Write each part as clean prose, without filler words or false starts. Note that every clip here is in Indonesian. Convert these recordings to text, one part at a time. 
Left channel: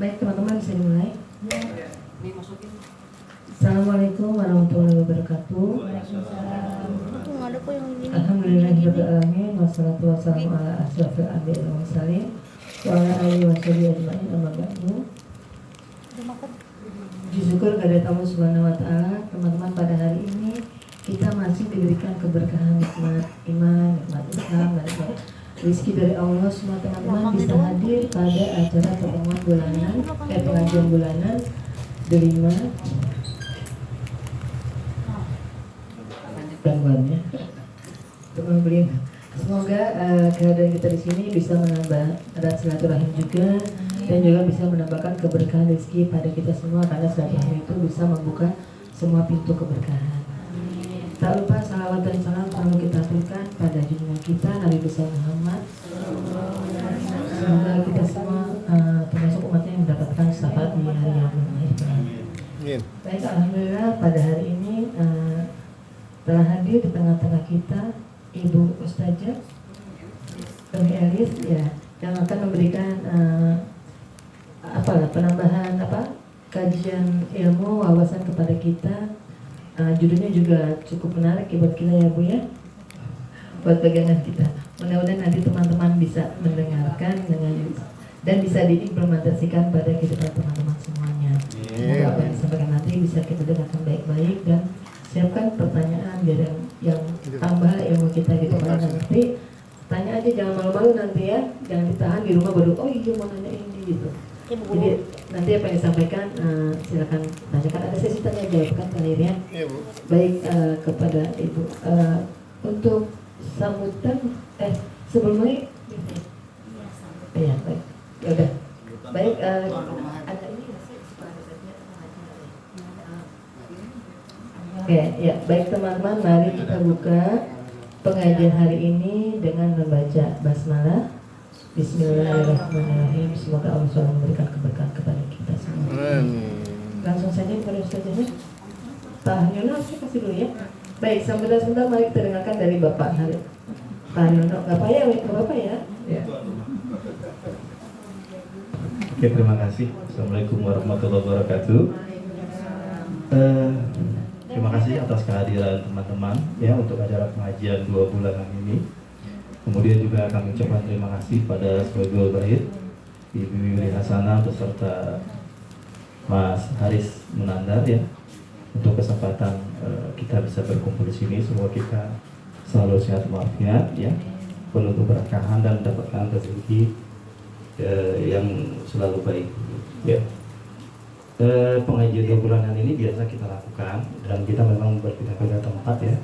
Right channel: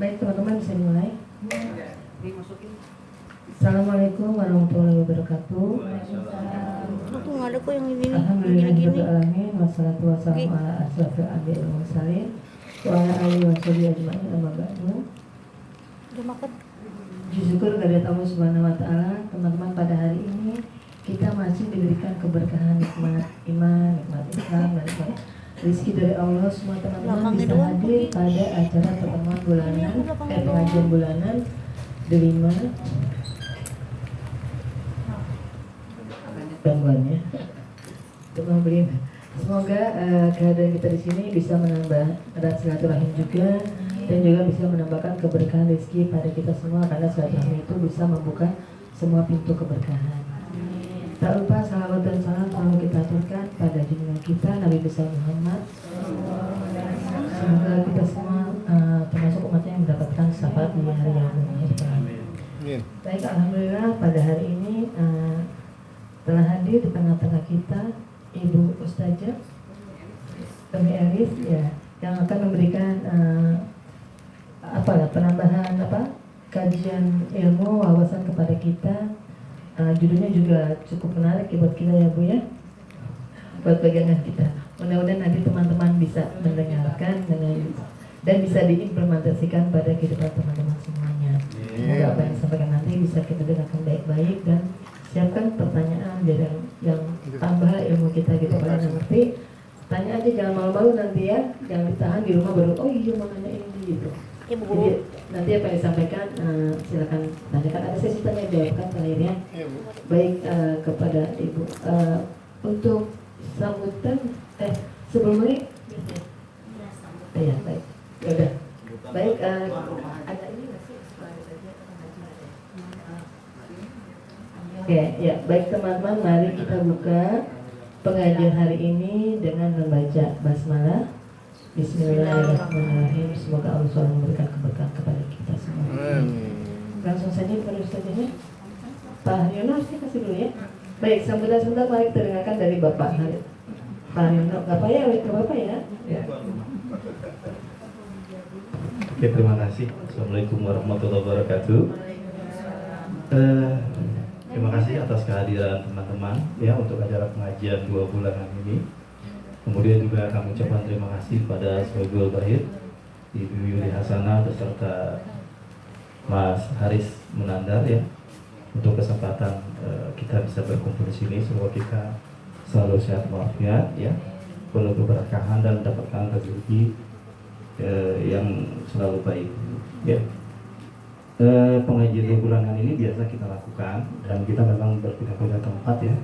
Baik teman-teman, bisa dimulai. Assalamualaikum warahmatullahi wabarakatuh. Alhamdulillahirabbil alamin wassalatu wassalamu ala asyrofil anbiya'i wal mursalin wa ala alihi washabihi ajmain amma ba'du. Puji syukur kepada Allah Subhanahu wa taala, teman-teman, pada hari ini kita masih diberikan keberkahan nikmat iman, nikmat Islam, dan nikmat rezeki dari Allah. Semua teman-teman bisa hadir pada acara pertemuan bulanan, pengajian bulanan Delima gangguannya teman beli. Semoga kehadiran kita di sini bisa menambah erat silaturahim juga, dan juga bisa menambahkan keberkahan rezeki pada kita semua, karena silaturahim itu bisa membuka semua pintu keberkahan. Tak lupa salawat dan salam selalu kita aturkan pada junjungan kita Nabi besar Muhammad. Semoga kita semua termasuk umatnya yang mendapatkan syafaat di hari yang mengakhirkan. Baik, alhamdulillah pada hari ini telah hadir di tengah-tengah kita Ibu Ustazah Umi Elis, ya, yang akan memberikan penambahan kajian ilmu wawasan kepada kita. Judulnya juga cukup menarik buat kita ya Bu ya, buat pegangan kita. Mudah-mudahan nanti teman-teman bisa mendengarkan dan bisa diimplementasikan pada kehidupan teman-teman semuanya. Semoga apa yang disampaikan nanti bisa kita dengarkan baik-baik, dan siapkan pertanyaan yang tambah ilmu kita gitu. Kalau nggak ngerti, tanya aja, jangan malu-malu nanti ya, jangan ditahan di rumah baru oh iya mau nanya ini gitu. Jadi nanti apa yang disampaikan silakan tanyakan, ada sesi tanya jawab kan terakhirnya. Baik, kepada Ibu untuk sambutan sebelum ini ya baik ya udah baik, ada ini nggak sih Oke, ya baik teman-teman, mari kita buka pengajian hari ini dengan membaca basmalah. Bismillahirrahmanirrahim. Semoga Allah SWT memberikan keberkahan kepada kita semua. Langsung saja kepada ustazahnya. Pak Haryono, saya kasih dulu ya. Baik, sebentar mari kita dengarkan dari Bapak Pak Haryono. Gak apa ya, Bapak ya. Oke, terima kasih. Assalamualaikum warahmatullahi wabarakatuh. Terima kasih atas kehadiran teman-teman ya untuk acara pengajian 2 bulanan ini. Kemudian juga kami ucapkan terima kasih pada Sohibul Bait, Ibu Yuli Hasanah beserta Mas Haris Munandar ya, untuk kesempatan kita bisa berkumpul di sini. Semoga kita selalu sehat walafiat ya, penuh keberkahan dan mendapatkan rezeki yang selalu baik ya. Pengajian 2 bulanan ini biasa kita lakukan, dan kita memang berpindah-pindah tempat ya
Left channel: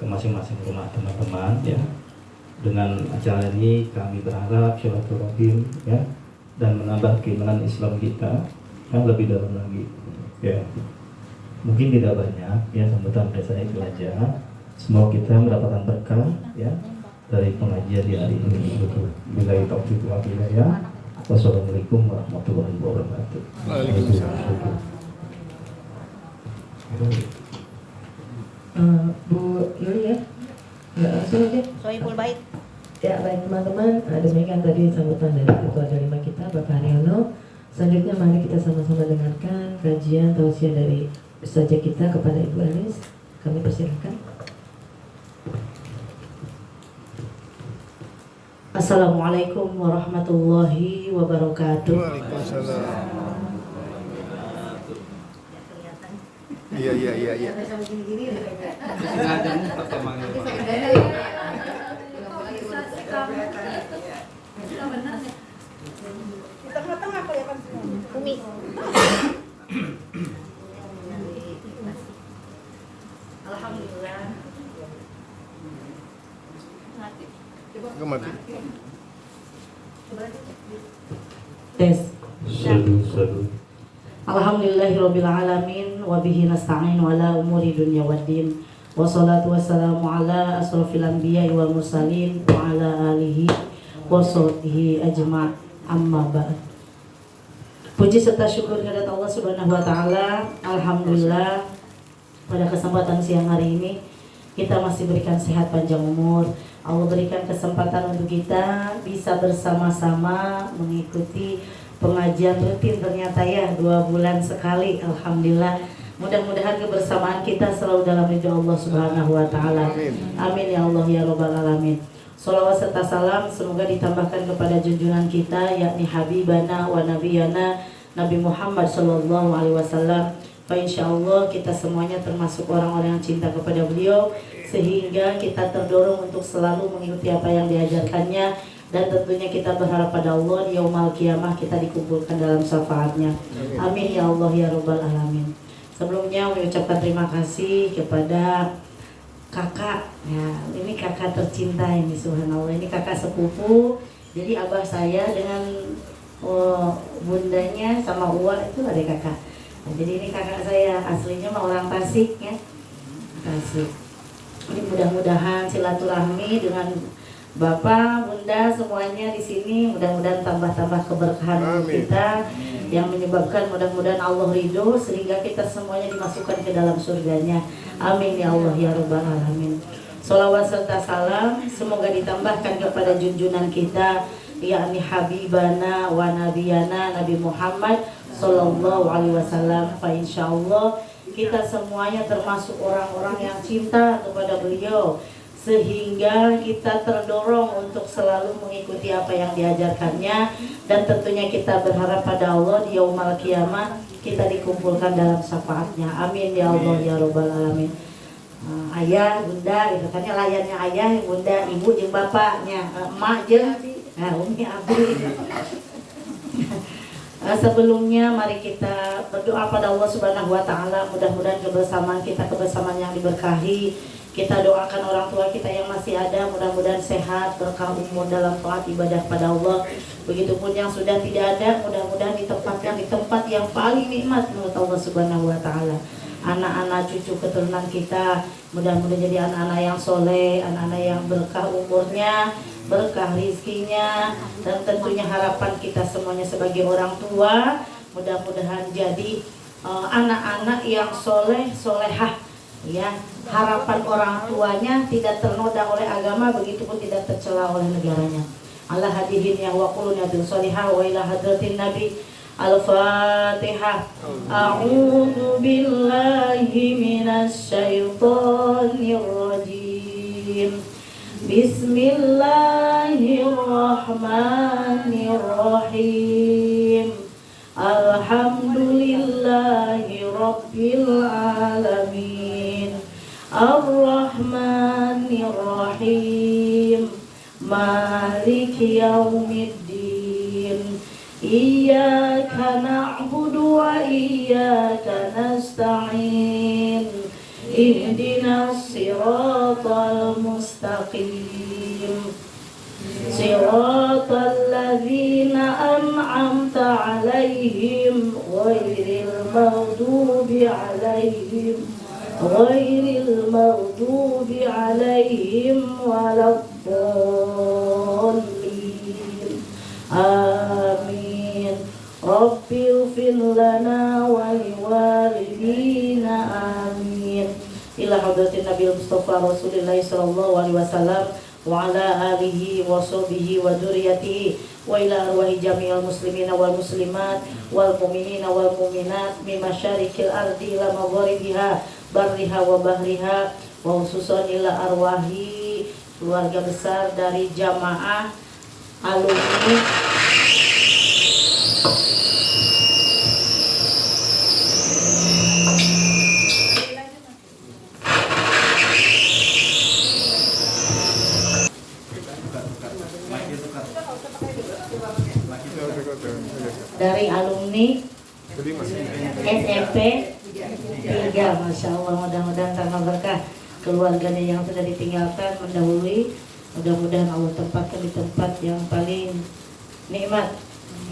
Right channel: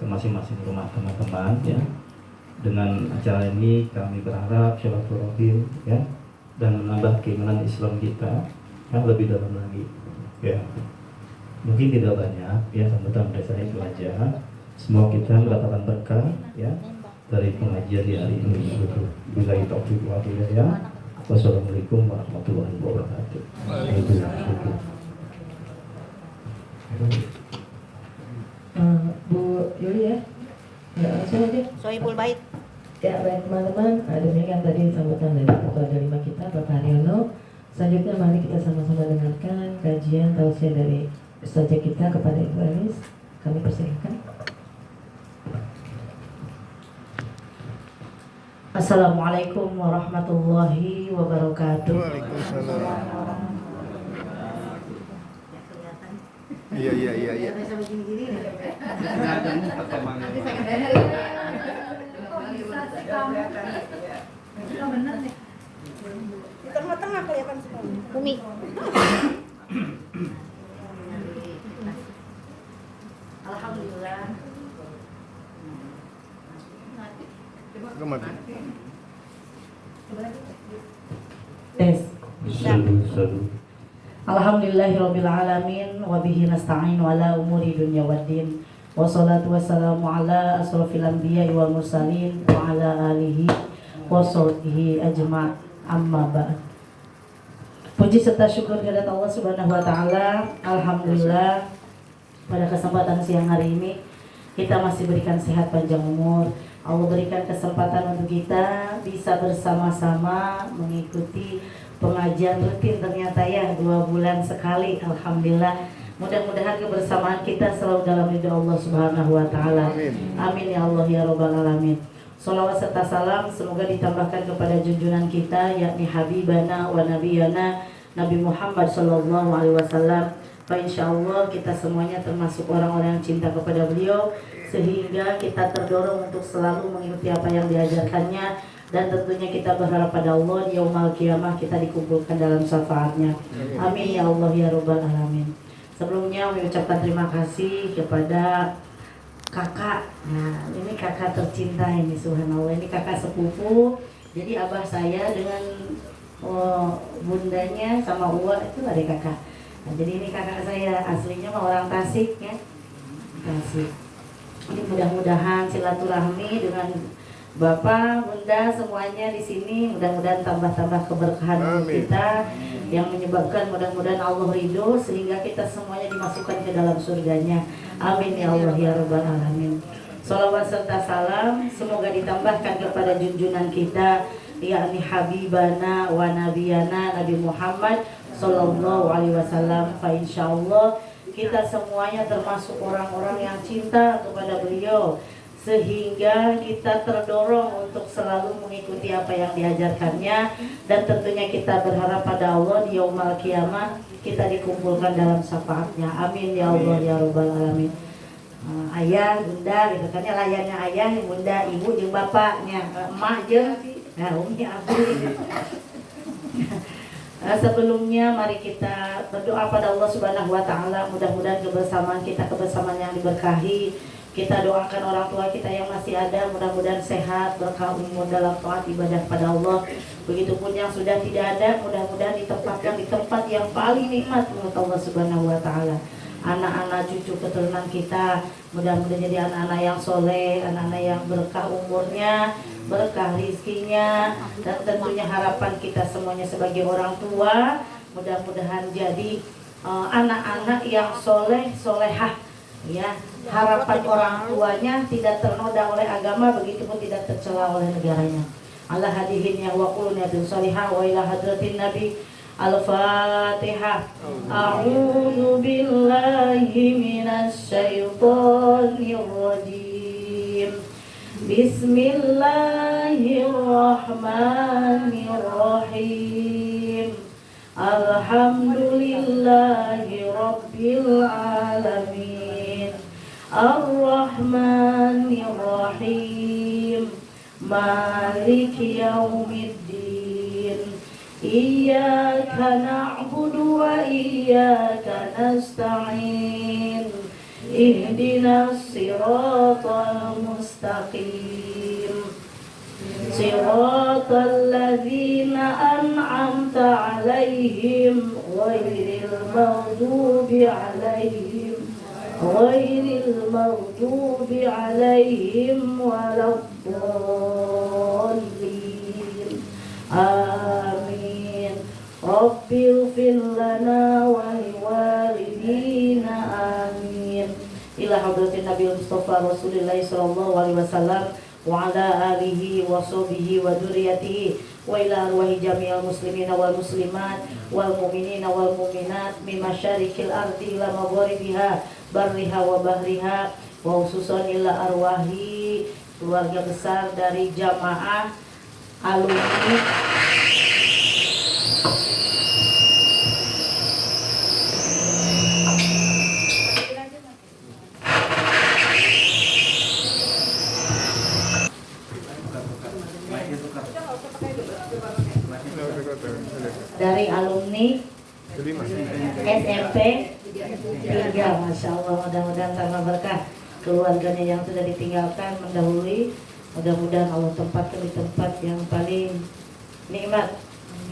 ke masing-masing rumah teman-teman ya. Dengan acara ini kami berharap silaturahim ya, dan menambah keimanan Islam kita yang lebih dalam lagi ya. Mungkin tidak banyak ya, sambutan dari saya itu aja. Semoga kita mendapatkan berkah ya dari pengajian di hari ini. Billahi taufiq wal hidayah. Wassalamualaikum warahmatullahi wabarakatuh. Bu Yuli ya, nggak langsung aja. Sohibul Bait. Ya baik teman-teman, demikian tadi sambutan dari Ketua Delima kita Bapak Haryono. Selanjutnya mari kita sama-sama dengarkan kajian tausiah dari Ustazah kita kepada Ibu Elis. Kami persilakan. Assalamualaikum warahmatullahi wabarakatuh. Waalaikumsalam. Iya. Di tengah-tengah kelihatan semua. Umi. Alhamdulillah. Gak mati. Tes. Salu. Alhamdulillahirabbil alamin wa bihi nasta'in ala umuri dunya waddin. Wassalatu wassalamu ala asrofil anbiya'i wal mursalin wa ala alihi wa sahbihi ajma', amma ba'd. Puji serta syukur kepada Allah Subhanahu wa taala. Alhamdulillah pada kesempatan siang hari ini kita masih berikan sehat panjang umur. Allah berikan kesempatan untuk kita bisa bersama-sama mengikuti pengajian rutin ternyata ya 2 bulan sekali. Alhamdulillah. Mudah-mudahan kebersamaan kita selalu dalam ridha Allah Subhanahu wa taala. Amin ya Allah ya rabbal alamin. Shalawat serta salam semoga ditambahkan kepada junjungan kita yakni habibana wa nabiyana Nabi Muhammad sallallahu alaihi wasallam. Fa insyaallah kita semuanya termasuk orang-orang yang cinta kepada beliau sehingga kita terdorong untuk selalu mengikuti apa yang diajarkannya dan tentunya kita berharap pada Allah di yaumul qiyamah kita dikumpulkan dalam syafaatnya. Amin ya Allah ya rabbal alamin. Sebelumnya mengucapkan terima kasih kepada kakak. Nah, ini kakak tercinta ini subhanallah. Ini kakak sepupu. Jadi abah saya dengan bundanya sama Uwa itu ada kakak. Nah, jadi ini kakak saya aslinya mah orang Tasik ya. Tasik. Ini mudah-mudahan silaturahmi dengan Bapak, Bunda semuanya di sini mudah-mudahan tambah-tambah keberkahan kita yang menyebabkan mudah-mudahan Allah ridho sehingga kita semuanya dimasukkan ke dalam surganya. Amin ya Allah ya rabbal alamin. Shalawat serta salam semoga ditambahkan kepada junjungan kita yakni habibana wa nabiyana Nabi Muhammad sallallahu alaihi wasallam. Fa insyaallah kita semuanya termasuk orang-orang yang cinta kepada beliau sehingga kita terdorong untuk selalu mengikuti apa yang diajarkannya dan tentunya kita berharap pada Allah di yaumul qiyamah kita dikumpulkan dalam syafaatnya. Amin ya Allah ya rabbal alamin. Ayah, bunda gitu kan ya, layarnya ayah, bunda, ibu jeung bapaknya, emak jeung umi abi. Sebelumnya mari kita berdoa pada Allah Subhanahu wa taala mudah-mudahan kebersamaan kita kebersamaan yang diberkahi. Kita doakan orang tua kita yang masih ada mudah-mudahan sehat, berkah umur dalam taat ibadah pada Allah. Begitupun yang sudah tidak ada mudah-mudahan ditempatkan di tempat yang paling nikmat menurut Allah Subhanahu wa taala. Anak-anak cucu keturunan kita mudah-mudahan jadi anak-anak yang soleh, anak-anak yang berkah umurnya, berkah rizkinya, dan tentunya harapan kita semuanya sebagai orang tua mudah-mudahan jadi anak-anak yang soleh, solehah ya. Harapan orang tuanya tidak ternoda oleh agama, begitupun tidak tercela oleh negaranya. Allah hadirin yang waqulun yatin salihah wa ila hadratin nabi. Al-Fatihah. A'udzu billahi minasy syaithanir rajim. Bismillahirrahmanirrahim. Alhamdulillahi rabbil alamin. Ar-Rahmanir-Rahim. Maliki yaumiddin. Iyyaka na'budu wa iyyaka nasta'in. Ihdinas siratal mustaqim. Siratal ladzina an'amta 'alaihim ghairil maghdubi 'alaihim waladdallin. Amin. Rabbighfir lana wa liwalidina. Amin. Ila hadratin Nabi Mustafa Rasulullah sallallahu alaihi wasallam wa ala alihi wa sahbihi wa dzurriyyatihi wa ila arwahi jami'al muslimina wal muslimat wal mu'minina wal mu'minat min masyariqil ardi ila magharibiha barriha wa bahriha wa khususan ila arwahi keluarga besar dari jamaah alumni dari alumni SMP 3. Masya Allah, mudah-mudahan tambah berkah keluarganya yang sudah ditinggalkan mendahului. Mudah-mudahan Allah tempatkan di tempat yang paling nikmat.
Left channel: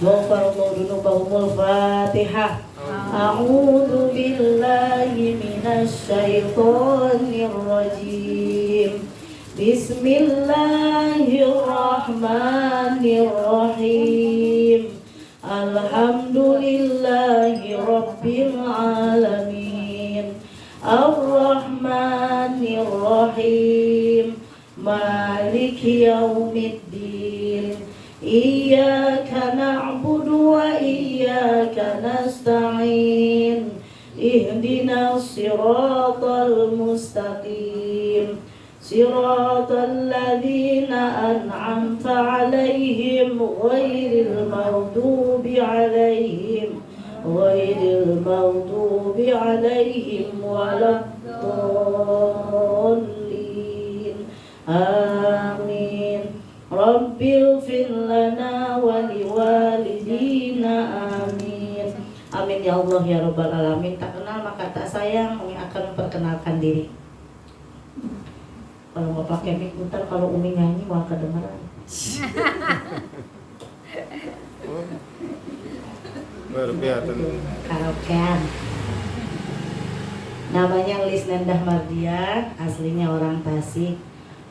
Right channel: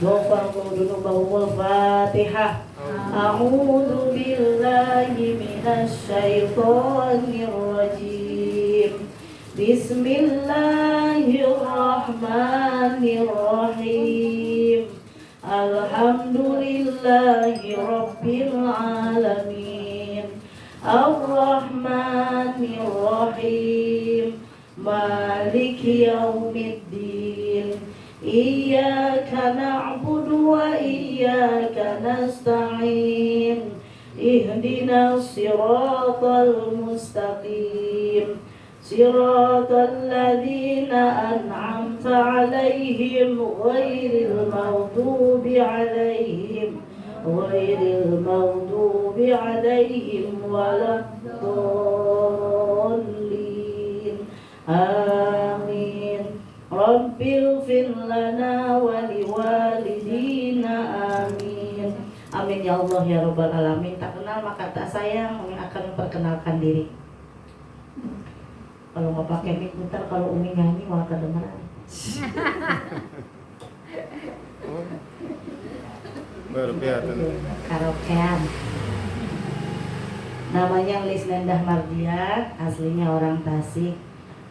Ghafarallahu dzunubahumul Fatihah. A'udzu billahi minasy syaithanir rajim. Bismillahirrahmanirrahim. Alhamdulillahi rabbil alamin. Ar-Rahmanir-Rahim. Maliki yaumiddin. Iyyaka na'budu wa نستعين اهدنا الصراط المستقيم صراط الذين أنعمت عليهم غير المغضوب عليهم ولا الضالين آمين رب اغفر لنا ولوالدينا آمين amin ya Allah ya Rabbal Alamin. Tak kenal maka tak sayang. Umi akan memperkenalkan diri. Kalau mau pakai mic putar, kalau Umi nyanyi wah kedengeran. Oh. Berbiatan. Karaokean. Namanya Lis Nendah Mardian, aslinya orang Tasik.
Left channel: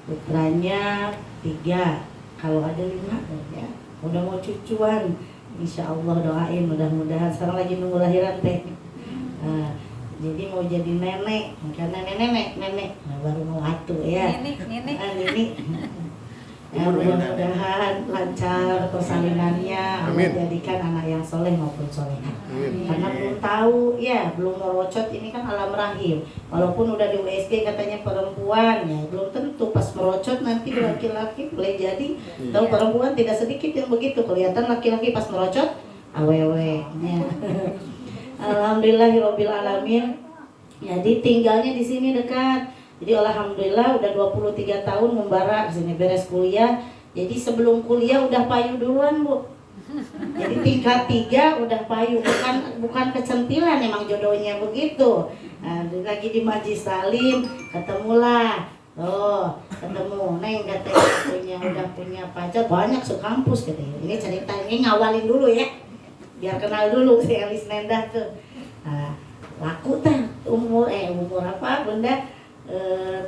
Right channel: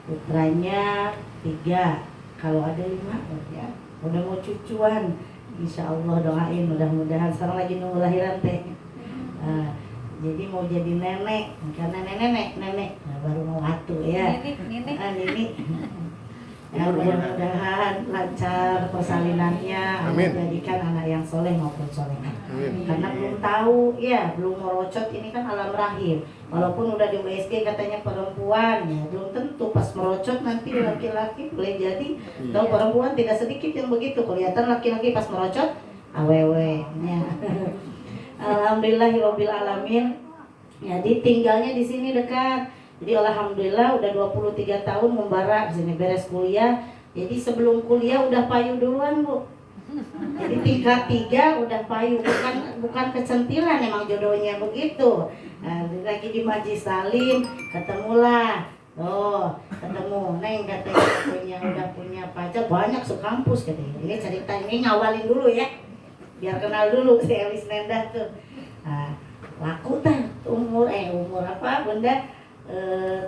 Putranya 3, kalau ada 5 ya. Udah mau cucuan. Insya Allah doain mudah-mudahan. Sekarang lagi nunggu lahiran teh. Jadi mau jadi nenek, karena nenek, nah, baru mau atuh ya. Nenek. Ya, mudah-mudahan lancar persalinannya, menjadikan anak yang soleh maupun solehah. Karena belum tahu ya, belum merocot ini kan alam rahim. Walaupun udah di USG katanya perempuan ya, belum tentu pas merocot nanti laki-laki boleh jadi. Tahu perempuan tidak sedikit yang begitu, kelihatan laki-laki pas merocot awewe. Ya. Alhamdulillahirabbil alamin. Jadi tinggalnya di sini dekat. Jadi alhamdulillah udah 23 tahun membara di sini beres kuliah. Jadi sebelum kuliah udah payu duluan, Bu. Jadi tingkat 3 udah payu, bukan kecentilan, emang jodohnya begitu. Nah, lagi di Majlis Salim ketemulah. Oh, ketemu Neng katanya udah punya pacar banyak sekampus katanya. Ini cerita ini ngawalin dulu ya. Biar kenal dulu si Elis Nendah tuh. Nah, laku teh umur apa Bunda?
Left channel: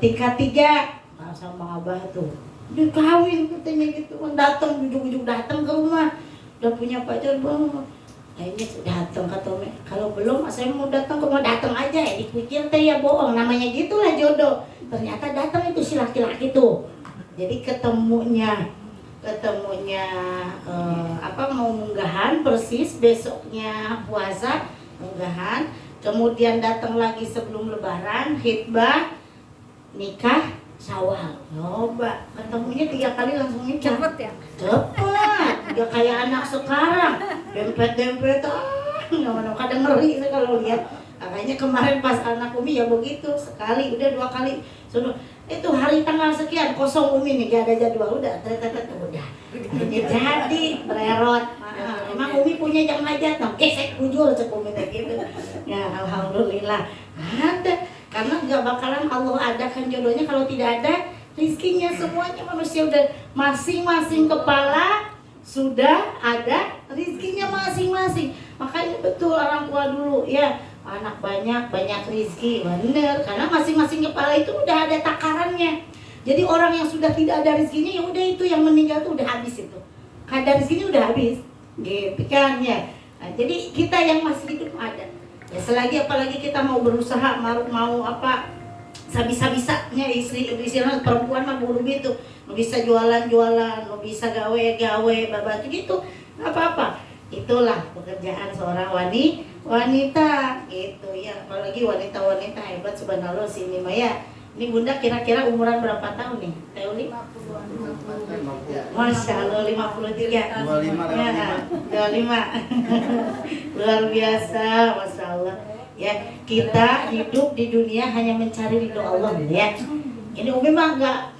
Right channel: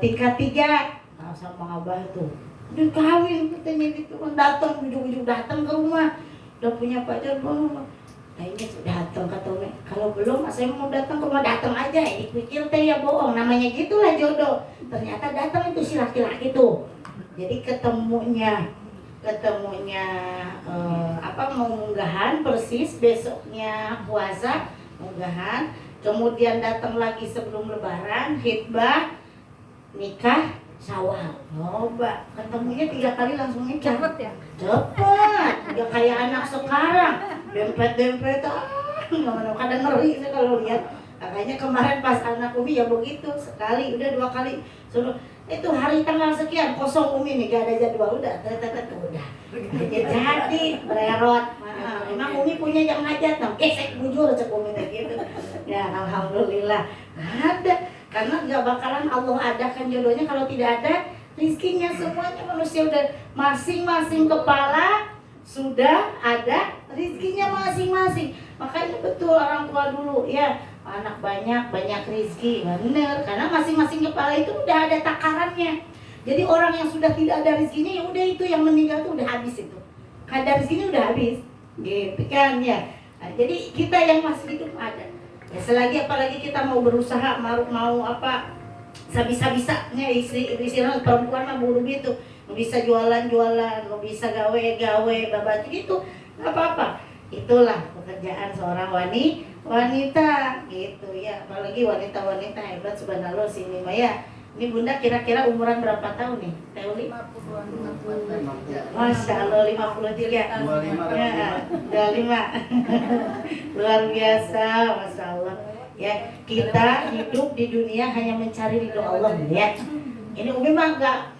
Tingkat 3. Nah, sama Abah tuh dia kawin katanya gitu kan, datang ujung-ujung datang ke rumah udah punya pacar belum, kayaknya datang kata Umi, kalau belum saya mau datang ke rumah, datang aja ya, dipikir teh ya bohong, namanya gitulah jodoh. Ternyata datang itu si laki-laki tuh. Jadi ketemunya mau munggahan persis besoknya puasa munggahan, kemudian datang lagi sebelum lebaran khitbah, nikah Syawal. Coba ketemunya 3 kali langsung nikah. Cepet ya? Cepet. Udah kayak anak sekarang. Dempet-dempet. Kadang ngeri sih kalau lihat. Makanya kemarin pas anak Umi ya begitu. Sekali, udah 2 kali. Suruh itu hari tanggal sekian kosong Umi nih, gak ada jadwal. Udah, udah. Jadi mererot. Emang Umi punya jam hajat, gesek bujur cek Umi gitu. Ya alhamdulillah ada. Karena gak bakalan Allah adakan jodohnya kalau tidak ada rizkinya. Semuanya manusia udah masing-masing kepala sudah ada rizkinya masing-masing. Makanya betul orang tua dulu ya, anak banyak rizki, bener. Karena masing-masing kepala itu udah ada takarannya. Jadi orang yang sudah tidak ada rizkinya ya udah itu yang meninggal tuh udah habis itu. Kadar rizkinya udah habis, gitu kan ya. Nah, jadi kita yang masih hidup ada. Ya selagi apalagi kita mau berusaha mau apa bisa-bisanya istri perempuan mah buru gitu, mau bisa jualan, mau bisa gawe babatu gitu, nggak apa-apa. Itulah pekerjaan seorang wanita gitu ya, apalagi wanita hebat subhanallah sini Maya. Ini Bunda kira-kira umuran berapa tahun nih? Teuli? Masya Allah 53. 25. Luar biasa, Masya Allah. Ya, kita hidup di dunia hanya mencari ridho Allah ya. Ini Umi mah nggak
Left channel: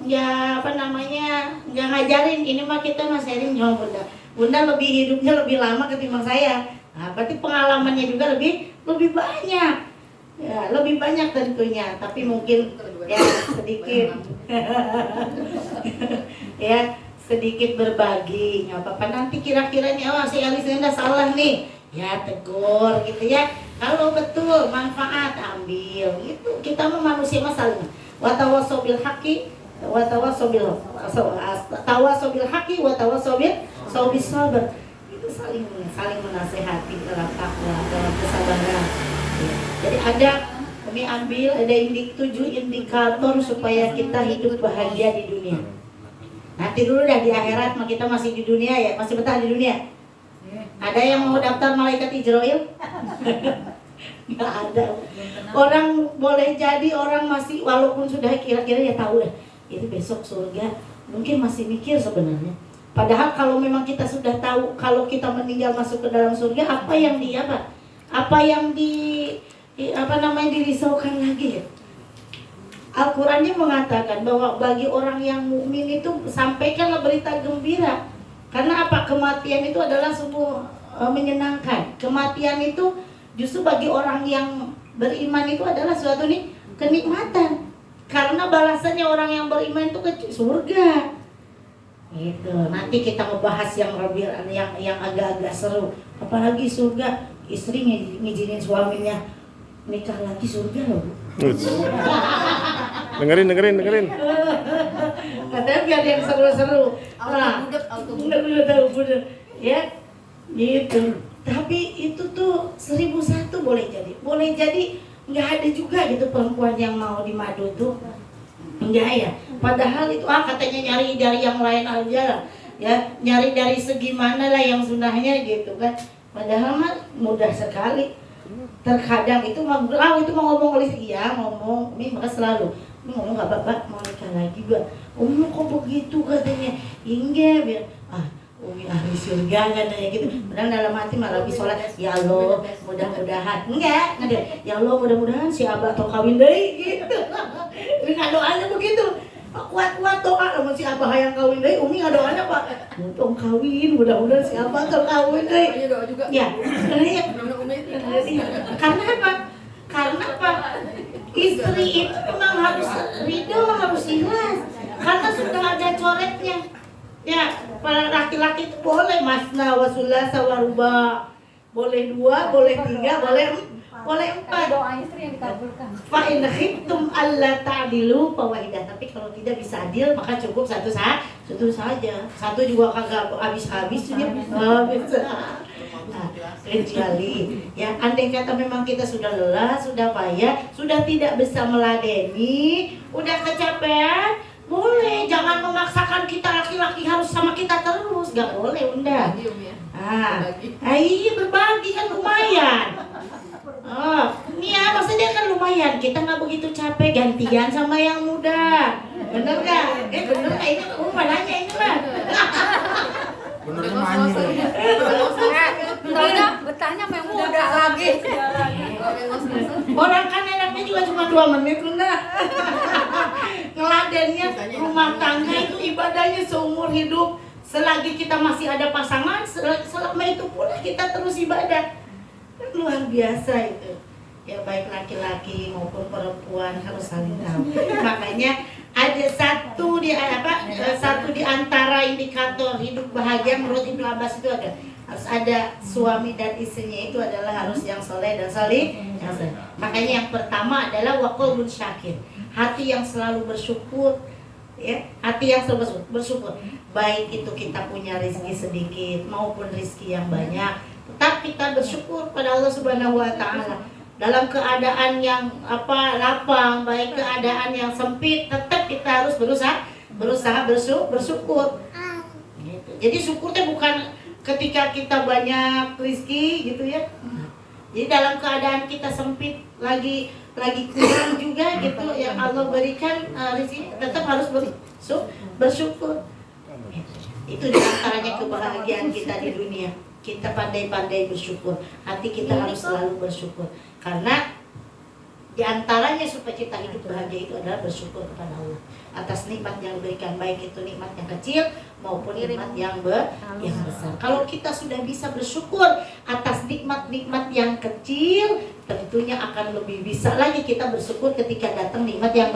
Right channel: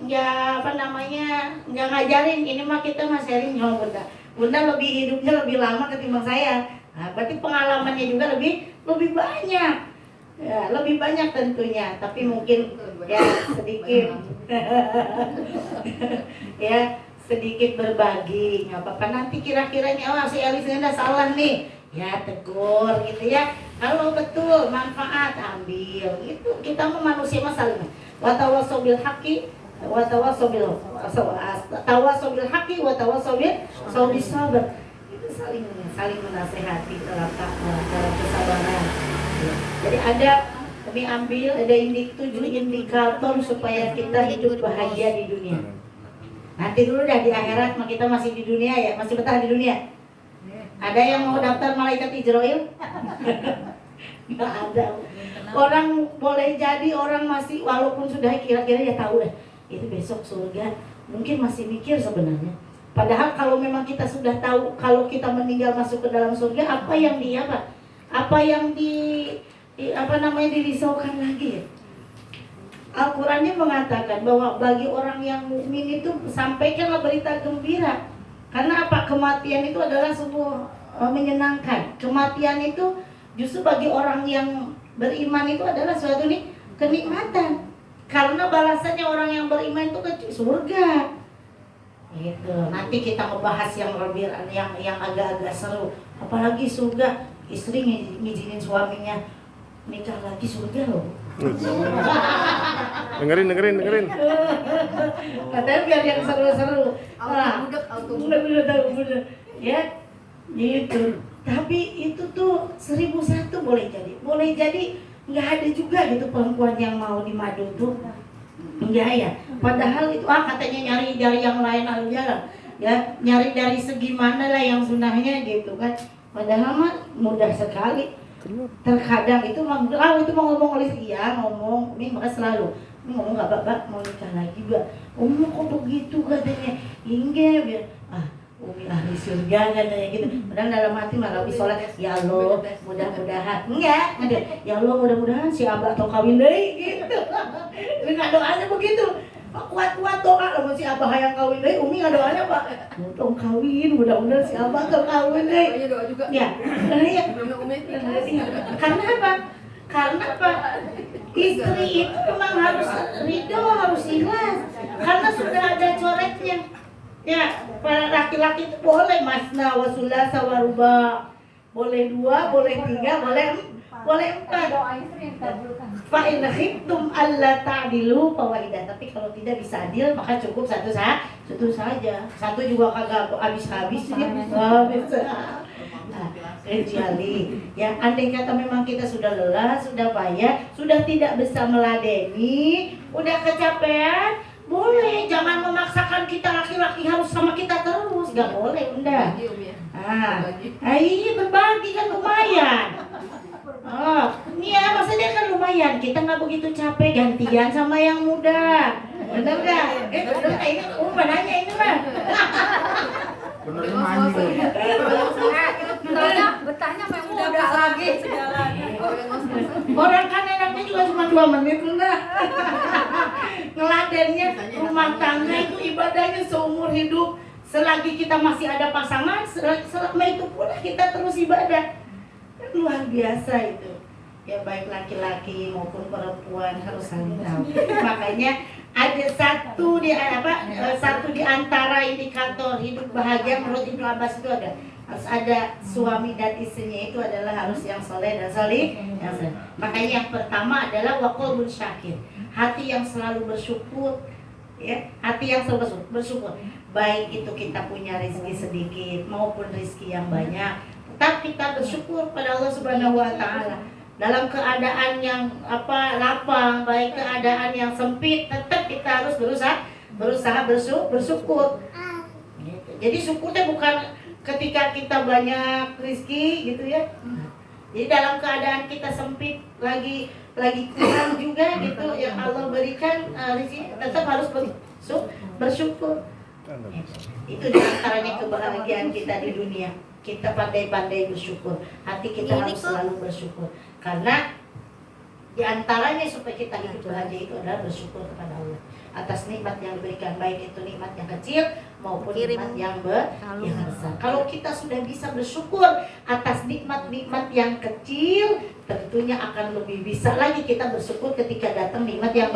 ngajarin, ini mah kita mah sharing sama Bunda. Bunda lebih hidupnya lebih lama ketimbang saya. Nah, berarti pengalamannya juga lebih banyak. Ya, lebih banyak tentunya, tapi mungkin ya sedikit ya sedikit berbagi, nggak apa-apa. Nanti kira-kiranya si Elis udah salah nih, ya tegur gitu ya. Kalau betul manfaat ambil, itu kita mah manusia masalah. Watawasau bil haqi, watawasau bil haqi, watawasau bil sabr. Itu saling menasehati dalam takwa, dalam kesabaran. Jadi kami ambil ada 7 indikator supaya kita hidup bahagia di dunia. Nanti dulu dah di akhirat, kita masih di dunia ya, masih betah di dunia. Ada yang mau daftar malaikat Ijroil? Nggak ada. Orang boleh jadi orang masih walaupun sudah kira-kira ya tahu deh ini besok surga, mungkin masih mikir sebenarnya. Padahal kalau memang kita sudah tahu kalau kita meninggal masuk ke dalam surga, apa yang dirisaukan lagi ya? Al-Qurannya mengatakan bahwa bagi orang yang mukmin itu sampaikanlah berita gembira. Karena apa? Kematian itu adalah sebuah menyenangkan. Kematian itu justru bagi orang yang beriman itu adalah suatu kenikmatan. Karena balasannya orang yang beriman itu ke surga. Gitu. Nanti kita ngebahas yang lebih yang agak-agak seru. Apalagi surga, istri ngizinin suaminya nikah lagi surga loh. Dengerin. Katanya biar yang seru-seru. Nah, budak. Ya, gitu. Tapi itu tuh 1001 boleh jadi nggak ada juga gitu perempuan yang mau dimadu tuh. Enggak ya. Padahal itu katanya nyari dari yang lain aja ya, nyari dari segi mana lah yang sunahnya gitu kan. Padahal mah mudah sekali. Terkadang itu mau ngomong ngomong, ini maka selalu ini ngomong nggak bapak mau nikah lagi mbak, kok begitu katanya, hingga biar Umi ahli surga katanya gitu. Padahal dalam hati malah lebih sholat, ya Allah mudah-mudahan enggak, ya Allah mudah-mudahan si abah atau kawin deh gitu. Nggak doanya begitu. Kuat-kuat doa sama si abah yang kawin deh, Umi nggak doanya pak, mau kawin mudah-mudahan si abah atau kawin deh. Ya, karena apa? Istri itu memang harus ridho, harus ikhlas. Karena sudah ada coretnya. Ya, para laki-laki itu boleh masna wa sulasa wa ruba. Boleh 2, boleh 3, boleh 4. Doanya sering dikabulkan. Fa in khiftum alla ta'dilu fawahidah. Tapi kalau tidak bisa adil maka cukup satu saja. Satu juga kagak habis-habis dia. Kecuali ya andai kata memang kita sudah lelah, sudah payah, sudah tidak bisa meladeni, udah kecapean, boleh, jangan memaksakan kita laki-laki harus sama kita terus, gak boleh, udah. Iya berbagi kan lumayan. Ini ya maksudnya kan lumayan, kita nggak begitu capek, gantian sama yang muda, bener gak? Bener nggak ini? Nanya ini mah. Bertanya memang udah lagi. Orang kan enaknya juga cuma 2 menit enggak. Ngeladennya rumah tangga itu ibadahnya seumur hidup. Selagi kita masih ada pasangan, selama itu pula kita terus ibadah. Luar biasa itu. Ya baik laki-laki maupun perempuan harus saling tahu. Makanya ada satu di antara indikator hidup bahagia menurut Ibnu Abbas itu harus ada suami dan istrinya itu adalah harus yang soleh dan salih. Makanya yang pertama adalah waqalbun syakir, hati yang selalu bersyukur, ya, hati yang selalu bersyukur. Baik itu kita punya rezeki sedikit maupun rezeki yang banyak, tetap kita bersyukur pada Allah Subhanahu wa taala. Dalam keadaan yang lapang, baik keadaan yang sempit, tetap kita harus berusaha bersyukur. Gitu. Jadi syukurnya bukan ketika kita banyak rezeki gitu ya. Jadi dalam keadaan kita sempit, lagi kurang juga gitu yang Allah berikan rezeki, tetap harus bersyukur. Itu diantaranya kebahagiaan kita di dunia. Kita pandai-pandai bersyukur. Hati kita harus selalu bersyukur. Karena diantaranya supaya kita hidup bahagia itu adalah bersyukur kepada Allah atas nikmat yang diberikan, baik itu nikmat yang kecil maupun nikmat yang besar. Kalau kita sudah bisa bersyukur atas nikmat-nikmat yang kecil, tentunya akan lebih bisa lagi kita bersyukur ketika datang nikmat yang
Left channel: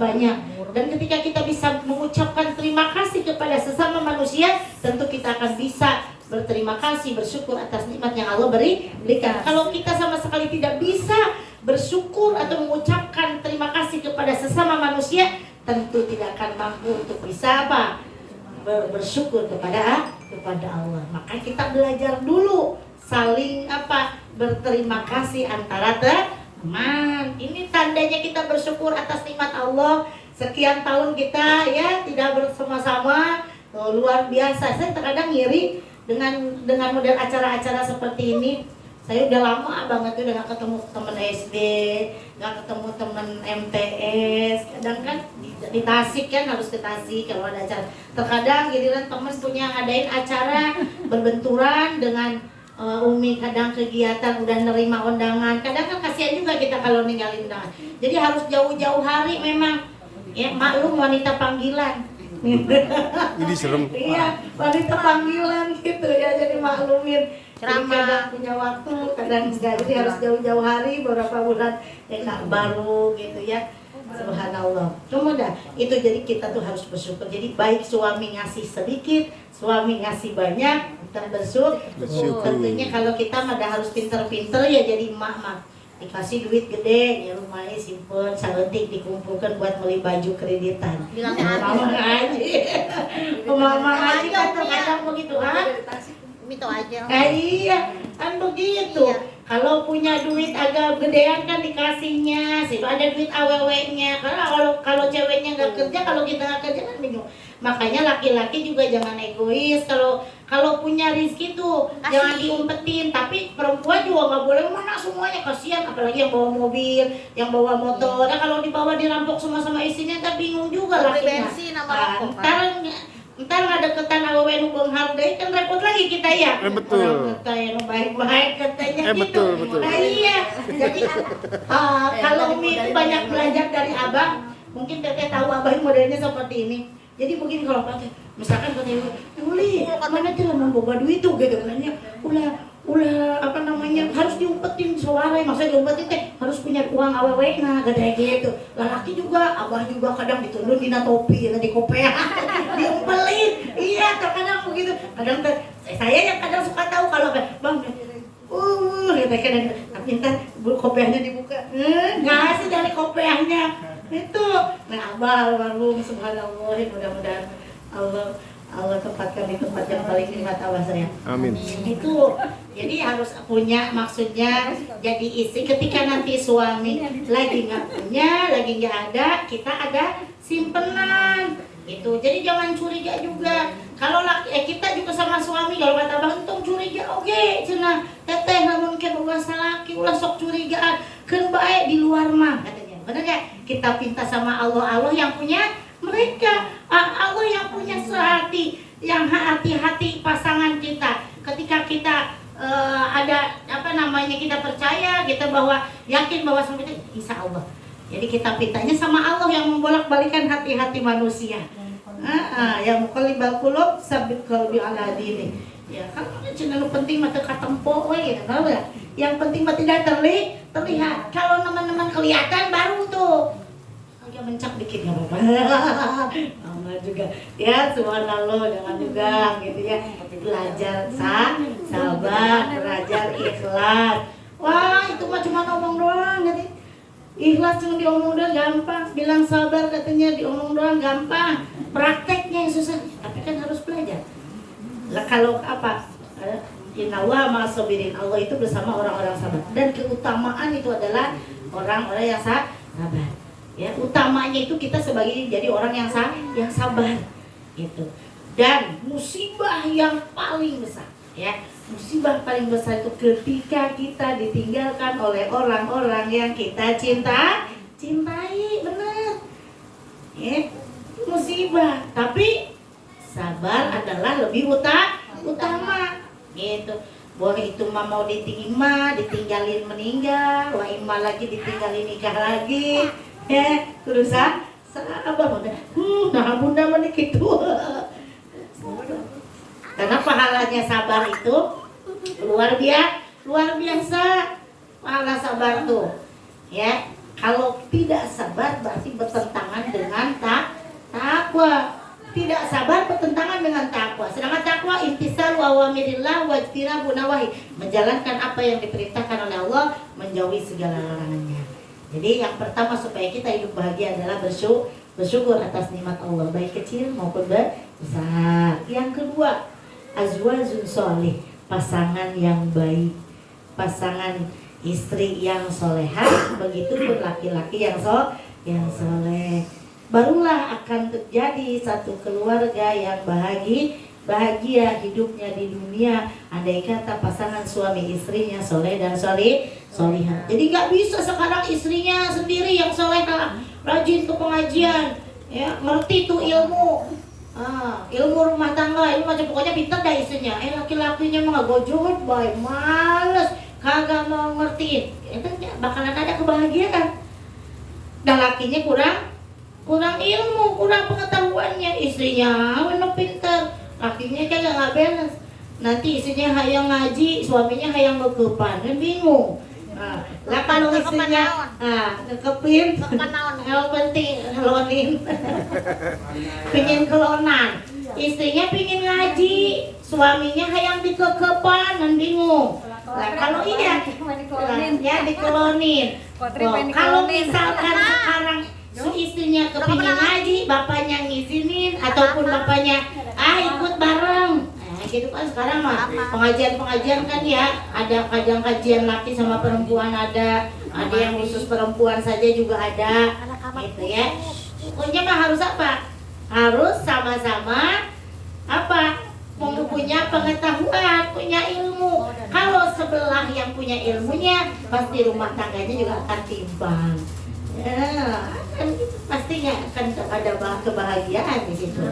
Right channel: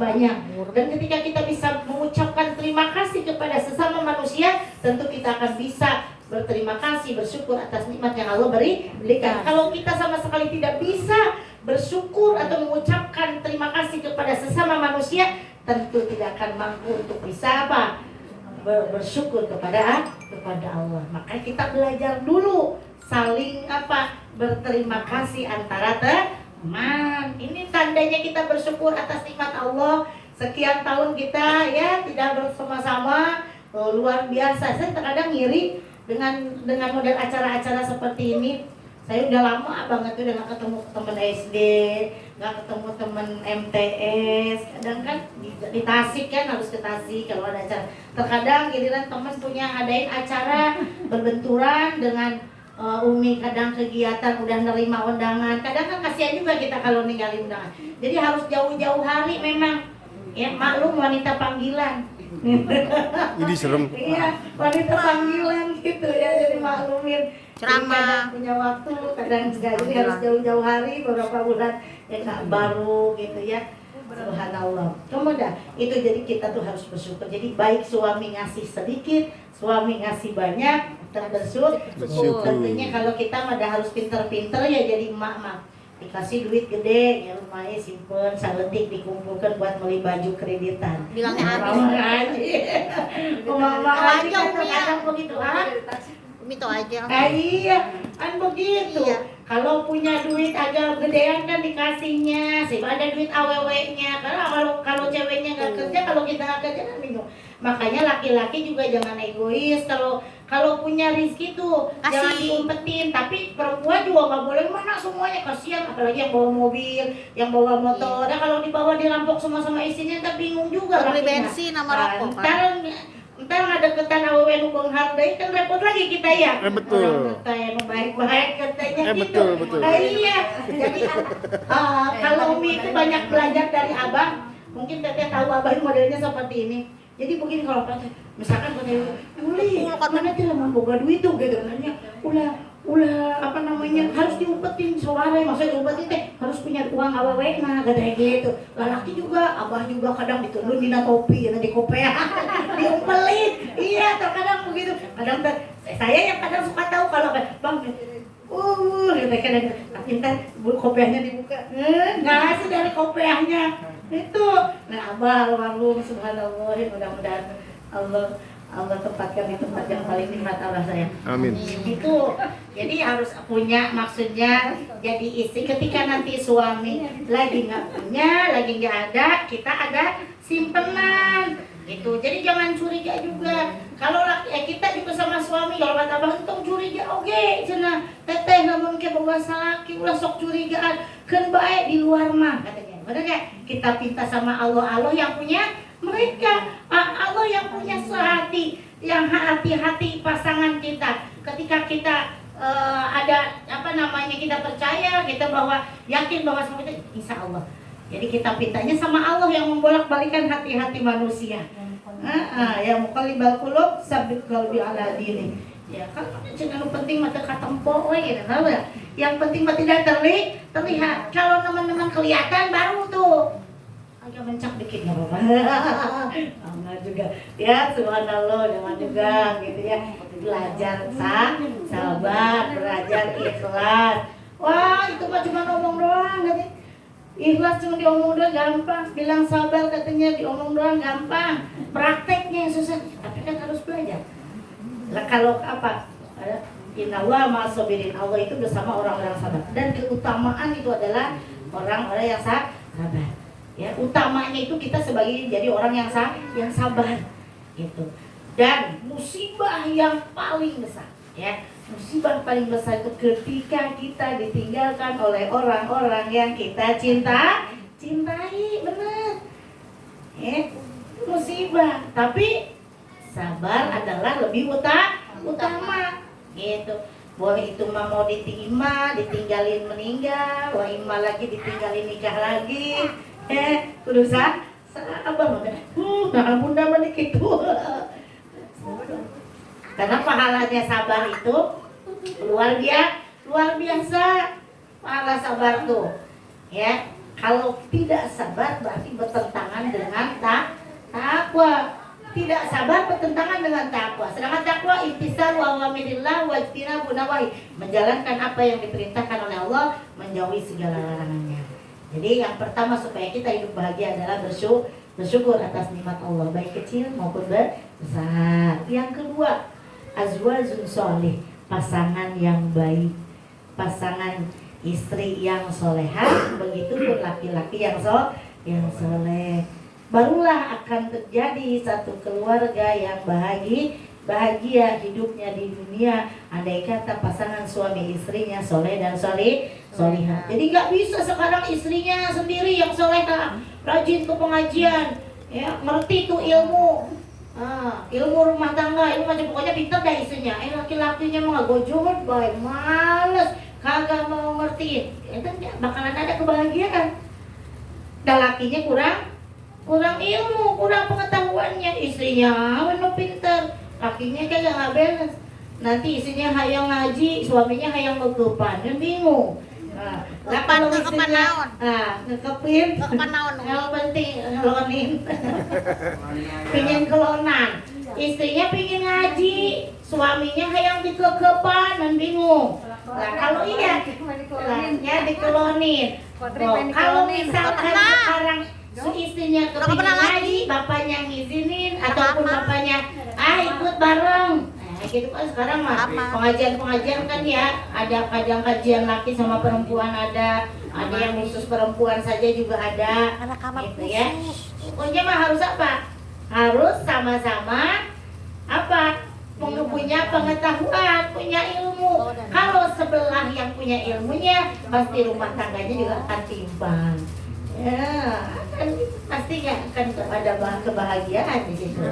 banyak. Dan ketika kita bisa mengucapkan terima kasih kepada sesama manusia, tentu kita akan bisa berterima kasih, bersyukur atas nikmat yang Allah berikan. Kalau kita sama sekali tidak bisa bersyukur atau mengucapkan terima kasih kepada sesama manusia, tentu tidak akan mampu untuk bisa bersyukur kepada Allah. Maka kita belajar dulu saling berterima kasih antara teman. Ini tandanya kita bersyukur atas nikmat Allah. Sekian tahun kita ya tidak bersama-sama, luar biasa. Saya terkadang ngiri dengan model acara-acara seperti ini, saya udah lama banget tuh udah gak ketemu temen SD, gak ketemu temen MTS. Kadang kan di Tasik kan harus ke Tasik kalau ada acara. Terkadang giliran temen punya ngadain acara berbenturan dengan Umi, kadang kegiatan udah nerima undangan. Kadang kan kasihan juga kita kalau ninggalin undangan. Jadi harus jauh-jauh hari memang. Ya maklum wanita panggilan. Ini serem. Iya, wanita panggilan gitu ya, jadi maklumin. Jadi kadang punya waktu, kadang enggak, jadi harus jauh-jauh hari, beberapa bulan ya nggak baru gitu ya. Subhanallah. Kemudian itu jadi kita tuh harus bersyukur. Jadi baik suami ngasih sedikit, suami ngasih banyak, bersyukur. Tentunya kalau kita mah harus pinter-pinter ya jadi emak-emak. Dikasih duit gede, ya rumahnya simpen, saeutik dikumpulkan buat beli baju kreditan. Bilangnya Mama ngaji. Mama ngaji kan terkadang begitu, ah? Itu aja. Iya, kan begitu. Iya. Kalau punya duit agak gedean kan dikasihnya, sih ada duit aww-nya. Karena kalau ceweknya nggak kerja, kalau kita nggak kerja kan bingung. Makanya laki-laki juga jangan egois. Kalau punya rezeki tuh Kasih. jangan diumpetin. Tapi perempuan juga nggak boleh mana semuanya, kasihan. Apalagi yang bawa mobil, yang bawa motor. Nah kalau dibawa dirampok sama istrinya, kan bingung juga Beli lakinya. bensin sama Nah, rokok. Ntar nggak deketan awewe nu menghargai kan repot lagi kita ya. Betul. Orang kita yang baik-baik katanya gitu. Betul. Nah, iya. Jadi kalau Umi itu banyak belajar dari abang. Mungkin teteh tahu abang modelnya seperti ini. Jadi begini kalau katanya, misalkan katanya, Juli, mana tuh mau boga duit tuh gitu katanya. Ulah apa namanya harus diumpetin suara, maksudnya diumpetin teh harus punya uang awewe nah katanya gitu. Lelaki juga, abah juga kadang ditundun dina topi, di kopea, diumpelin. Iya, terkadang begitu. Kadang saya yang kadang suka tahu kalau bang, gitu kadang tapi ntar kopeahnya dibuka, ngasih dari kopeahnya itu. Nah abah almarhum subhanallah, mudah-mudahan Allah tempatkan di tempat yang paling nikmat Allah sayang. Amin. Itu jadi harus punya, maksudnya jadi istri ketika nanti suami lagi nggak punya, lagi nggak ada, kita ada simpenan itu. Jadi jangan curiga juga. Kalau kita juga sama suami, kalau kata abang untung curiga, oke, cenah teteh namun ke bahasa laki ulah sok curigaan, kan baik di luar mah katanya. Benar nggak? Kita pinta sama Allah yang punya mereka, Allah yang punya sehati, yang hati-hati pasangan kita. Ketika kita ada apa namanya, kita percaya, kita bahwa yakin bahwa seperti insya Allah. Jadi kita pintanya sama Allah yang membolak-balikan hati-hati manusia. Yang muqallibal qulub sabit qalbi ala dini. Ya, kalau jangan penting mata katempo we gitu, ya. Yang penting mah tidak terlihat. Kalau teman-teman kelihatan baru tuh agak mencak dikit nggak apa-apa. Enggak juga. Ya, subhanallah, jangan juga gitu ya. Belajar sabar, belajar ikhlas. Wah, itu mah cuma ngomong doang gitu. Ikhlas cuma diomong doang gampang, bilang sabar katanya diomong doang gampang. Prakteknya yang susah, tapi kan harus belajar. Lah kalau apa? Innallaha ma'as-sabirin. Allah itu bersama orang-orang sabar. Dan keutamaan itu adalah orang-orang yang sabar. Ya, utamanya itu kita sebagai jadi orang yang sabar gitu. Dan musibah yang paling besar, ya, musibah paling besar itu ketika kita ditinggalkan oleh orang-orang yang kita cintai, benar. Ya, musibah, tapi sabar adalah lebih utama gitu. Boleh itu mah mau ditinggalin meninggal, wa imma lagi ditinggalin nikah lagi. Tulisan abang udah nah bunda balik itu. Karena pahalanya sabar itu luar biasa pahala sabar tuh ya. Kalau tidak sabar berarti bertentangan dengan takwa. Tidak sabar bertentangan dengan takwa. Sedangkan takwa imtisal wa awamirillah wa ijtinabu nawahi, menjalankan apa yang diperintahkan oleh Allah, menjauhi segala larangannya. Jadi yang pertama supaya kita hidup bahagia adalah bersyukur atas nikmat Allah, baik kecil maupun besar. Yang kedua, azwajun sholih, pasangan yang baik, pasangan istri yang solehah, begitu pun laki-laki yang soleh. Barulah akan terjadi satu keluarga yang bahagia hidupnya di dunia andai kata pasangan suami istrinya soleh dan solihah. Jadi nggak bisa sekarang istrinya sendiri yang solehah, rajin tuh pengajian, ya ngerti tuh ilmu, ilmu rumah tangga, ilmu macam pokoknya pintar dah istrinya. Laki-lakinya mah gojol, baik males, kagak mau ngertiin, itu bakalan ada kebahagiaan. Dan lakinya kurang ilmu, kurang pengetahuannya, istrinya mana pintar, lakinya kagak nggak balance. Nanti istrinya hayang ngaji, suaminya hayang ngegepan, kan bingung. Lah kalau istrinya ngekepin, yang penting ngelonin, pengen kelonan, istrinya pengen ngaji, suaminya hayang dikegepan, kan bingung. Lah kalau iya, ya dikelonin. Kalau misalkan sekarang istrinya kepingin ngaji, bapaknya ngizinin ataupun bapaknya ikut bareng. Gitu kan sekarang mah pengajian kan ya, ada kajian laki sama perempuan, ada yang khusus perempuan saja juga ada, gitu ya. Pokoknya mah harus apa? Harus sama-sama punya pengetahuan, punya ilmu. Kalau sebelah yang punya ilmunya, pasti rumah tangganya juga akan timbang. Ya, kan pasti nggak akan ada kebahagiaan di situ.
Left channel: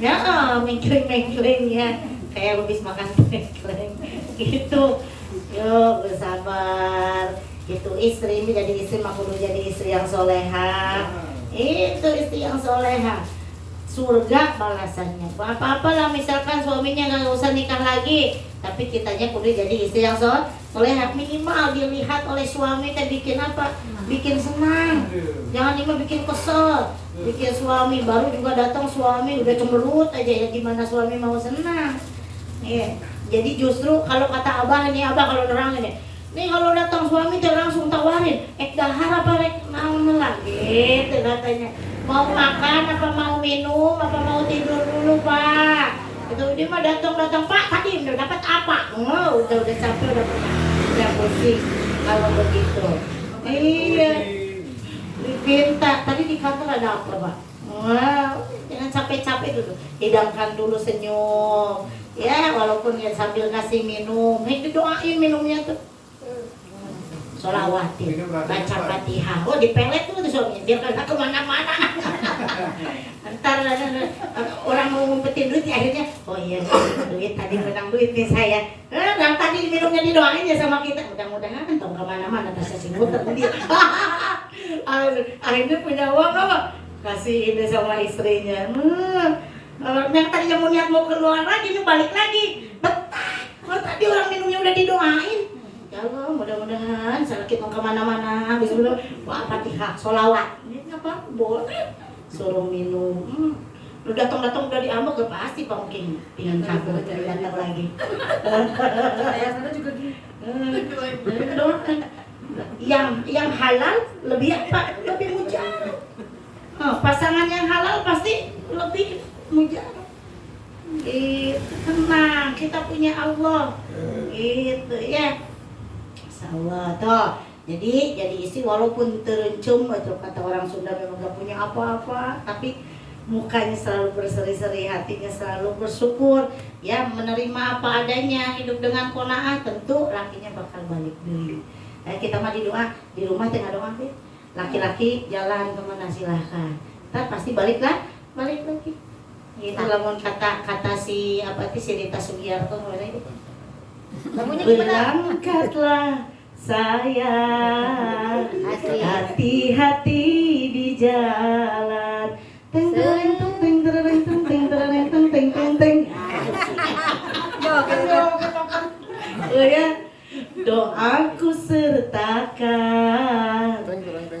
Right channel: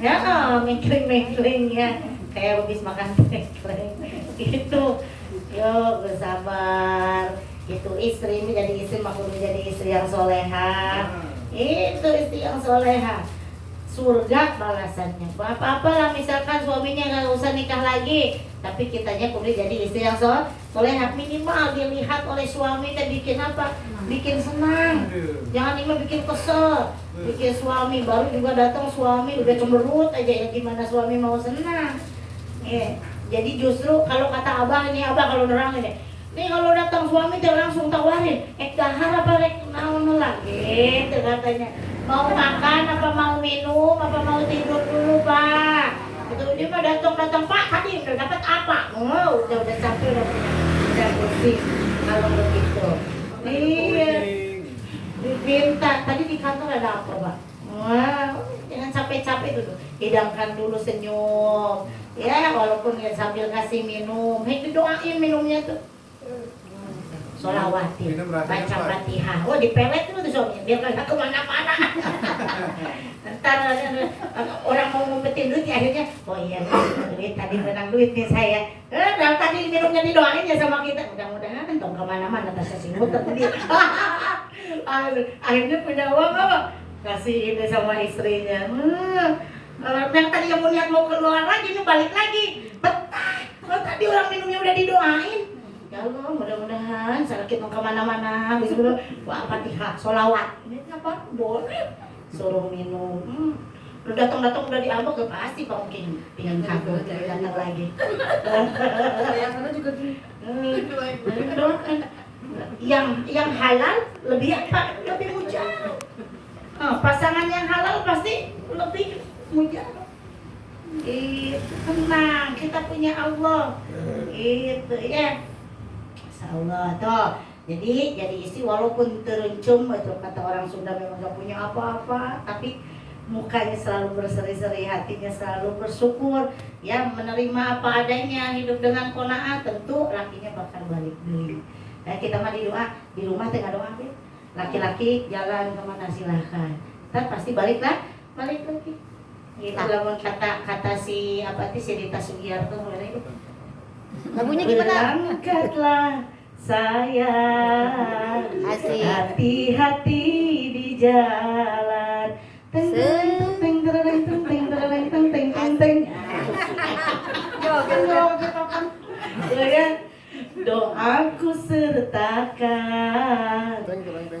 Ya, mengkling ya, kayak habis makan mengkling gitu. Yuk bersabar. Itu istri menjadi istri mah kudu jadi istri yang soleha. Itu istri yang soleha. Surga balasannya. Apa-apa lah misalkan suaminya nggak usah nikah lagi, tapi kitanya kudu jadi istri yang soleha. Minimal dilihat oleh suami teh bikin apa? Bikin senang. Jangan cuma bikin kesel. Bikin suami baru juga datang suami udah cemberut aja, ya gimana suami mau senang. Jadi justru kalau kata abah kalau nerang ini, nih kalau datang suami dia langsung tawarin, dahar apa rek naon lagi, gitu katanya. Mau makan apa mau minum apa mau tidur dulu pak? Itu dia mah datang pak, tadi udah dapat apa? Udah capek udah pusing kalau begitu. Iya. Minta tadi di kantor ada apa pak? Jangan capek-capek dulu, hidangkan dulu senyum. Ya walaupun ya sambil kasih minum, itu doain minumnya tuh. Sholawatin, baca Fatihah. Dipelet tuh suaminya, biar kagak kemana-mana. Ntar orang mau ngumpetin duit, akhirnya, iya duit tadi menang duit nih saya. Dan tadi minumnya didoain ya sama kita. Mudah-mudahan tong kemana-mana tasnya si muter tadi. Akhirnya punya uang loh, kasih ini sama istrinya. Yang tadi yang mau niat mau keluar lagi, nih balik lagi. Betah, kalau tadi orang minumnya udah didoain. Ya Allah, mudah-mudahan sakit mau kemana-mana habis dulu Fatihah, sholawat ini apa? Boleh suruh minum. Lu datang-datang udah diambek gak pasti Pak Mungkin pengen kabel datang lagi. Saya sana juga gini. Yang halal lebih apa? Lebih mujarab. Pasangan yang halal pasti lebih mujarab. Itu tenang, kita punya Allah. Gitu ya. Allah toh. Jadi istri walaupun terencum itu kata orang Sunda memang gak punya apa-apa, tapi mukanya selalu berseri-seri, hatinya selalu bersyukur, ya menerima apa adanya, hidup dengan qanaah, tentu lakinya bakal balik dulu. Kita mah di rumah tengah doa, laki-laki jalan kemana silahkan, ntar pasti balik lagi. Itu lamun kata si Rita Sugiarto mulai itu. Berangkatlah sayang, hati-hati di jalan. Teng teng teng teng teng teng teng teng teng teng teng. Doaku sertakan,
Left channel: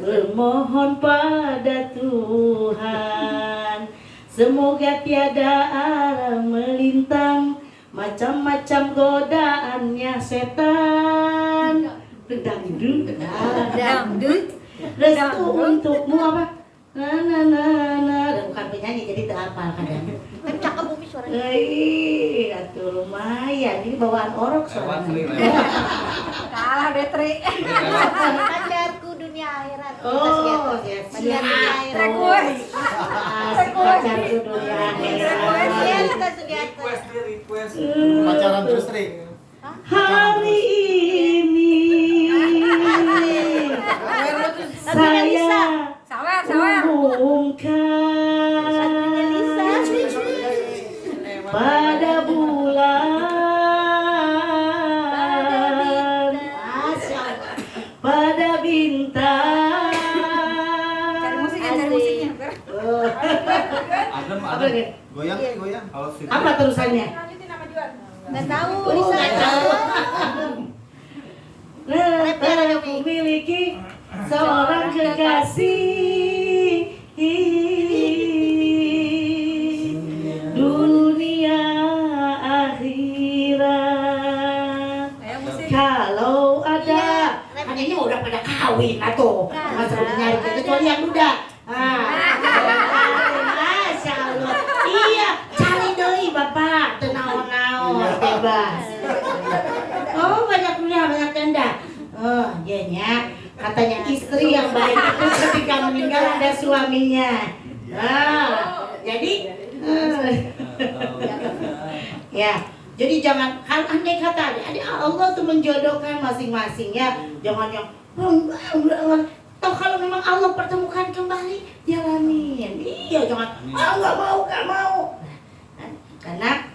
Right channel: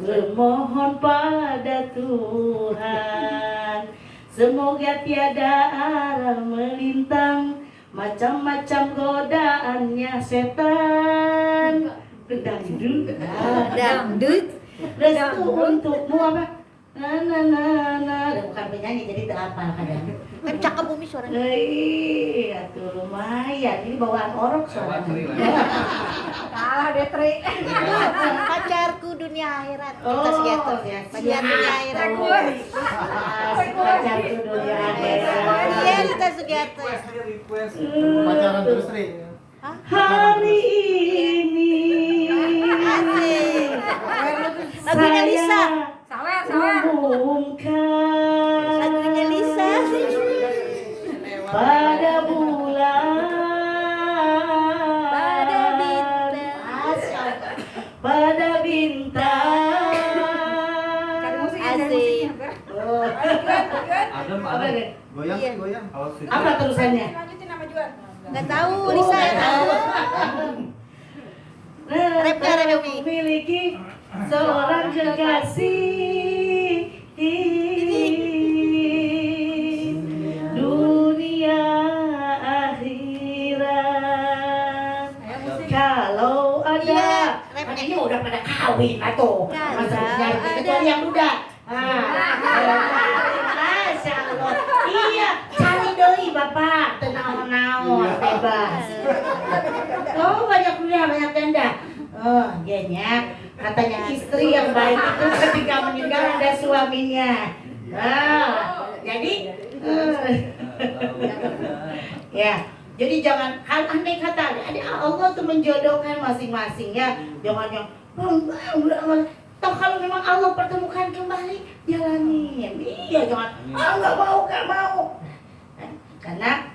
bermohon pada Tuhan, semoga tiada arah melintang, macam-macam godaannya setan. Dangdut, restu untukmu apa? Bukan penyanyi jadi tak hafal kadang. Kencang ke bumi suaranya. Atuh lumayan, ini bawaan orok suaranya. Kalah Betri. Pacarku dunia akhirat. Oh, ya Bagian dunia akhirat. pacar tuh dunia akhirat. Iya, kita Sugiarto. Pacaran terus, Tri. Hari ini Lagunya Lisa. saya umumkan Lagunya Lisa. pada bulan pada bintang. Asik. Adem, Apa nih? Goyang, goyang. Kalau sudah. Apa terusannya? Nggak tahu, Oh, Lisa. nggak tahu. Rapnya ada, Aku miliki seorang kekasih dunia akhirat. Kalau ada, kan ini udah pada kawin atau masa nyari kecuali yang muda. Masya Allah. Iya, cari doi bapak, tenang-tenang, bebas. Oh, banyak dunia, banyak tenda. Oh, jadinya katanya istri yang baik itu ketika meninggal ada suaminya. Jadi ya, jadi jangan andai kata ada Allah tuh menjodohkan masing-masing ya. Jangan yang toh kalau memang Allah pertemukan kembali jalanin. Iya, jangan nggak mau. Karena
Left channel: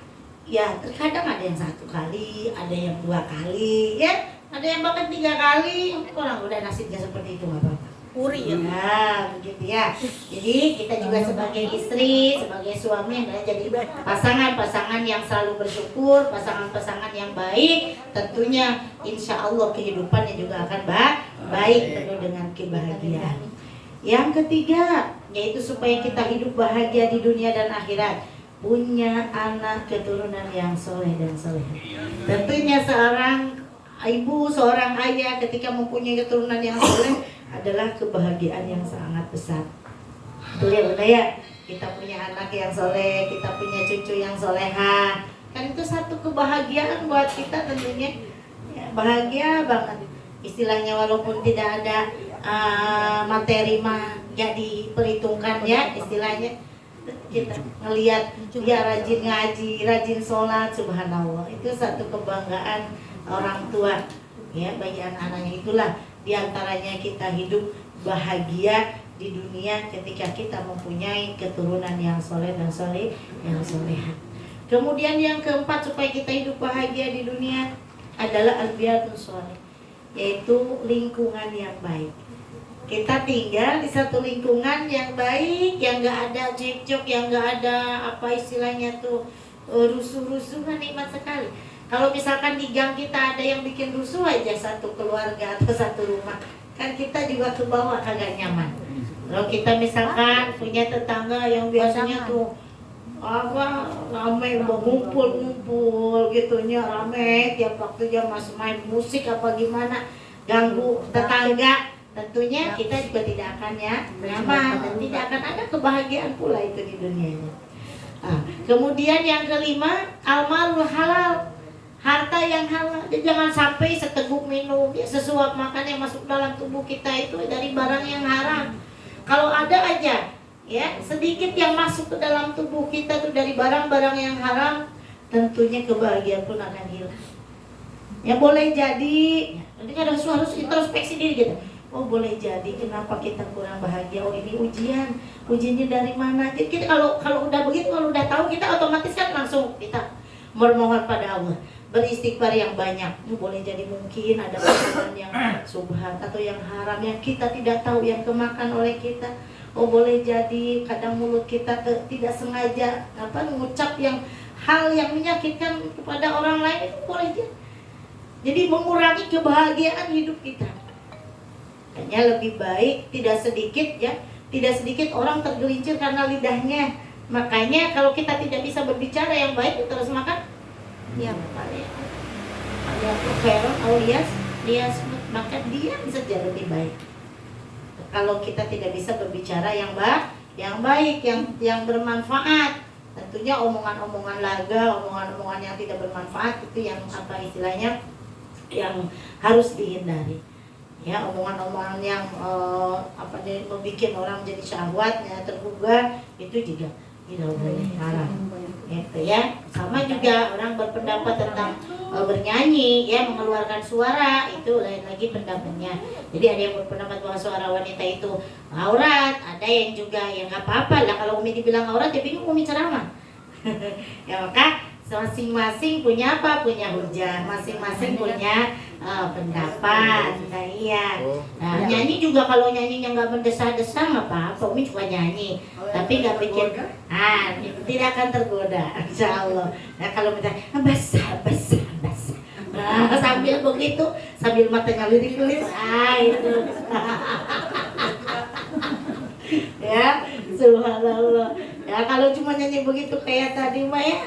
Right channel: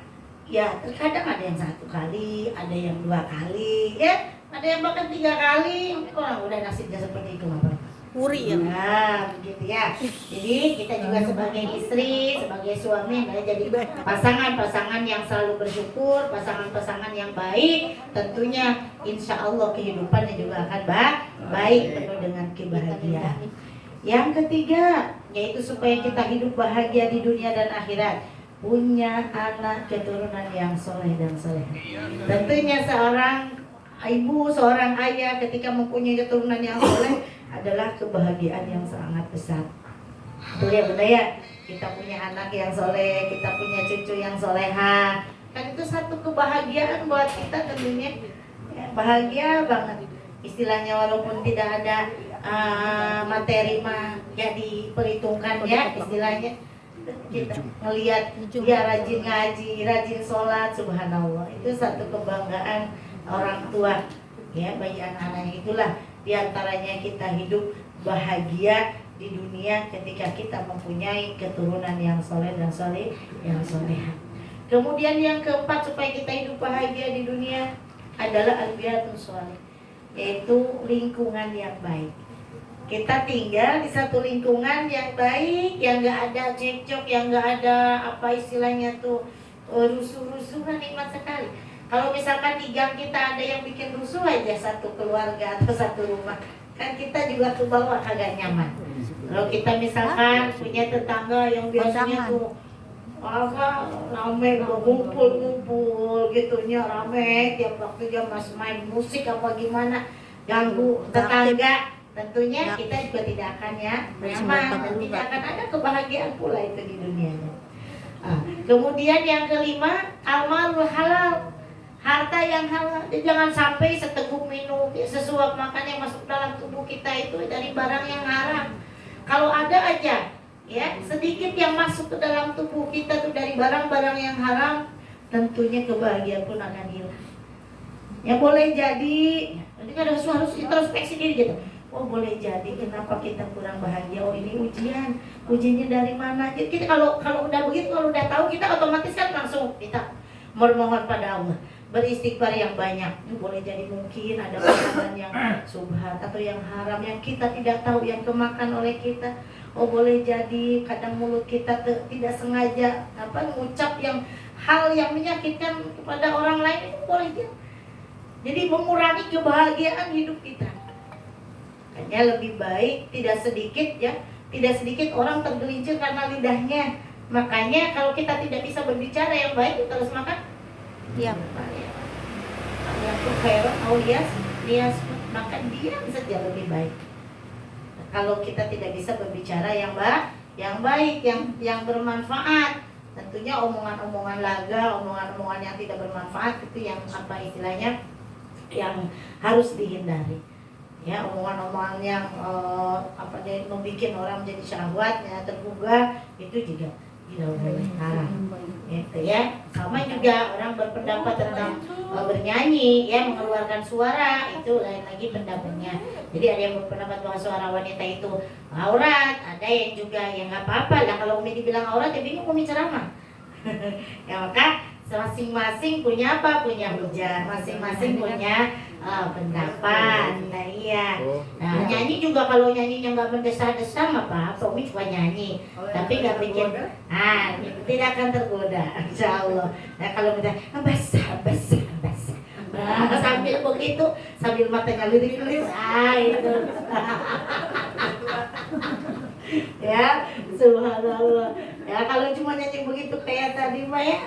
ya terkadang ada yang 1 kali, ada yang 2 kali, ya, ada yang bahkan 3 kali. Orang udah nasibnya seperti itu nggak apa-apa. Puri ya. Nah, begitu ya. Jadi kita juga sebagai istri, sebagai suami adalah jadi pasangan-pasangan yang selalu bersyukur, pasangan-pasangan yang baik. Tentunya insya Allah kehidupannya juga akan baik, penuh dengan kebahagiaan. Yang ketiga, yaitu supaya kita hidup bahagia di dunia dan akhirat, punya anak keturunan yang soleh dan soleh. Tentunya seorang ibu, seorang ayah ketika mempunyai keturunan yang soleh adalah kebahagiaan yang sangat besar. Betul ya Bunda ya? Kita punya anak yang soleh, kita punya cucu yang soleha. Kan itu satu kebahagiaan buat kita tentunya. Ya, bahagia banget. Istilahnya walaupun tidak ada materi mah jadi perhitungkan ya istilahnya. Kita melihat dia rajin ngaji, rajin sholat, subhanallah. Itu satu kebanggaan orang tua ya bagi anak-anaknya. Itulah diantaranya kita hidup bahagia di dunia ketika kita mempunyai keturunan yang soleh dan yang soleha. Kemudian yang keempat supaya kita hidup bahagia di dunia adalah al-biyatus sholih, yaitu lingkungan yang baik. Kita tinggal di satu lingkungan yang baik, yang gak ada cekcok, yang gak ada apa istilahnya tuh rusuh-rusuhan, nikmat sekali. Kalau misalkan di gang kita ada yang bikin rusuh aja satu keluarga atau satu rumah, kan kita juga ke bawah agak nyaman. Kalau kita misalkan punya tetangga yang biasanya tuh apa rame ngumpul gitunya, rame tiap waktu dia masih main musik apa gimana, ganggu tetangga, tentunya kita juga tidak akan nyaman, tidak akan ada kebahagiaan pula itu di dunia. Kemudian yang kelima, al-malul halal, harta yang halal. Jangan sampai seteguk minum, sesuap makan yang masuk dalam tubuh kita itu dari barang yang haram. Kalau ada aja ya sedikit yang masuk ke dalam tubuh kita tuh dari barang-barang yang haram, tentunya kebahagiaan pun akan hilang. Ya boleh jadi, nanti kan harus introspeksi diri gitu. Oh boleh jadi kenapa kita kurang bahagia? Oh ini ujiannya dari mana? Jadi kita kalau udah begitu, kalau udah tahu, kita otomatis kan langsung kita bermohon pada Allah, beristighfar yang banyak. Boleh jadi mungkin ada makanan yang subhat atau yang haram yang kita tidak tahu yang kemakan oleh kita. Oh boleh jadi kadang mulut kita tidak sengaja mengucap yang hal yang menyakitkan kepada orang lain, itu boleh jadi mengurangi kebahagiaan hidup kita. Hanya lebih baik tidak sedikit orang tergelincir karena lidahnya. Makanya kalau kita tidak bisa berbicara yang baik, kita harus makan diam. Alias makan diam saja lebih baik. Kalau kita tidak bisa berbicara yang baik, yang bermanfaat, tentunya omongan-omongan laga, omongan-omongan yang tidak bermanfaat itu yang istilahnya yang harus dihindari. Ya, omongan-omongan yang membuat orang jadi syahwatnya tergugah itu juga tidak boleh, haram. Gitu ya. Sama juga orang berpendapat tentang bernyanyi, ya, mengeluarkan suara, itu lain lagi pendapatnya. Jadi ada yang berpendapat bahwa suara wanita itu aurat, ada yang juga yang nggak apa-apa lah kalau Umi dibilang aurat, ya bingung Umi ceramah. Ya maka masing-masing punya apa? Punya hujah, masing-masing punya pendapat. Nah iya. Nah nyanyi juga kalau nyanyinya nggak mendesah-desah nggak apa-apa, Umi cuma nyanyi. Tapi nggak bikin, tidak akan tergoda, insya Allah. Nah kalau misalnya basah. Nah, sambil begitu, sambil matanya lirik-lirik, itu. Ya, subhanallah. Ya kalau cuma nyanyi begitu kayak tadi mah ya,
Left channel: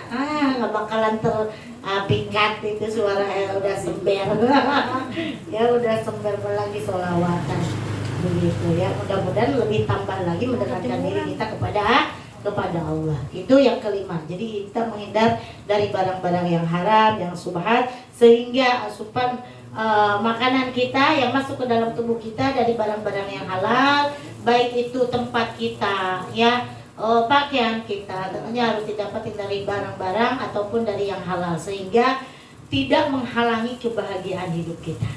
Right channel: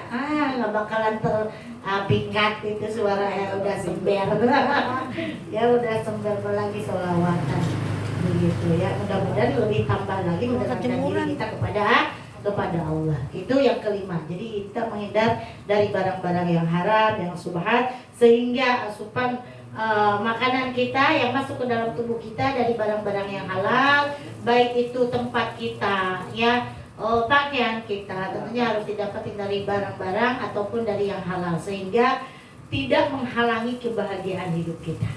nggak bakalan terpingkat itu suara ya, udah sember. Ya udah sember lagi sholawatan begitu ya. Mudah-mudahan lebih tambah lagi mendekatkan diri kita kepada Allah. Itu yang kelima. Jadi kita menghindar dari barang-barang yang haram, yang subhat, sehingga asupan makanan kita yang masuk ke dalam tubuh kita dari barang-barang yang halal, baik itu tempat kita, ya, pakaian kita, tentunya harus didapati dari barang-barang ataupun dari yang halal, sehingga tidak menghalangi kebahagiaan hidup kita.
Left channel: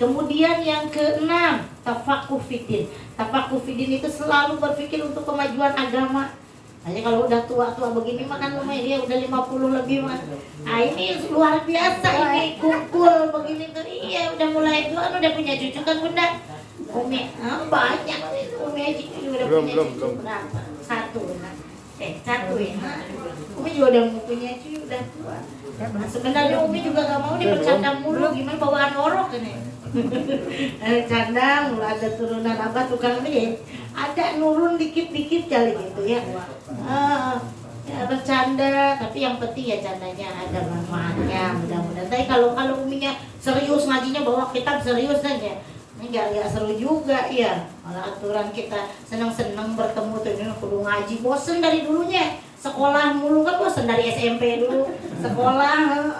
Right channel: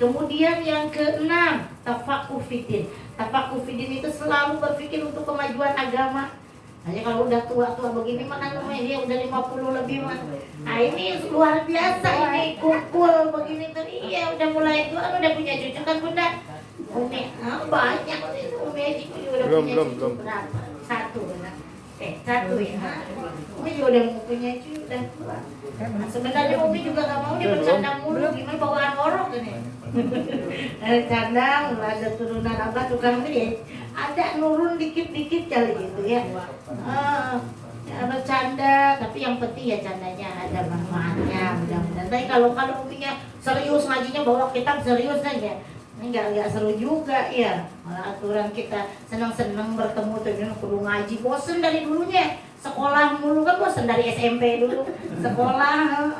Kemudian yang keenam, tafakuh fiddin. Tafakuh fiddin itu selalu berpikir untuk kemajuan agama. Hanya kalau udah tua-tua begini mah kan dia udah 50 lebih mah. Nah ini luar biasa, ini kumpul begini tuh. Iya udah mulai tua, udah punya cucu kan Bunda? Umi banyak nih Umi aja udah punya cucu berapa? Satu Bunda. Satu ya. Umi juga udah mau punya cucu udah tua. Nah, sebenarnya Umi juga gak mau dia bercanda mulu, gimana bawaan orok ini. Canda, mulai ada turunan apa tukang beli, ada nurun dikit-dikit kali gitu ya. Ya bercanda, tapi yang penting ya candanya ada manfaatnya, mudah-mudahan. Tapi kalau Uminya serius ngajinya bawa kitab serius aja, ini nggak seru juga ya. Malah aturan kita senang-senang bertemu tuh kudu ngaji, bosen dari dulunya sekolah mulu kan, bosen dari SMP dulu sekolah.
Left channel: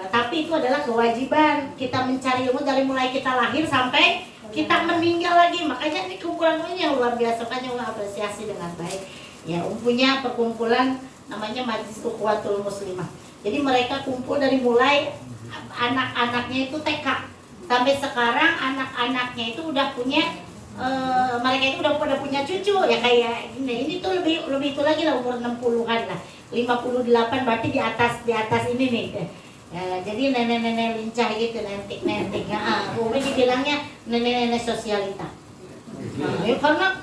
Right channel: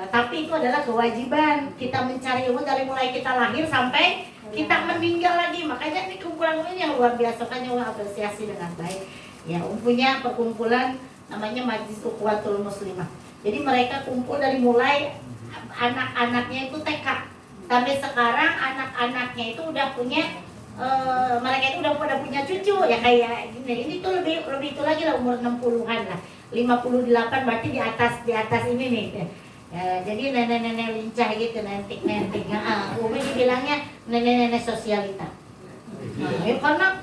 Tapi itu adalah kewajiban kita mencari ilmu dari mulai kita lahir sampai kita meninggal lagi. Makanya ini kumpulan ini yang luar biasa, kan yang apresiasi dengan baik. Ya, punya perkumpulan namanya Majlis Ukhuwatul Muslimah. Jadi mereka kumpul dari mulai anak-anaknya itu TK sampai sekarang anak-anaknya itu udah punya mereka itu udah pada punya cucu ya, kayak ini tuh lebih itu lagi lah, umur 60-an lah. 58 berarti di atas ini nih. Ya, jadi nenek-nenek lincah gitu, nentik. Umi dibilangnya nenek-nenek sosialita. Nah, ya karena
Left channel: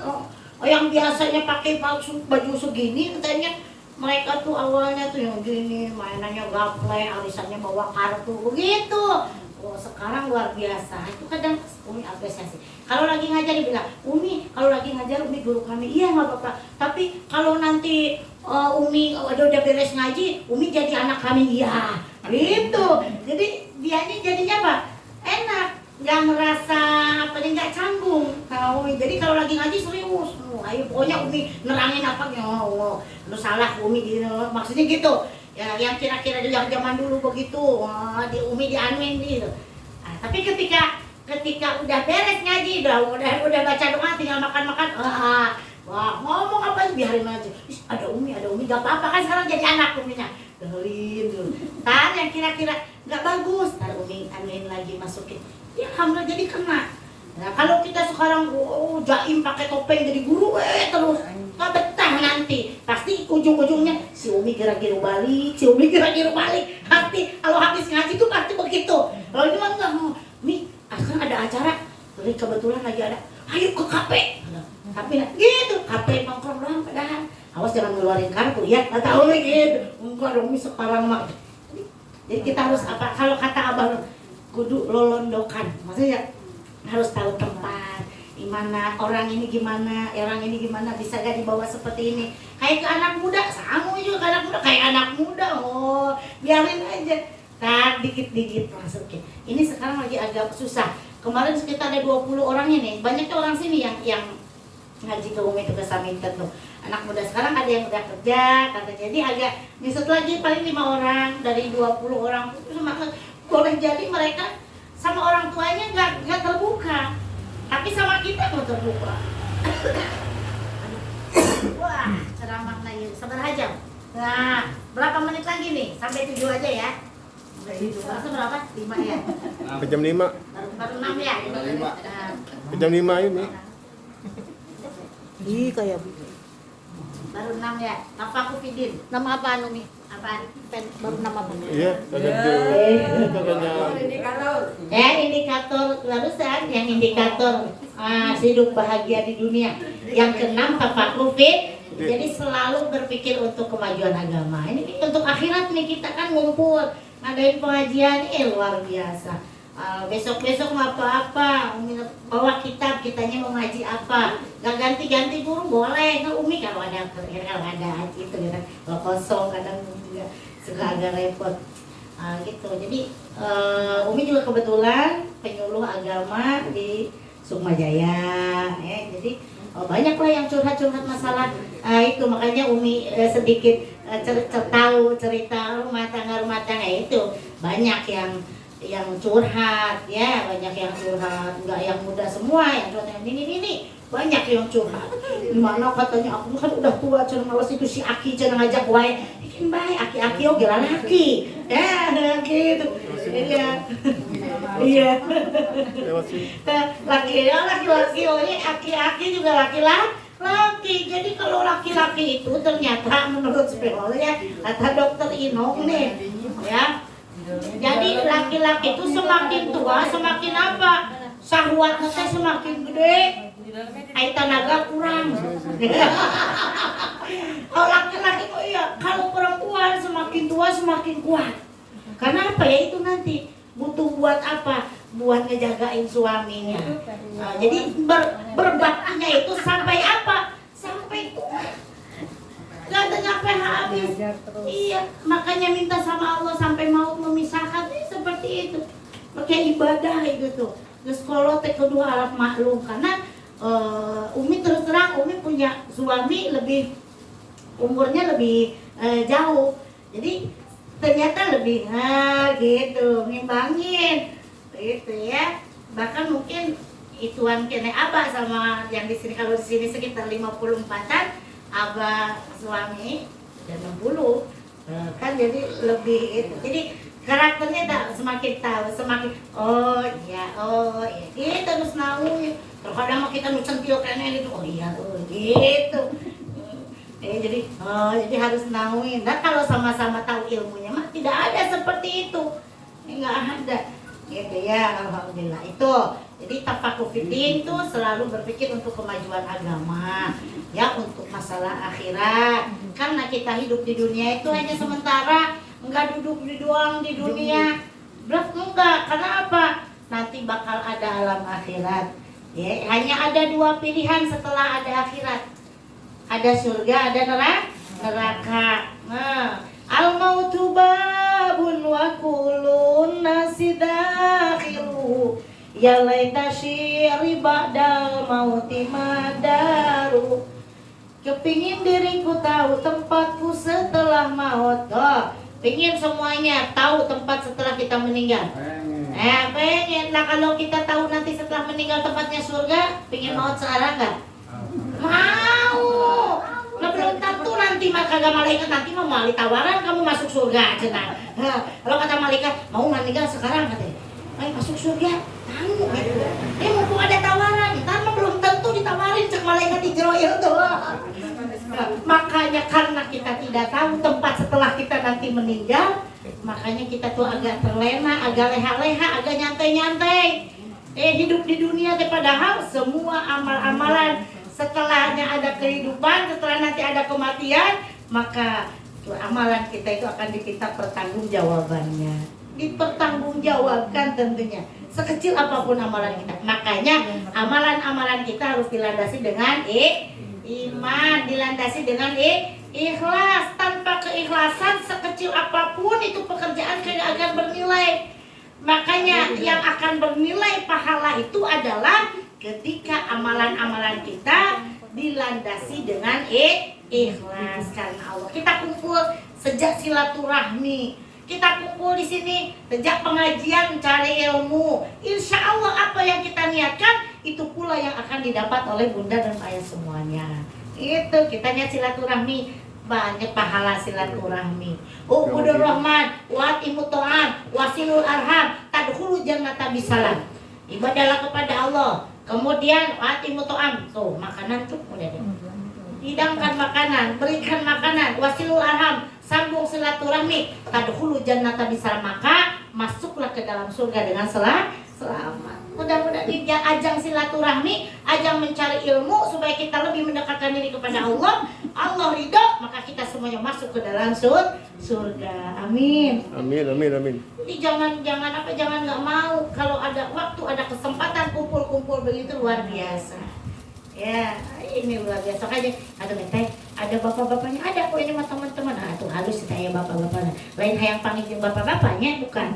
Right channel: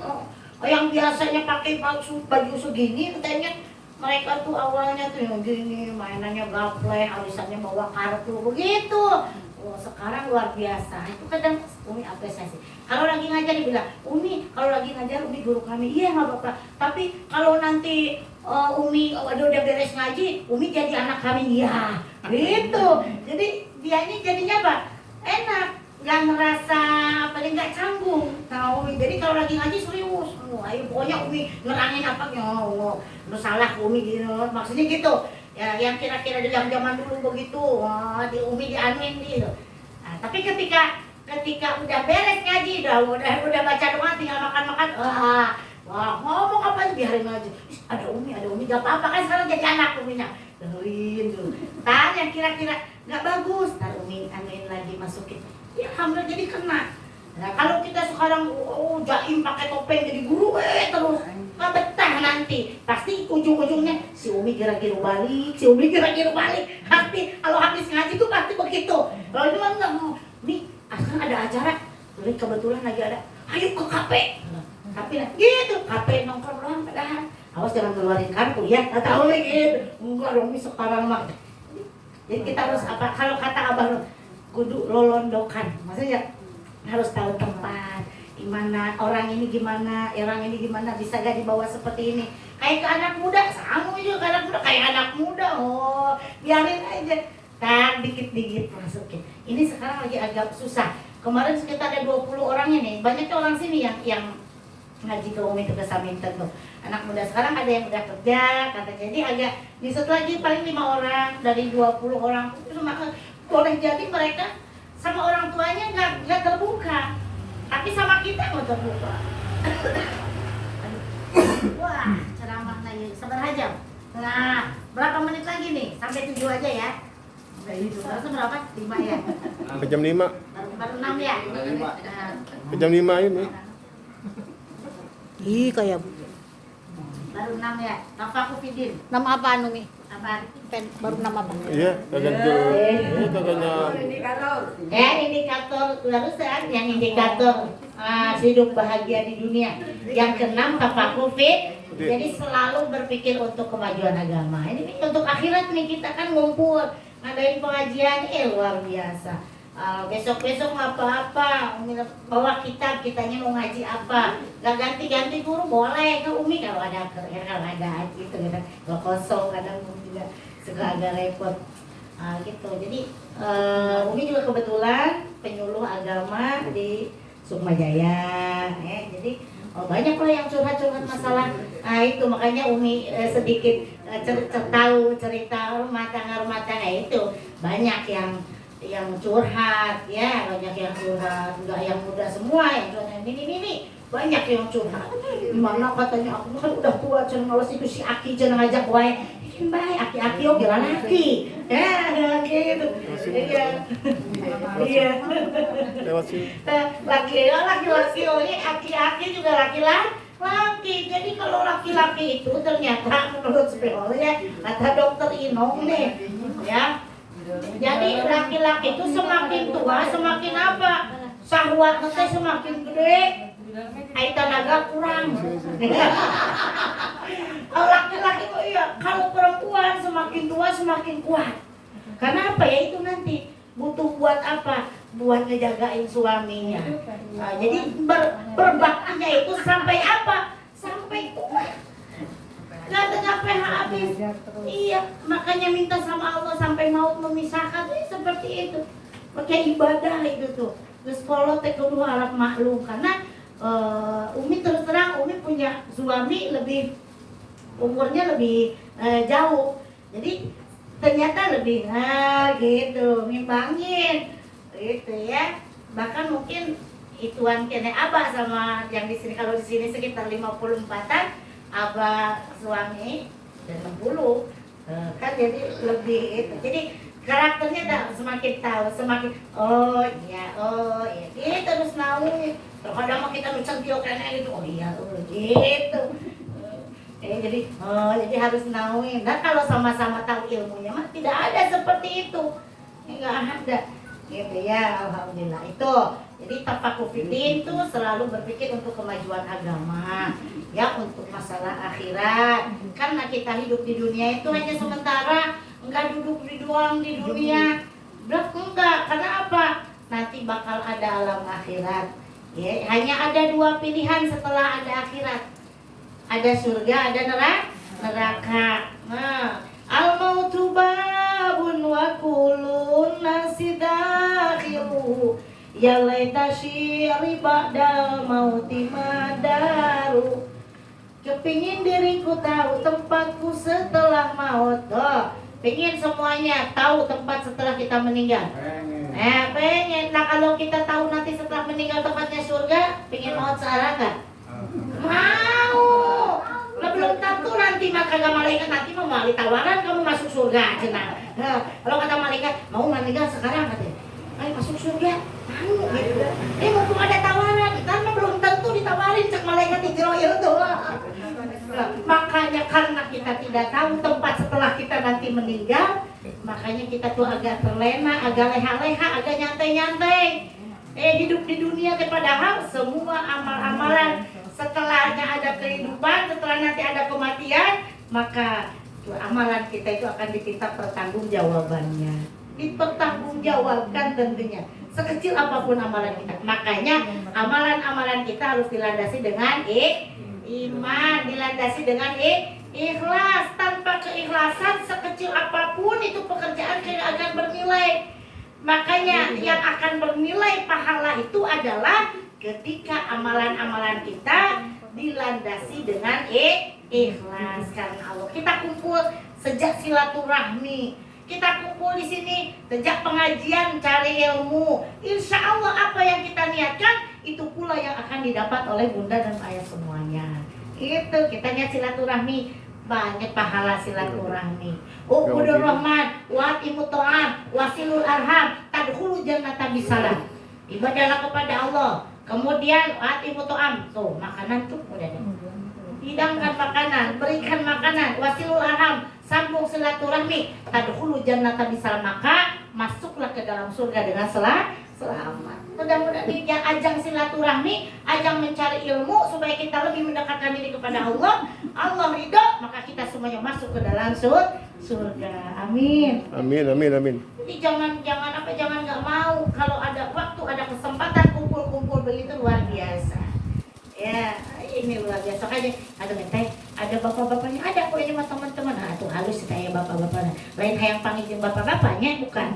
yang biasanya pakai baju segini, katanya mereka tuh awalnya tuh yang gini, mainannya gaplek, alisannya bawa kartu, begitu. Oh, sekarang luar biasa. Itu kadang Umi apresiasi. Kalau lagi ngajar dibilang, Umi, kalau lagi ngajar Umi guru kami, iya nggak apa-apa. Tapi kalau nanti Umi udah beres ngaji, Umi jadi anak kami, ya. Gitu. Jadi dianya jadinya apa? Enak, nggak merasa nggak canggung. Tahu? Jadi kalau lagi ngaji serius. Ayo pokoknya Umi nerangin apa lu salah Umi gitu. Maksudnya gitu. Ya yang kira-kira di zaman dulu begitu, di Umi dianuin gitu. Nah, tapi ketika udah beres ngaji, udah baca doa, tinggal makan-makan, wah ngomong apa biarin aja. Ada Umi gak apa-apa kan sekarang jadi anak Uminya. Dengerin dulu. Ntar yang kira-kira nggak bagus, ntar Umi anuin lagi, masukin. Ya alhamdulillah jadi kena. Nah kalau kita sekarang jaim pakai topeng jadi guru terus, nggak betah nanti. Pasti ujung-ujungnya si Umi kira-kira balik. Pasti kalau habis ngaji tuh pasti begitu. Kalau itu kan nggak mau. Mi, sekarang ada acara, jadi kebetulan lagi ada. Ayo ke kafe. Tapi gitu, kafe nongkrong doang padahal. Awas jangan ngeluarin kartu ya, nggak tahu nih gitu. Enggak dong, Mi sekarang mah. Jadi kita harus apa? Kalau kata abang, kudu lolondokan. Maksudnya harus tahu tempat, gimana orang ini gimana bisa gak dibawa seperti ini. Kayak ke anak muda, sama juga kayak anak muda. Oh, biarin aja. Tak dikit-dikit masukin. Ini sekarang lagi agak susah. Kemarin sekitar ada 20 orang ini. Banyaknya orang sini yang ngaji ke Umi itu ke Saminten tuh. Anak muda sekarang ada yang udah kerja, katanya. Jadi agak nyusut lagi paling 5 orang dari 20 orang. Boleh jadi mereka sama orang tuanya nggak terbuka, tapi sama kita mau terbuka. Wah, ceramahnya ya, sabar aja. Nah, berapa menit lagi nih? Sampai 7 aja ya. Berasa berapa? 5 ya? Jam 5. Baru 6 ya? Nah, Jam 5 ayo nih. ih kayak baru 6 ya? Tafakufidin. Nama apaan nih? Apaan? Baru nama apa? Iya, kagak jauh. Kagaknya. Indikator barusan yang indikator hidup bahagia di dunia. Yang keenam tafakufid. Jadi selalu berpikir untuk kemajuan agama. Ini untuk akhirat nih, kita kan ngumpul ngadain pengajian, luar biasa. Besok-besok mau apa-apa, bawa kitab, kitanya mau ngaji apa, nggak ganti-ganti guru boleh ke Umi kalau ada ngaji itu gitu. Kalau kosong kadang juga suka agak repot. Gitu. Jadi Umi juga kebetulan penyuluh agama di Sukma Jaya, ya. Jadi banyak lah yang curhat-curhat masalah itu, makanya Umi sedikit tahu cerita rumah tangga itu banyak yang curhat ya, banyak yang curhat, enggak yang muda semua yang curhat ini banyak yang curhat. Gimana katanya aku kan udah tua, cenah ngawas itu si Aki cenah ngajak wae bikin bae aki-aki oge laki ya gitu. Iya Lewat sini. laki-laki aki-aki juga laki-laki. Jadi kalau laki-laki itu ternyata menurut psikolognya kata dokter Inong nih ya, jadi laki-laki itu semakin tua semakin apa, syahwatnya semakin gede, tenaga kurang. Kalau laki-laki itu iya, kalau perempuan semakin tua semakin kuat. Karena apa ya, itu nanti butuh buat apa? Buat ngejagain suaminya. Nah, jadi berbaktinya itu sampai apa? Sampai tua. Gak ada nyampe habis. Iya, makanya minta sama Allah sampai maut memisahkan, seperti itu. Pakai ibadah itu tuh. Terus kalau kedua Arab maklum, karena Umi terus terang Umi punya suami lebih umurnya lebih jauh. Jadi ternyata lebih gitu, ngimbangin gitu ya. Bahkan mungkin ituan kene abah sama yang di sini, kalau di sini sekitar 54-an, abah suami dan 60 kan, jadi lebih itu. Jadi karakternya tak semakin tahu, semakin oh iya ini terus nawi. Kadang mau kita nucentil kene gitu, oh iya gitu. Jadi harus nawi. Nah kalau sama-sama tahu ilmunya mah tidak ada seperti itu, nggak ada gitu ya. Alhamdulillah itu. Jadi tafakufidin itu selalu berpikir untuk kemajuan agama, ya, untuk masalah akhirat. Karena kita hidup di dunia itu hanya sementara, enggak duduk di doang di dunia. Enggak, karena apa? Nanti bakal ada alam akhirat. Ya, hanya ada 2 pilihan setelah ada akhirat. Ada surga, ada neraka. Nah, al-mautu babun wa kullun nasi dakhilu. Ya laita syiri ba'dal mauti madaru. Kepingin diriku tahu tempatku setelah maut. Pingin semuanya tahu tempat setelah kita meninggal. Pengen. Nah kalau kita tahu nanti setelah meninggal tempatnya surga, pingin maut sekarang kan? Mau. Nah, belum tentu nanti maka kata malaikat nanti mau melalui tawaran kamu masuk surga. Kalau kata malaikat mau meninggal sekarang katanya, ayo masuk surga. Dia mumpung ada tawaran, ntar belum tentu ditawarin cek malaikat Israel tuh. Makanya karena kita tidak tahu tempat setelah kita nanti meninggal, makanya kita tuh agak terlena, agak leha-leha, agak nyantai-nyantai. Hidup di dunia padahal semua amal-amalan setelahnya ada kehidupan, setelah nanti ada kematian, maka amalan kita itu akan dipinta pertanggungjawabannya. Dipertanggungjawabkan tentunya. Sekecil apapun amalan kita. Makanya amalan-amalan kita harus dilandasi dengan iman, dilandasi dengan ikhlas. Tanpa keikhlasan sekecil apapun itu pekerjaan tidak akan bernilai. Makanya yang akan bernilai pahala itu adalah ketika amalan-amalan kita dilandasi dengan ikhlas karena Allah. Kita kumpul sejak silaturahmi kita kumpul di sini sejak pengajian cari ilmu. Insya Allah apa yang kita niatkan itu pula yang akan didapat oleh bunda dan ayah semuanya. Itu kita lihat silaturahmi, banyak pahala silaturahmi. Ubudur rahman, wa'atimu ta'am, wasilul arham, tadkhulu jannata bisalam. Ibadahlah kepada Allah. Kemudian wa'atimu ta'am, tuh makanan tuh udah deh. Hidangkan makanan, berikan makanan, wasilul arham, sambung silaturahmi, tadkhulu jannata bisalam, maka masuklah ke dalam surga dengan selamat. Mudah-mudahan di ajang silaturahmi, ajang mencari ilmu supaya kita lebih mendekatkan diri kepada Allah. Allah ridho, maka kita semuanya masuk ke dalam surga. Amin. Amin, amin, amin. Jadi jangan nggak mau kalau ada waktu, ada kesempatan kumpul-kumpul begitu luar biasa. Ya, ini luar biasa aja. Ada teh, ada bapak-bapaknya, ada kok ini sama teman-teman. Nah, tuh halus saya bapak-bapaknya. Lain yang panggil bapak-bapaknya bukan.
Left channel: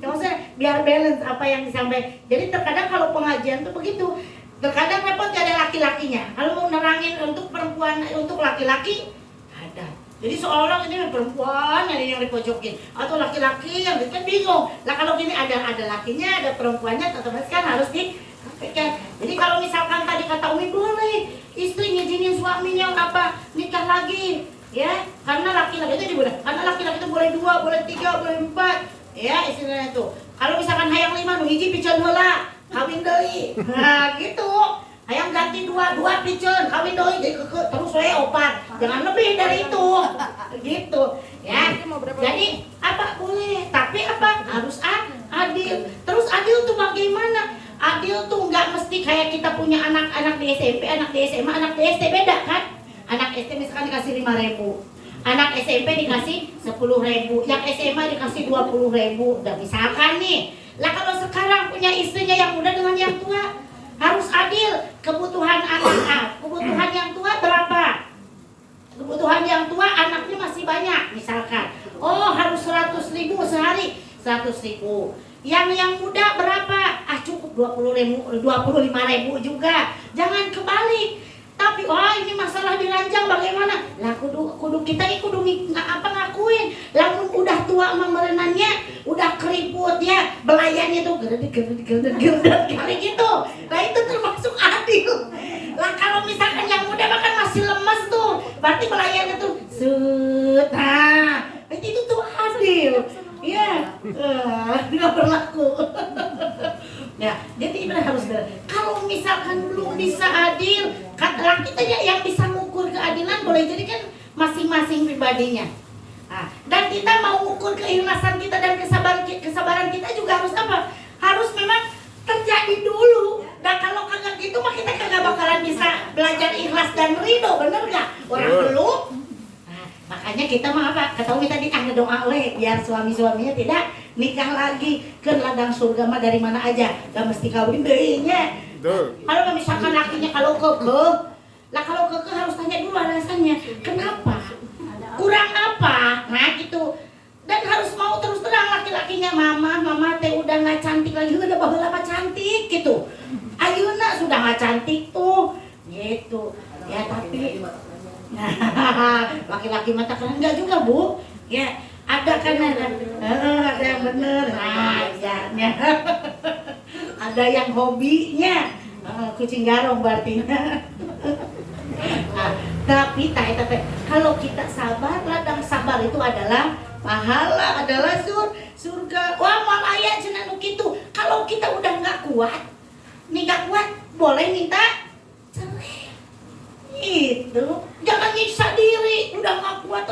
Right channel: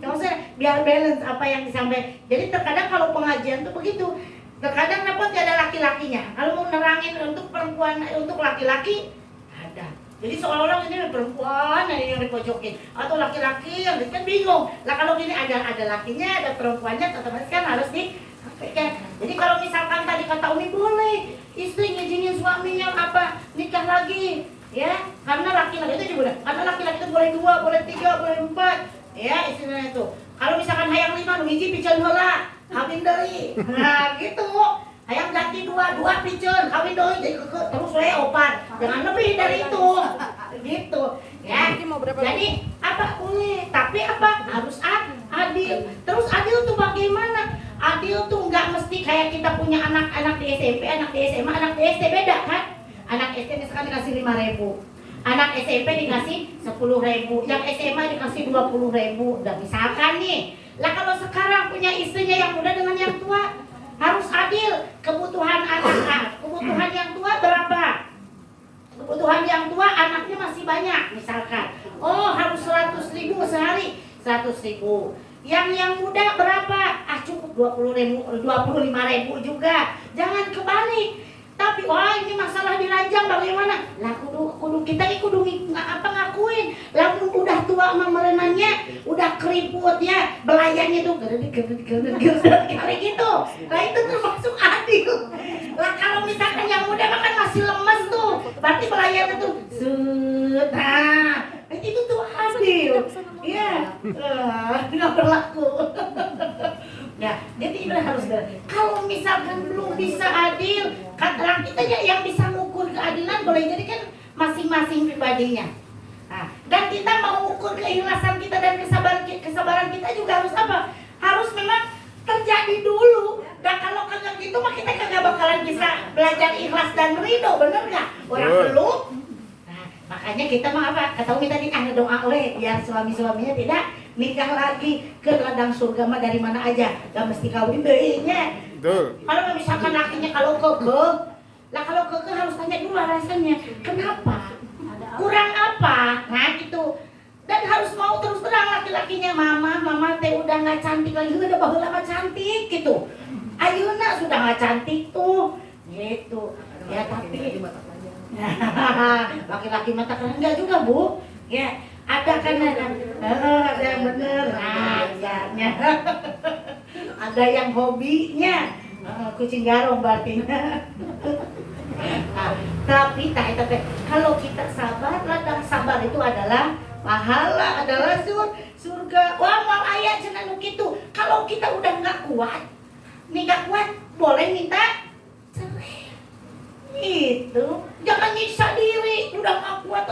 Cuma saya biar balance apa yang disampaikan. Jadi terkadang kalau pengajian tuh begitu. Terkadang dapat ada laki-lakinya. Kalau mau nerangin untuk perempuan, untuk laki-laki ada. Jadi seolah-olah ini perempuan yang dipojokin atau laki-laki yang kan bingung. Lah kalau gini ada lakinya, ada perempuannya, otomatis kan harus jadi kalau misalkan tadi kata Umi boleh istri ngizinin suaminya apa nikah lagi ya, karena laki-laki itu juga karena laki-laki itu boleh 2, boleh 3, boleh 4 ya istilahnya tuh. Kalau misalkan hayang 5 nu hiji piceun heula kawin deui. Nah gitu. Hayang ganti 2 piceun kawin deui jadi terus we opat. Jangan lebih dari itu. Gitu ya. Jadi apa boleh, tapi apa harus adil. Terus adil tuh bagaimana? Adil tuh nggak mesti kayak kita punya anak-anak di SMP, anak di SMA, anak di SD beda kan? Anak SD misalkan dikasih 5.000, anak SMP dikasih 10.000, yang SMA dikasih 20.000. Udah misalkan nih. Lah kalau sekarang punya istrinya yang muda dengan yang tua, harus adil. Kebutuhan anak, kebutuhan yang tua berapa? Kebutuhan yang tua anaknya masih banyak, misalkan. Oh harus 100.000 sehari, 100.000. Yang muda berapa? Cukup 25.000 juga. Jangan kebalik. Tapi wah ini masalah diranjang bagaimana? Lah kudu kita ngakuin. Lamun udah tua mah merenannya, udah keriput ya, belayannya tuh gerdet kali gitu. Nah itu termasuk adil. Lah kalau misalkan yang muda makan masih lemes tuh, berarti belayannya tuh nah, itu tuh adil. Iya, nggak berlaku. Ya, jadi itu harus kalau misalkan belum bisa adil, katakan kita yang bisa mengukur keadilan boleh jadi kan masing-masing pribadinya. Nah, dan kita mau ukur keikhlasan kita dan kesabaran kita juga harus apa? Harus memang terjadi dulu. Dan kalau kagak gitu mah kita kagak bakalan bisa belajar ikhlas dan ridho, bener nggak? Orang belum. Makanya kita mah apa? Kata Umi tadi ada doa biar suami-suaminya tidak nikah lagi ke ladang surga mah dari mana aja. Gak mesti kawin deuinya. Kalau misalkan lakinya kalau kekeh, lah kalau kekeh harus tanya dulu alasannya. Kenapa? Kurang apa? Nah gitu. Dan harus mau terus terang laki-lakinya, mama teh udah nggak cantik lagi, udah baheula mah cantik gitu. Ayeuna sudah nggak cantik tuh, gitu. Ya tapi laki-laki mata keren enggak juga Bu ya, ada kan ada yang bener rajanya ada yang hobinya kucing garong berarti tapi kalau kita sabar, ladang sabar itu adalah pahala, adalah surga. Wah mal ayat cenah nu kitu. Kalau kita udah nggak kuat boleh minta cerai. Itu jangan nyiksa diri, udah gak kuat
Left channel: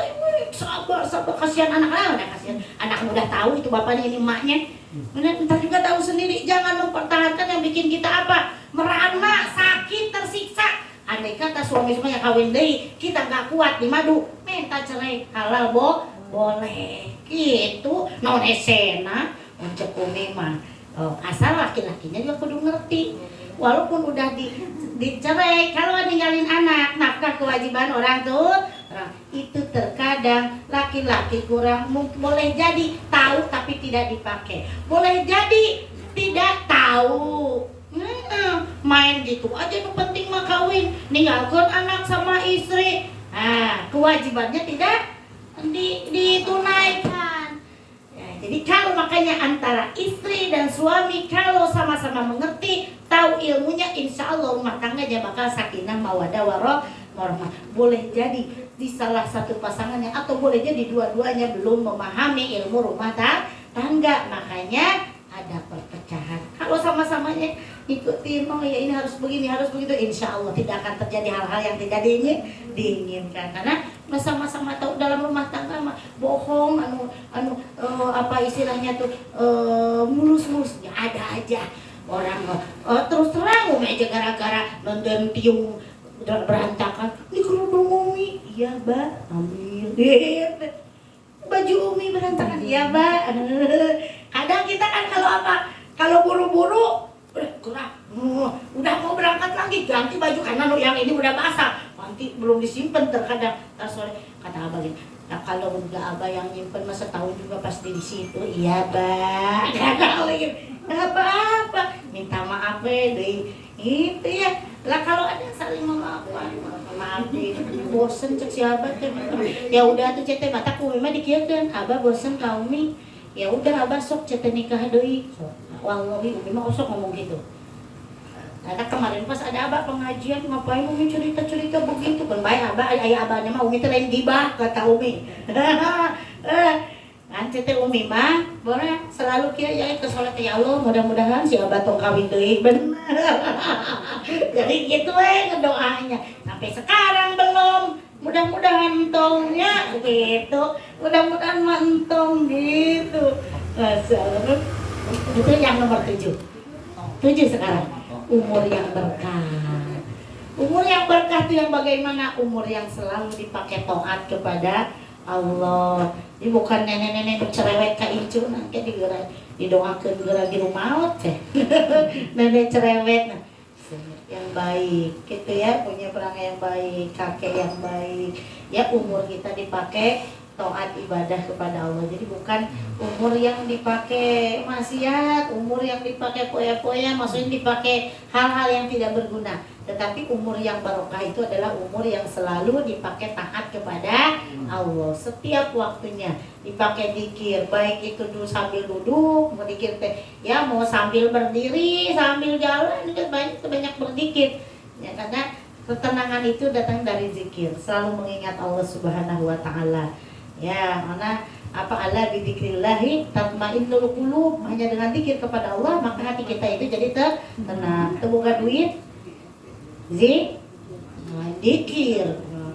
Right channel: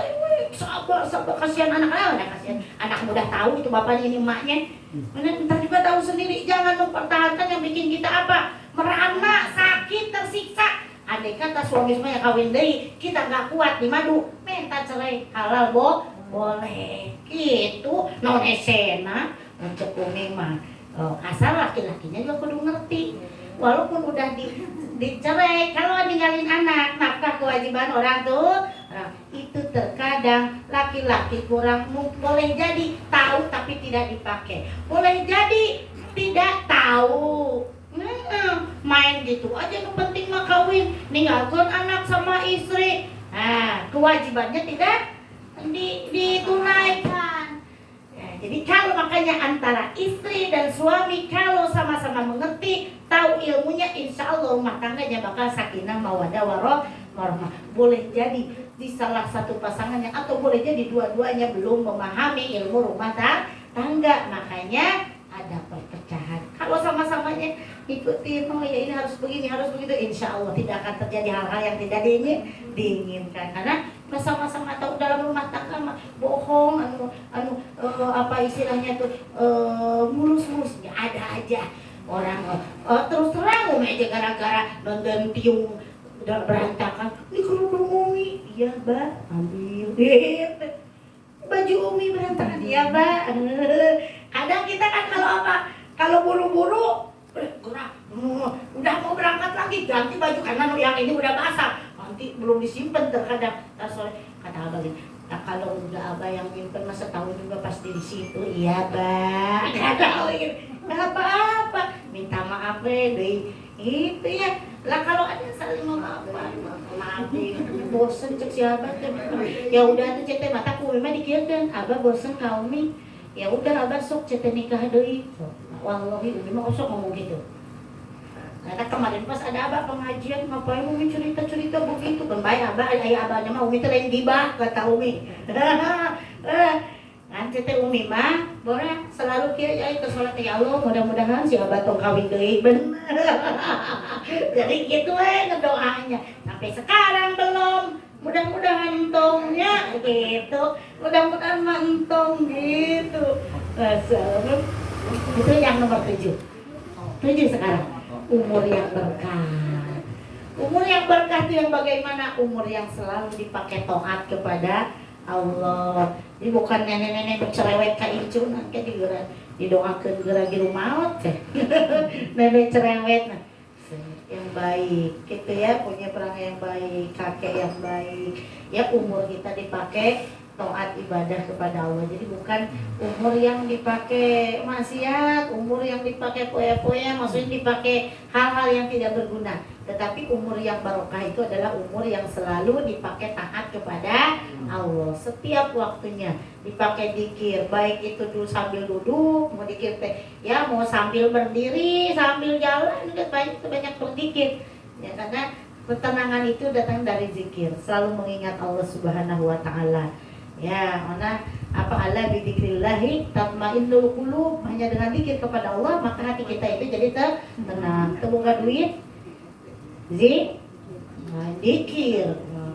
sabar kasihan anak udah kasihan anak muda tahu itu bapaknya ini emaknya, ntar juga tahu sendiri. Jangan mempertahankan yang bikin kita apa merana, sakit, tersiksa. Andai kata suami semuanya kawin deui kita gak kuat di madu minta cerai halal boleh gitu. Non esena mencekuni mah asal laki-lakinya juga kudu ngerti. Walaupun udah dicerai, kalau ninggalin anak, nafkah kewajiban orang tua, itu terkadang laki-laki kurang, boleh jadi tahu tapi tidak dipakai, boleh jadi tidak tahu, main gitu aja. Yang penting mah kawin, ninggalkan anak sama istri, kewajibannya tidak ditunaikan. saja, maka sakinah mawaddah warahmah. Boleh jadi di salah satu pasangannya atau boleh jadi dua-duanya belum memahami ilmu rumah tangga, makanya ada perpecahan. Kalau sama-samanya ikutin, oh ya ini harus begini, harus begitu, insya Allah tidak akan terjadi hal-hal yang tidak diinginkan. Karena sama-sama tahu dalam rumah tangga mah bohong, apa istilahnya tuh, mulus-mulus, ya ada aja orang terus terang aja gara-gara nonton tiung udah berantakan. Ini kerudung Umi, iya Mbak, ambil. Baju Umi berantakan, iya Mbak. Kadang kita kan kalau buru-buru gerak, udah mau berangkat lagi ganti baju karena yang ini udah basah, nanti belum disimpan terkadang sore. Kata abah gini, nah, kalau udah abah yang nyimpen masa tahu juga pasti di situ. Iya Mbak, nggak apa-apa, minta maaf deh itu ya lah. Kalau ada yang saling maaf bosen cek si abah teh, ya udah tuh cete mataku memang dikirkan abah bosen kau nih, ya udah abah sok cete nikah deui. Wallahi Umi mah sok ngomong gitu. Karena kemarin pas ada abah pengajian, ngapain Umi cerita-cerita begitu kan, baik abah, ayah abahnya mah Umi teh lain gibah kata Umi. Kan cete Umi mah boleh selalu kia ya ke salat, ya Allah mudah-mudahan si abah tong kawin deui bener. Jadi gitu ngedoanya. Sampai sekarang belum. Mudah-mudahan entongnya gitu. Mudah-mudahan entong gitu. Asal itu yang nomor 7 sekarang, umur yang berkah. Umur yang berkah itu yang bagaimana? Umur yang selalu dipakai taat kepada Allah. Ini bukan nenek-nenek cerewet ka incu nanti didoakan geura di rumah teh. Nenek cerewet yang baik gitu ya, punya perangai yang baik, kakek yang baik. Ya umur kita dipakai taat ibadah kepada Allah. Jadi bukan umur yang dipakai maksiat, umur yang dipakai poya-poya, maksudnya dipakai hal-hal yang tidak berguna. Tetapi umur yang barokah itu adalah umur yang selalu dipakai taat kepada Allah. Setiap waktunya dipakai zikir, baik itu sambil duduk, mau zikir teh, ya mau sambil berdiri, sambil jalan, juga banyak berzikir. Ya karena ketenangan itu datang dari zikir, selalu mengingat Allah Subhanahu wa taala. Ya, mana apa ala bidzikrillahi tatmainnul qulub, hanya dengan zikir kepada Allah maka hati kita itu jadi tenang. Teboga duit zikir,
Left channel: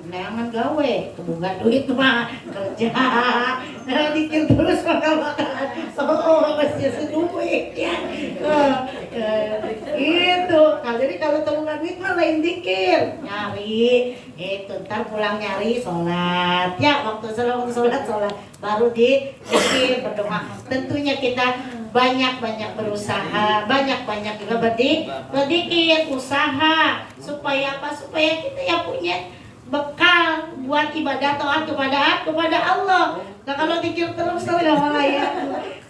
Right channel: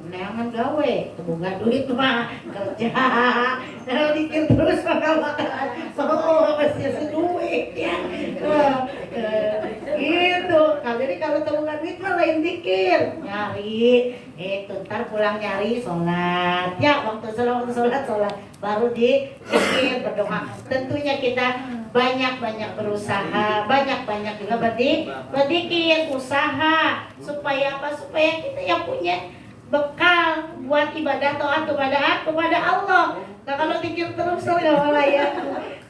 neangan gawe, teboga duit mah kerja. Nah, zikir terus bakal pasti duit ya. Gitu. Nah, jadi kalau teboga duit mah lain zikir, nyari itu ntar pulang nyari sholat ya, waktu sholat baru zikir berdoa. Tentunya kita banyak berusaha, banyak juga berzikir, usaha supaya apa? Supaya kita yang punya bekal buat ibadah taat kepada Allah. Nah kalau zikir terus kalau malah ya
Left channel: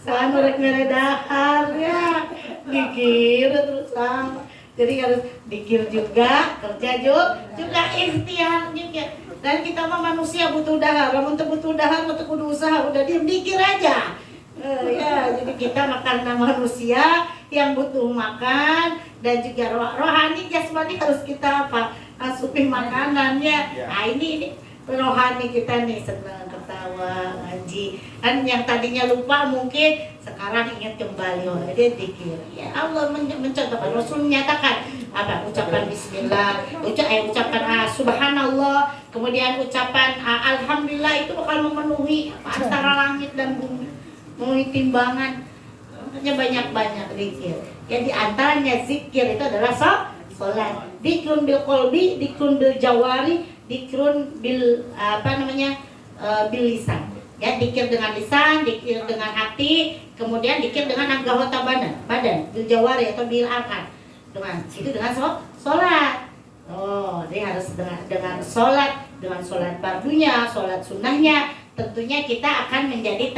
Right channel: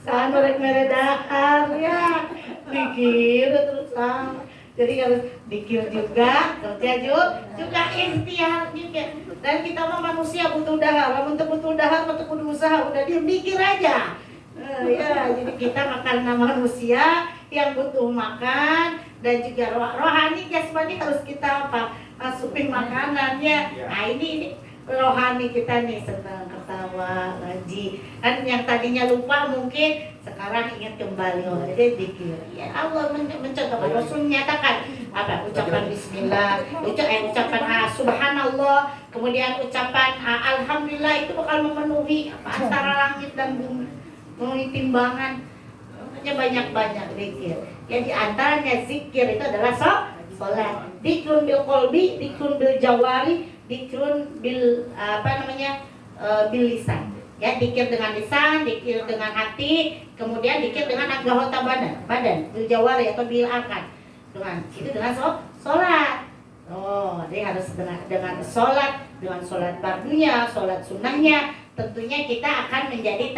sanurek meredahar ya, zikir terus sama. Jadi harus zikir juga, kerja juga ikhtiar juga. Dan kita mah manusia butuh dahar, untuk butuh dahar, untuk butuh usaha, udah dikir aja. Ya, jadi kita karena manusia yang butuh makan dan juga rohani, jasmani harus kita asupi makanannya. Nah ini rohani kita nih senang ketawa ngaji. Kan yang tadinya lupa mungkin sekarang ingat kembali. Jadi zikir. Ya Allah mencontohkan, Rasul menyatakan apa? Ucapan bismillah, ucapan subhanallah, kemudian ucapan alhamdulillah itu bakal memenuhi antara langit dan bumi. Memenuhi timbangan. Makanya banyak zikir. Yang diantaranya zikir itu adalah sholat. Dikrun bil qalbi, dikrun bil jawari, dikrun bil bil lisan. Ya, dikir dengan lisan, dikir dengan hati, kemudian dikir dengan anggota badan, bil jawari atau bil akal. Dengan sholat. Oh, dia harus dengan sholat, dengan sholat fardunya, sholat sunnahnya, tentunya kita akan menjadi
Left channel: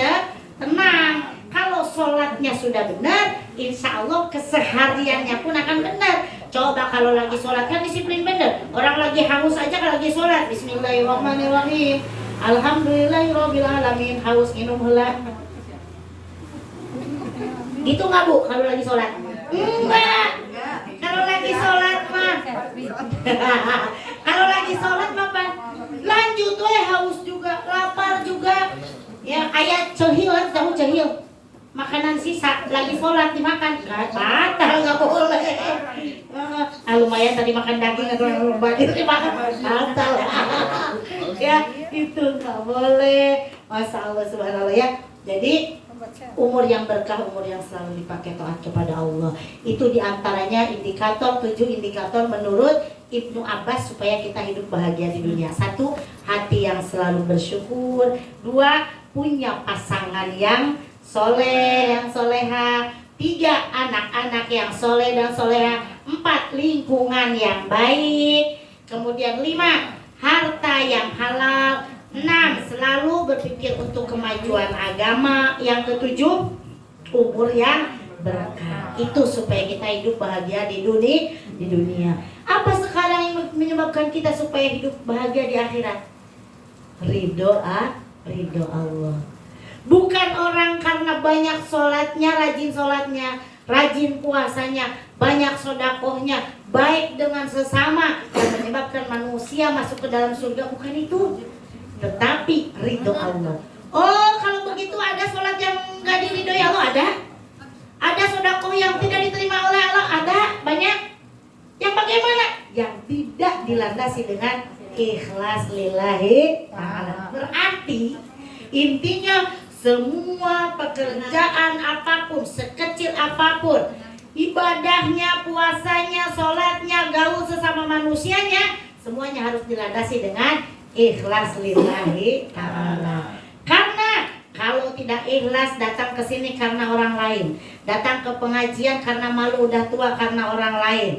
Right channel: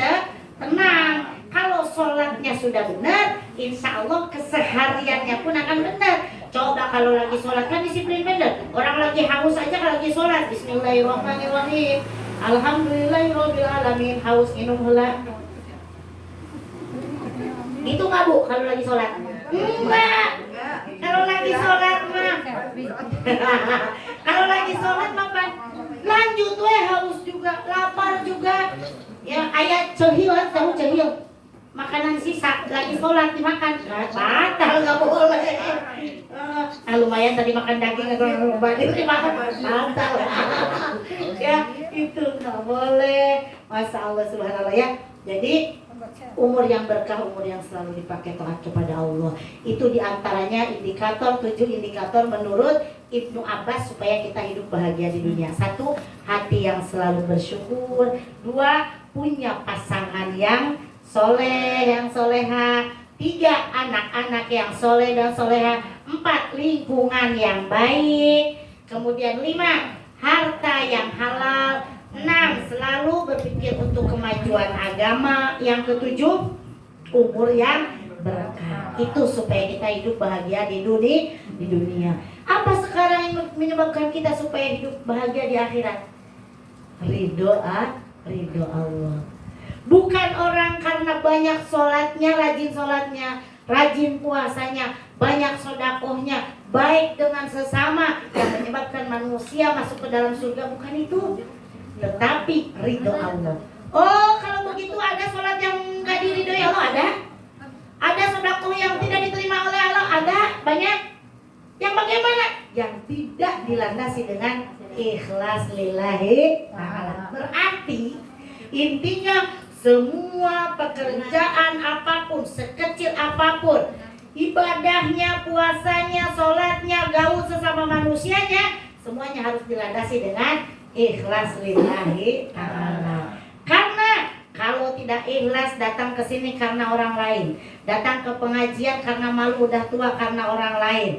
tenang. Kalau sholatnya sudah benar, insya Allah kesehariannya pun akan benar. Coba kalau lagi sholat kan disiplin benar. Orang lagi haus aja kalau lagi sholat, bismillahirrahmanirrahim, alhamdulillahirrabbilalamin, haus minum heula. Gitu nggak Bu kalau lagi sholat? Enggak. Kalau lagi sholat mah Kalau lagi sholat makan lanjut haus juga, lapar juga. Ya kayak cehil, kamu cehil. Makanan sisa lagi sholat dimakan, batal nggak boleh. Lumayan tadi makan daging agak banyak dimakan batal. Ya itu nggak boleh. Masya Allah subhanallah ya. Jadi umur yang berkah, umur yang selalu dipakai taat kepada Allah. Itu diantaranya indikator, 7 indikator menurut Ibnu Abbas supaya kita hidup bahagia di dunia. 1, hati yang selalu bersyukur. 2, punya pasangan yang soleh, yang soleha. 3, anak-anak yang soleh dan soleha. 4, lingkungan yang baik. Kemudian 5, harta yang halal. 6, selalu berpikir untuk kemajuan agama. Yang ke-7, umur yang berkah. Itu supaya kita hidup bahagia di dunia. Apa sekarang yang menyebabkan kita supaya hidup bahagia di akhirat? Ridho Allah. Bukan orang karena banyak sholatnya, rajin puasanya, banyak sodakohnya, baik dengan sesama yang menyebabkan manusia masuk ke dalam surga. Bukan itu, tetapi ridho Allah. Oh, kalau begitu ada sholat yang nggak diridhoi Allah, ada sodakoh yang tidak diterima oleh Allah, ada banyak. Yang bagaimana? Yang tidak dilandasi dengan ikhlas lillahi ta'ala. Berarti intinya semua pekerjaan apapun, sekecil apapun, ibadahnya, puasanya, sholatnya, gaul sesama manusianya, semuanya harus dilandasi dengan ikhlas lillahi ta'ala. Karena kalau tidak ikhlas, datang ke sini karena orang lain, datang ke pengajian karena malu udah tua karena orang lain.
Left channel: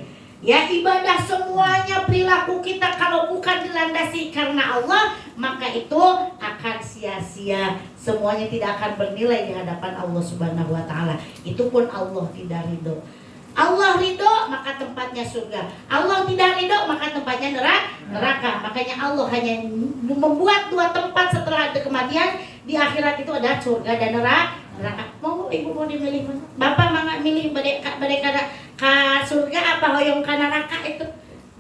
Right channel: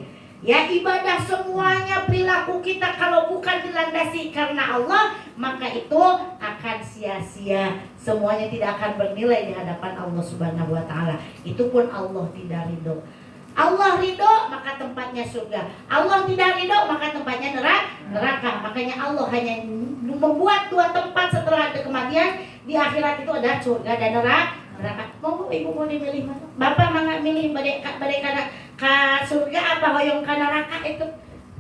Ya, ibadah semuanya, perilaku kita kalau bukan dilandasi karena Allah, maka itu akan sia-sia. Semuanya tidak akan bernilai di hadapan Allah Subhanahu wa taala. Itu pun Allah tidak ridho. Allah ridho maka tempatnya surga. Allah tidak ridho maka tempatnya neraka. Makanya Allah hanya membuat 2 tempat setelah ada kematian. Di akhirat itu ada surga dan neraka. Mau ibu mau dimilih mana? Bapak mangga milih badai kana ka surga apa hoyong ka neraka itu?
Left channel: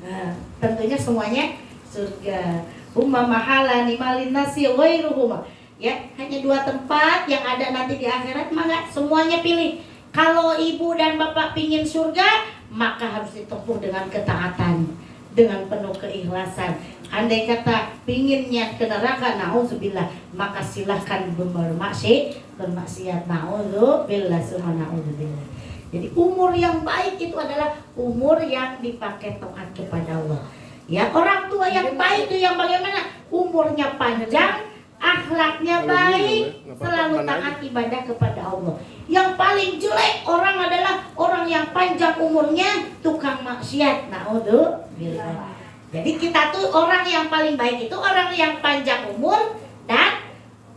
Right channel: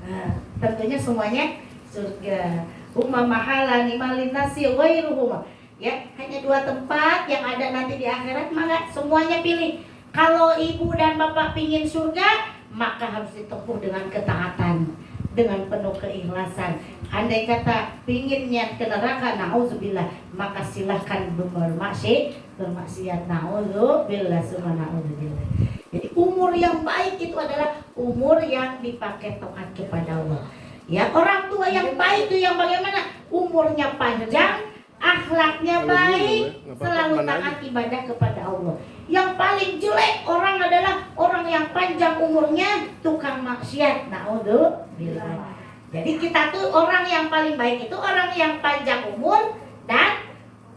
Nah, tentunya semuanya surga. Umma mahala nimalin nasi wairuhuma. Ya, hanya 2 tempat yang ada nanti di akhirat, maka semuanya pilih. Kalau ibu dan bapak pingin surga, maka harus ditempuh dengan ketaatan, dengan penuh keikhlasan. Andai kata pinginnya ke neraka, na'udzubillah, maka silahkan bermaksiat, na'udzubillah, na'udzubillah. Jadi umur yang baik itu adalah umur yang dipakai taat kepada Allah. Ya, orang tua yang baik itu yang bagaimana? Umurnya panjang, akhlaknya baik, selalu taat ibadah kepada Allah. Yang paling jelek orang adalah orang yang panjang umurnya tukang maksiat. Na'udzubillah. Jadi kita tuh orang yang paling baik itu orang yang panjang umur dan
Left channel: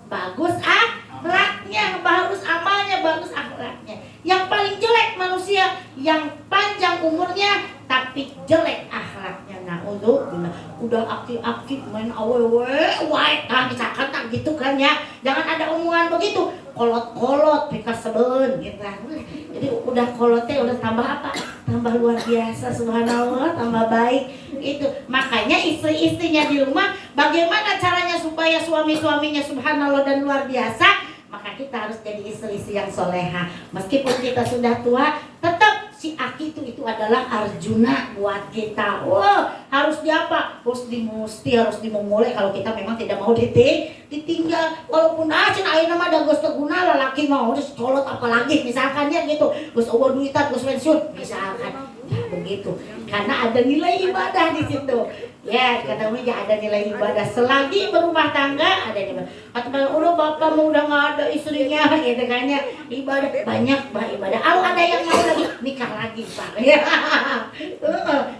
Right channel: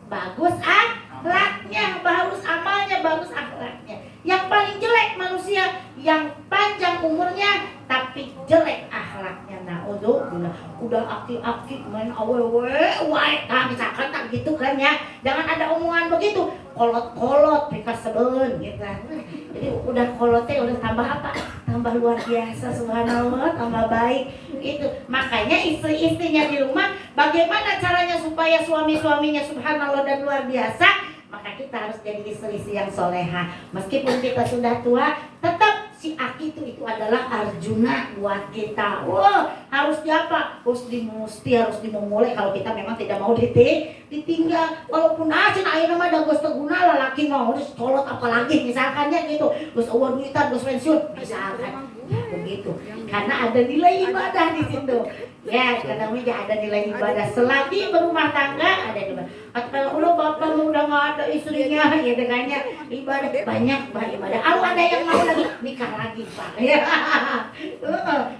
bagus akhlaknya, bagus amalnya, bagus akhlaknya. Yang paling jelek manusia yang panjang umurnya tapi jelek akhlaknya. Na'udzubillah. Udah aktif-aktif main awewe, misalkan tak gitu kan ya. Jangan ada omongan begitu. Kolot-kolot, pika seben gitu. Jadi udah kolotnya udah tambah apa? Tambah luar biasa, subhanallah, tambah baik. Itu makanya istri-istrinya di rumah bagaimana caranya supaya suami-suaminya subhanallah dan luar biasa? Maka kita harus jadi istri-istri yang soleha. Meskipun kita sudah tua, tetap si Aki itu adalah Arjuna buat kita. Oh, harus diapa? Harus dimusti, harus dimulai kalau kita memang tidak mau ditinggal. Walaupun aja ayeuna mah da geus teu guna lalaki mau colot apalagi misalkan ya gitu. Geus eueuh duitan, geus pensiun misalkan. Ya, begitu. Karena ada nilai ibadah di situ. Ya, katanya ada nilai ibadah. Selagi berumah tangga ada ibadah. Kata Allah, bapak udah nggak ada istrinya, gitu kan ya. Ibadah banyak, ibadah. Kalau ada yang mau lagi nikah lagi, Pak.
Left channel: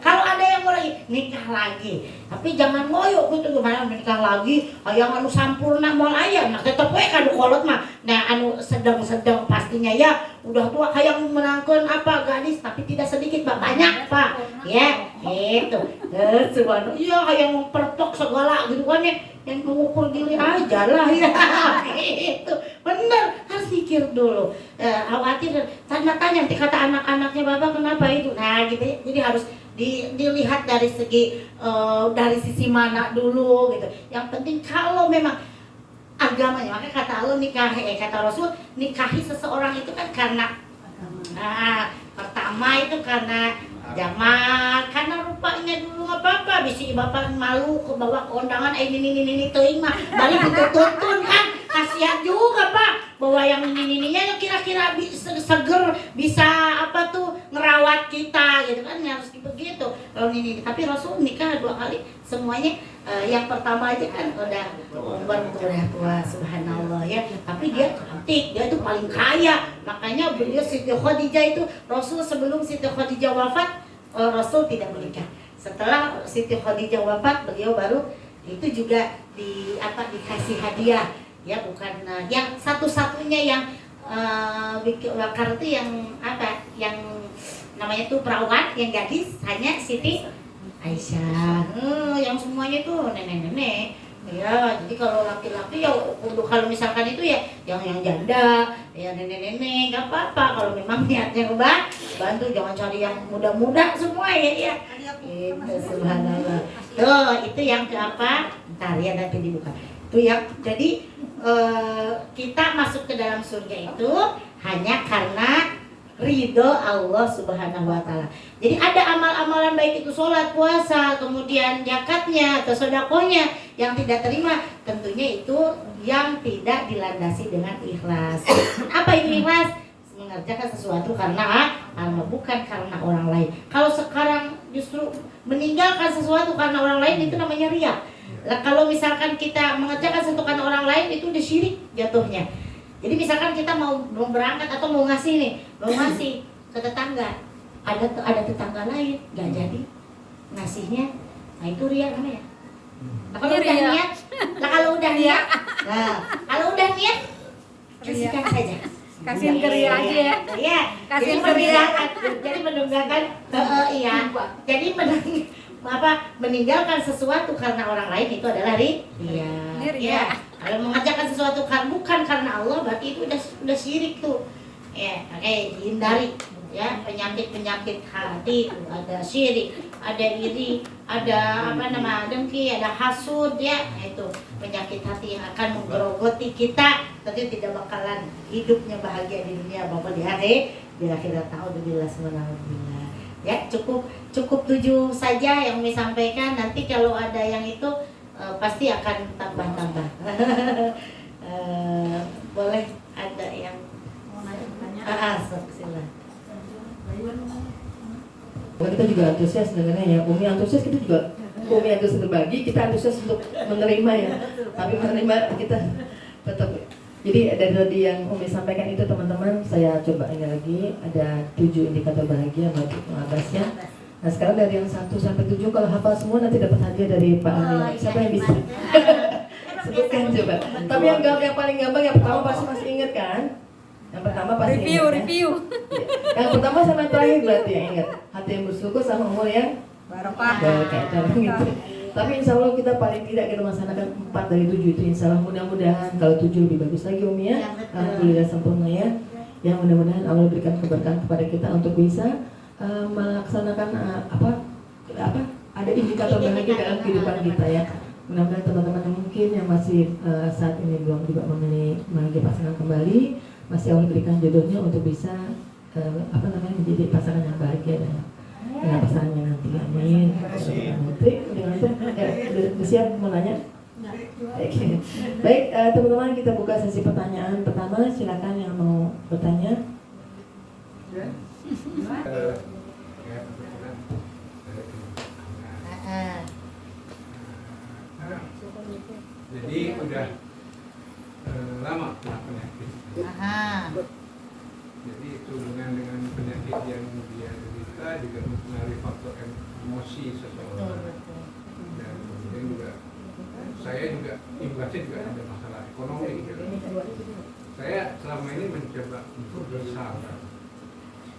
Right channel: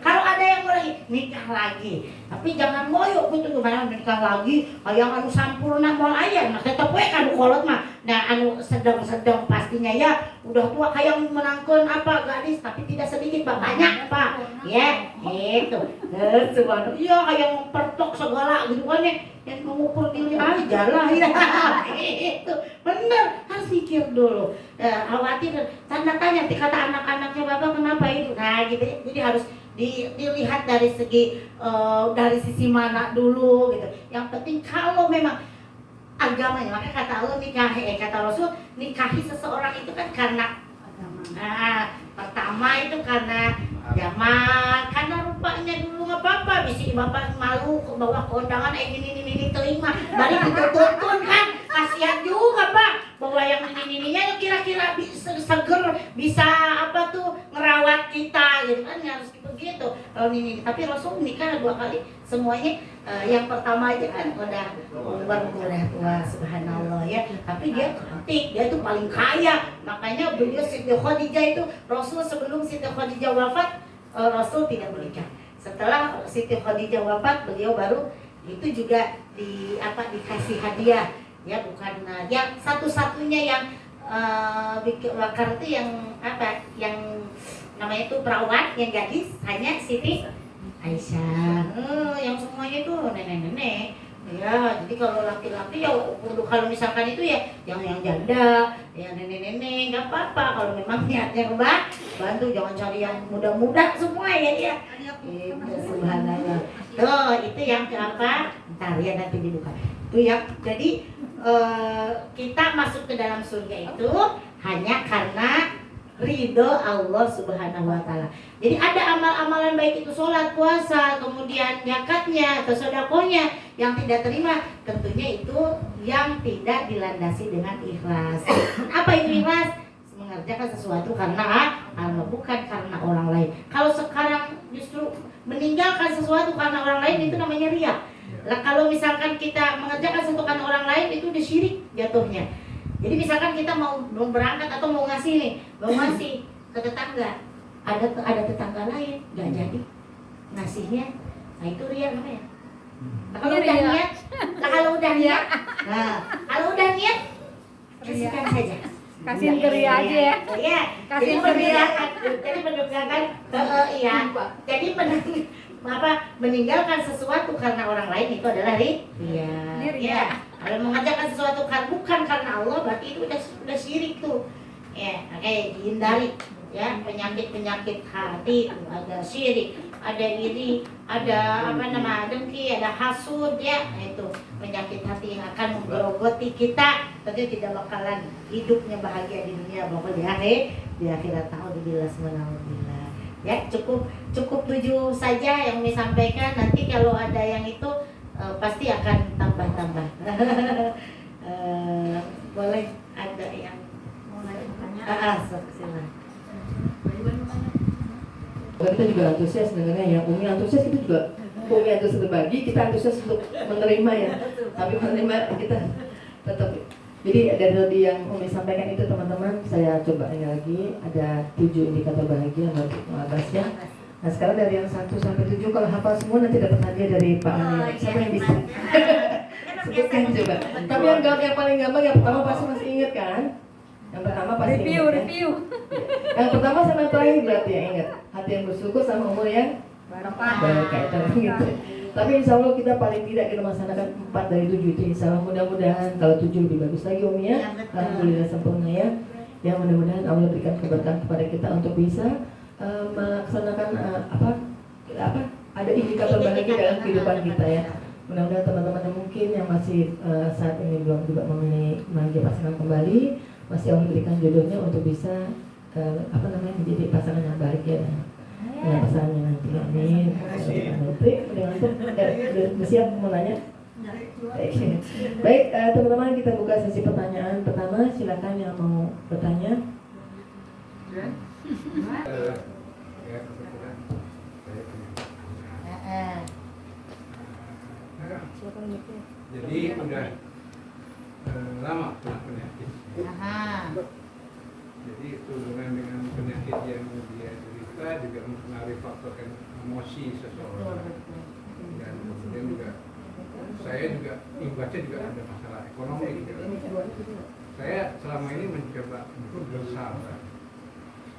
Kalau ada yang mau lagi nikah lagi. Tapi jangan ngoyo gitu gimana nikah lagi. Yang anu sampurna mau aya, nah tetep we kan kolot mah. Nah, anu sedang pastinya ya. Udah tua kayak menangkan apa gadis, tapi tidak sedikit, Pak. Banyak, Pak. Ya, gitu. Subhanallah. Iya, kayak perpok segala gitu kan ya. Yang mengukur diri aja lah ya. Itu bener, harus pikir dulu. Khawatir tanya nanti kata anak-anaknya bapak kenapa itu. Nah gitu ya. Jadi harus dilihat dari sisi mana dulu gitu. Yang penting kalau memang agamanya, makanya kata Allah kata Rasul, nikahi seseorang itu kan karena pertama itu karena zaman, karena rupanya dulu nggak apa-apa, bisa bapak malu ke bawah kondangan ini tuh mah balik tutun kan, kasihan juga pak, bahwa yang ini kira-kira bisa seger, bisa apa tuh ngerawat kita gitu kan, harus begitu kalau ini. Tapi Rasul nikah 2 kali semuanya. Yang pertama aja kan udah tua, subhanallah ya, tapi dia cantik, dia tuh paling kaya. Makanya beliau Siti Khadijah itu, Rasul sebelum Siti Khadijah wafat, Rasul tidak menikah. Setelah Siti Khadijah wafat, beliau baru itu juga dikasih hadiah ya, bukan yang satu-satunya yang bikin wakar itu yang namanya itu perawan, yang gadis hanya Siti Aisyah. Yang semuanya itu nenek-nenek ya. Jadi kalau laki-laki ya kalau misalkan itu ya yang janda ya, nenek-nenek nggak apa-apa. Kalau memang niatnya bantu, jangan cari yang muda-muda semua ya. Itu subhanallah. Itu yang apa? Ntar ya nanti dibuka. Itu yang jadi kita masuk ke dalam surga itu hanya karena ridho Allah Subhanahu wa Ta'ala. Jadi ada amal-amalan baik itu sholat, puasa, kemudian zakatnya atau sedekahnya yang tidak terima, tentunya itu yang tidak dilandasi dengan ikhlas. Apa itu ikhlas? Mengerjakan sesuatu karena bukan karena orang lain. Kalau sekarang justru meninggalkan sesuatu karena orang lain, itu namanya riya. Lah kalau misalkan kita mengerjakan sesuatu karena orang lain, itu udah syirik jatuhnya. Jadi misalkan kita mau berangkat atau mau ngasih ke tetangga, ada tetangga lain nggak jadi ngasihnya, nah itu riya namanya. Nah, kalau udah niat, kasihkan saja. Kasihin ke Ria aja ya. Iya. Kasihin ke Ria. Jadi meninggalkan meninggalkan sesuatu karena orang lain itu adalah riya. Ya. Kalau mengerjakan sesuatu bukan karena Allah, berarti itu udah syirik tuh. Ya, hindari ya penyakit hati, ada syirik, ada iri, ada dengki, ada hasud ya, itu penyakit hati yang akan menggerogoti kita, tapi tidak bakalan hidupnya bahagia di dunia maupun di akhirat. Ta'udzubillah subhanallah. Ya, cukup 7 saja yang disampaikan. Nanti kalau ada yang itu pasti akan tambah-tambah. Boleh ada yang mau nanya? Silakan. Kita juga antusias dengannya ya. Umi antusias, kita juga Umi antusias berbagi, kita antusias untuk menerima ya. Tapi menerima kita tetap. Jadi ada tadi yang Umi sampaikan itu teman-teman, saya coba ini lagi, ada 7 indikator bahagia untuk mengatasinya. Nah sekarang dari yang 1 sampai 7, kalau hafal semua nanti dapat hadiah dari Pak Anil. Siapa yang bisa? Sebutkan coba. Tapi yang paling gampang, yang pertama pasti masih ingat kan? Yang pertama pasti review. Yang pertama sama yang terakhir berarti yang ingat. Hati yang bersyukur sama umur yang barokah gitu. Tapi insya Allah kita paling tidak kita melaksanakan 4 dari 7 itu. Insya Allah mudah-mudahan kalau 7 lebih bagus lagi Umi ya. Alhamdulillah sempurna ya. Yang mudah-mudahan Allah berikan keberkahan kepada kita untuk bisa melaksanakan ada indikator bahagia dalam kehidupan kita ya. Mudah-mudahan teman-teman yang mungkin yang masih saat ini belum juga memilih bahagia pasangan kembali, masih Allah berikan jodohnya untuk bisa menjadi pasangan yang bahagia dengan pasangannya nanti. Amin. Dengan itu udah siap mau nanya? Baik, teman-teman kita buka sesi pertanyaan pertama. Silakan yang mau bertanya. Jadi udah lama kena penyakit. Jadi hubungan dengan penyakit yang dia derita juga mempengaruhi faktor emosi seseorang. Dan kemudian juga saya juga imbasnya juga ada masalah ekonomi. Saya selama ini mencoba untuk bersabar,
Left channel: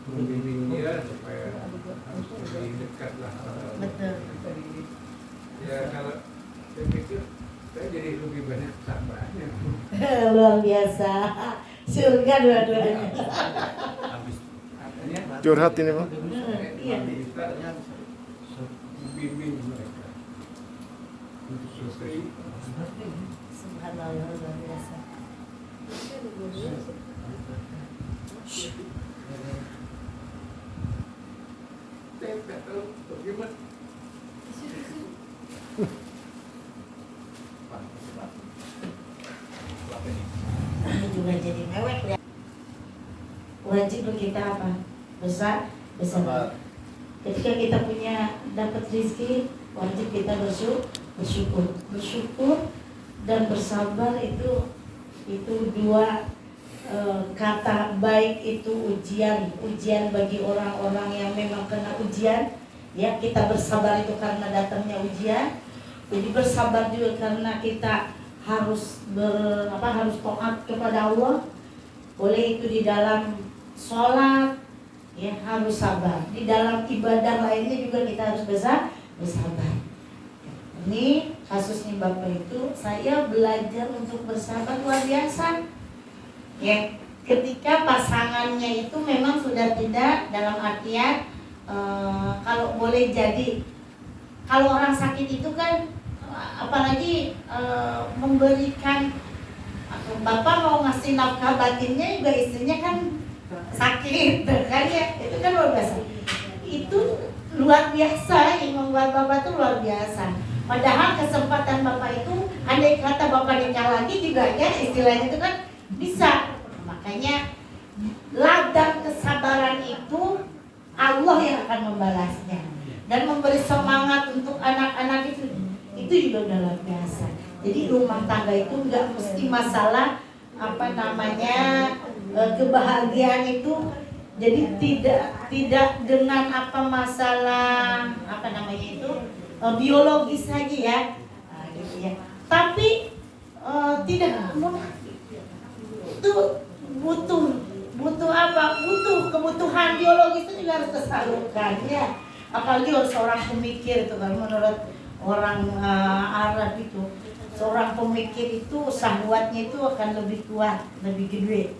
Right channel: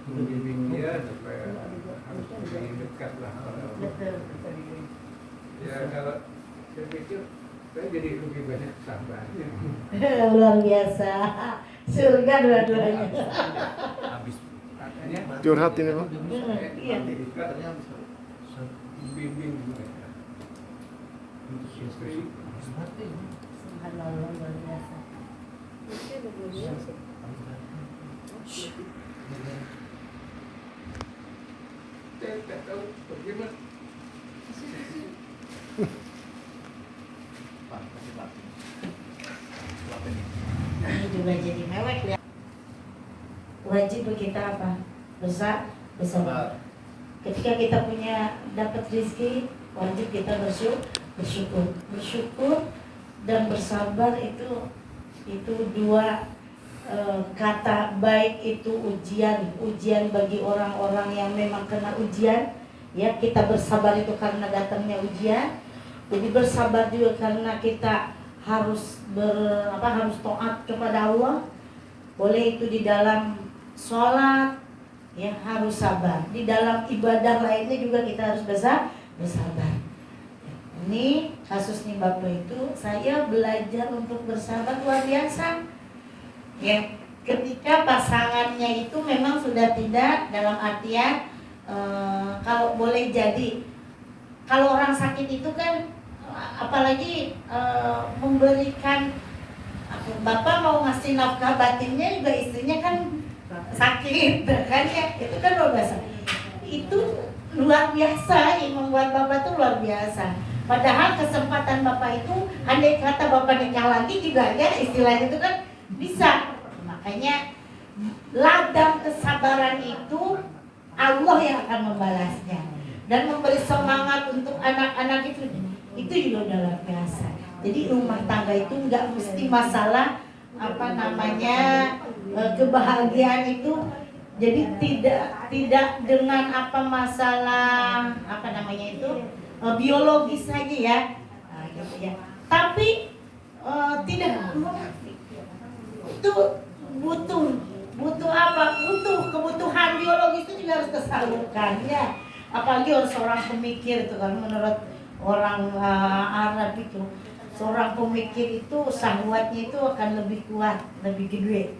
membimbing dia supaya harus lebih dekat lah pada Allah. Ya kalau saya pikir saya jadi lebih banyak sabarnya. Luar biasa, surga dua-duanya. Habis katanya Curhat ini Pak. Iya. kita membimbing mereka untuk istri. Subhanallah, luar biasa. Saya nggak tahu bagaimana. Ini juga jadi mewek ya. Wajib kita apa? Bersabar. Ketika kita punya dapat rezeki, wajib kita bersyukur dan bersabar itu dua kata baik. Itu ujian bagi orang-orang yang memang kena ujian. Ya, kita bersabar itu karena datangnya ujian. Jadi bersabar juga karena kita harus harus taat kepada Allah. Boleh itu di dalam sholat, ya harus sabar. Di dalam ibadah lainnya juga kita harus bersabar. Ini kasusnya Bapak itu, saya belajar untuk bersabar luar biasa. Ya, ketika pasangannya itu memang sudah tidak dalam artian kalau boleh jadi, kalau orang sakit itu kan apalagi memberikan, Bapak mau ngasih nafkah batinnya juga istrinya kan sakit kan ya, itu kan luar biasa. Itu luar biasa, yang membuat Bapak itu luar biasa. Padahal kesempatan Bapak itu, andai kata Bapak nikah lagi juga ya, istilahnya itu kan bisa. Makanya ladang kesabaran itu Allah yang akan membalasnya dan memberi semangat untuk anak-anak itu juga udah luar biasa. Jadi rumah tangga itu nggak mesti masalah kebahagiaan itu. Jadi tidak dengan masalah biologis saja ya, gitu ya. Tapi tidak munafik. Itu butuh apa? Butuh kebutuhan biologis itu juga harus tersalurkan ya. Apalagi harus seorang pemikir itu kan, menurut orang Arab itu, seorang pemikir itu syahwatnya itu akan lebih kuat, lebih gede,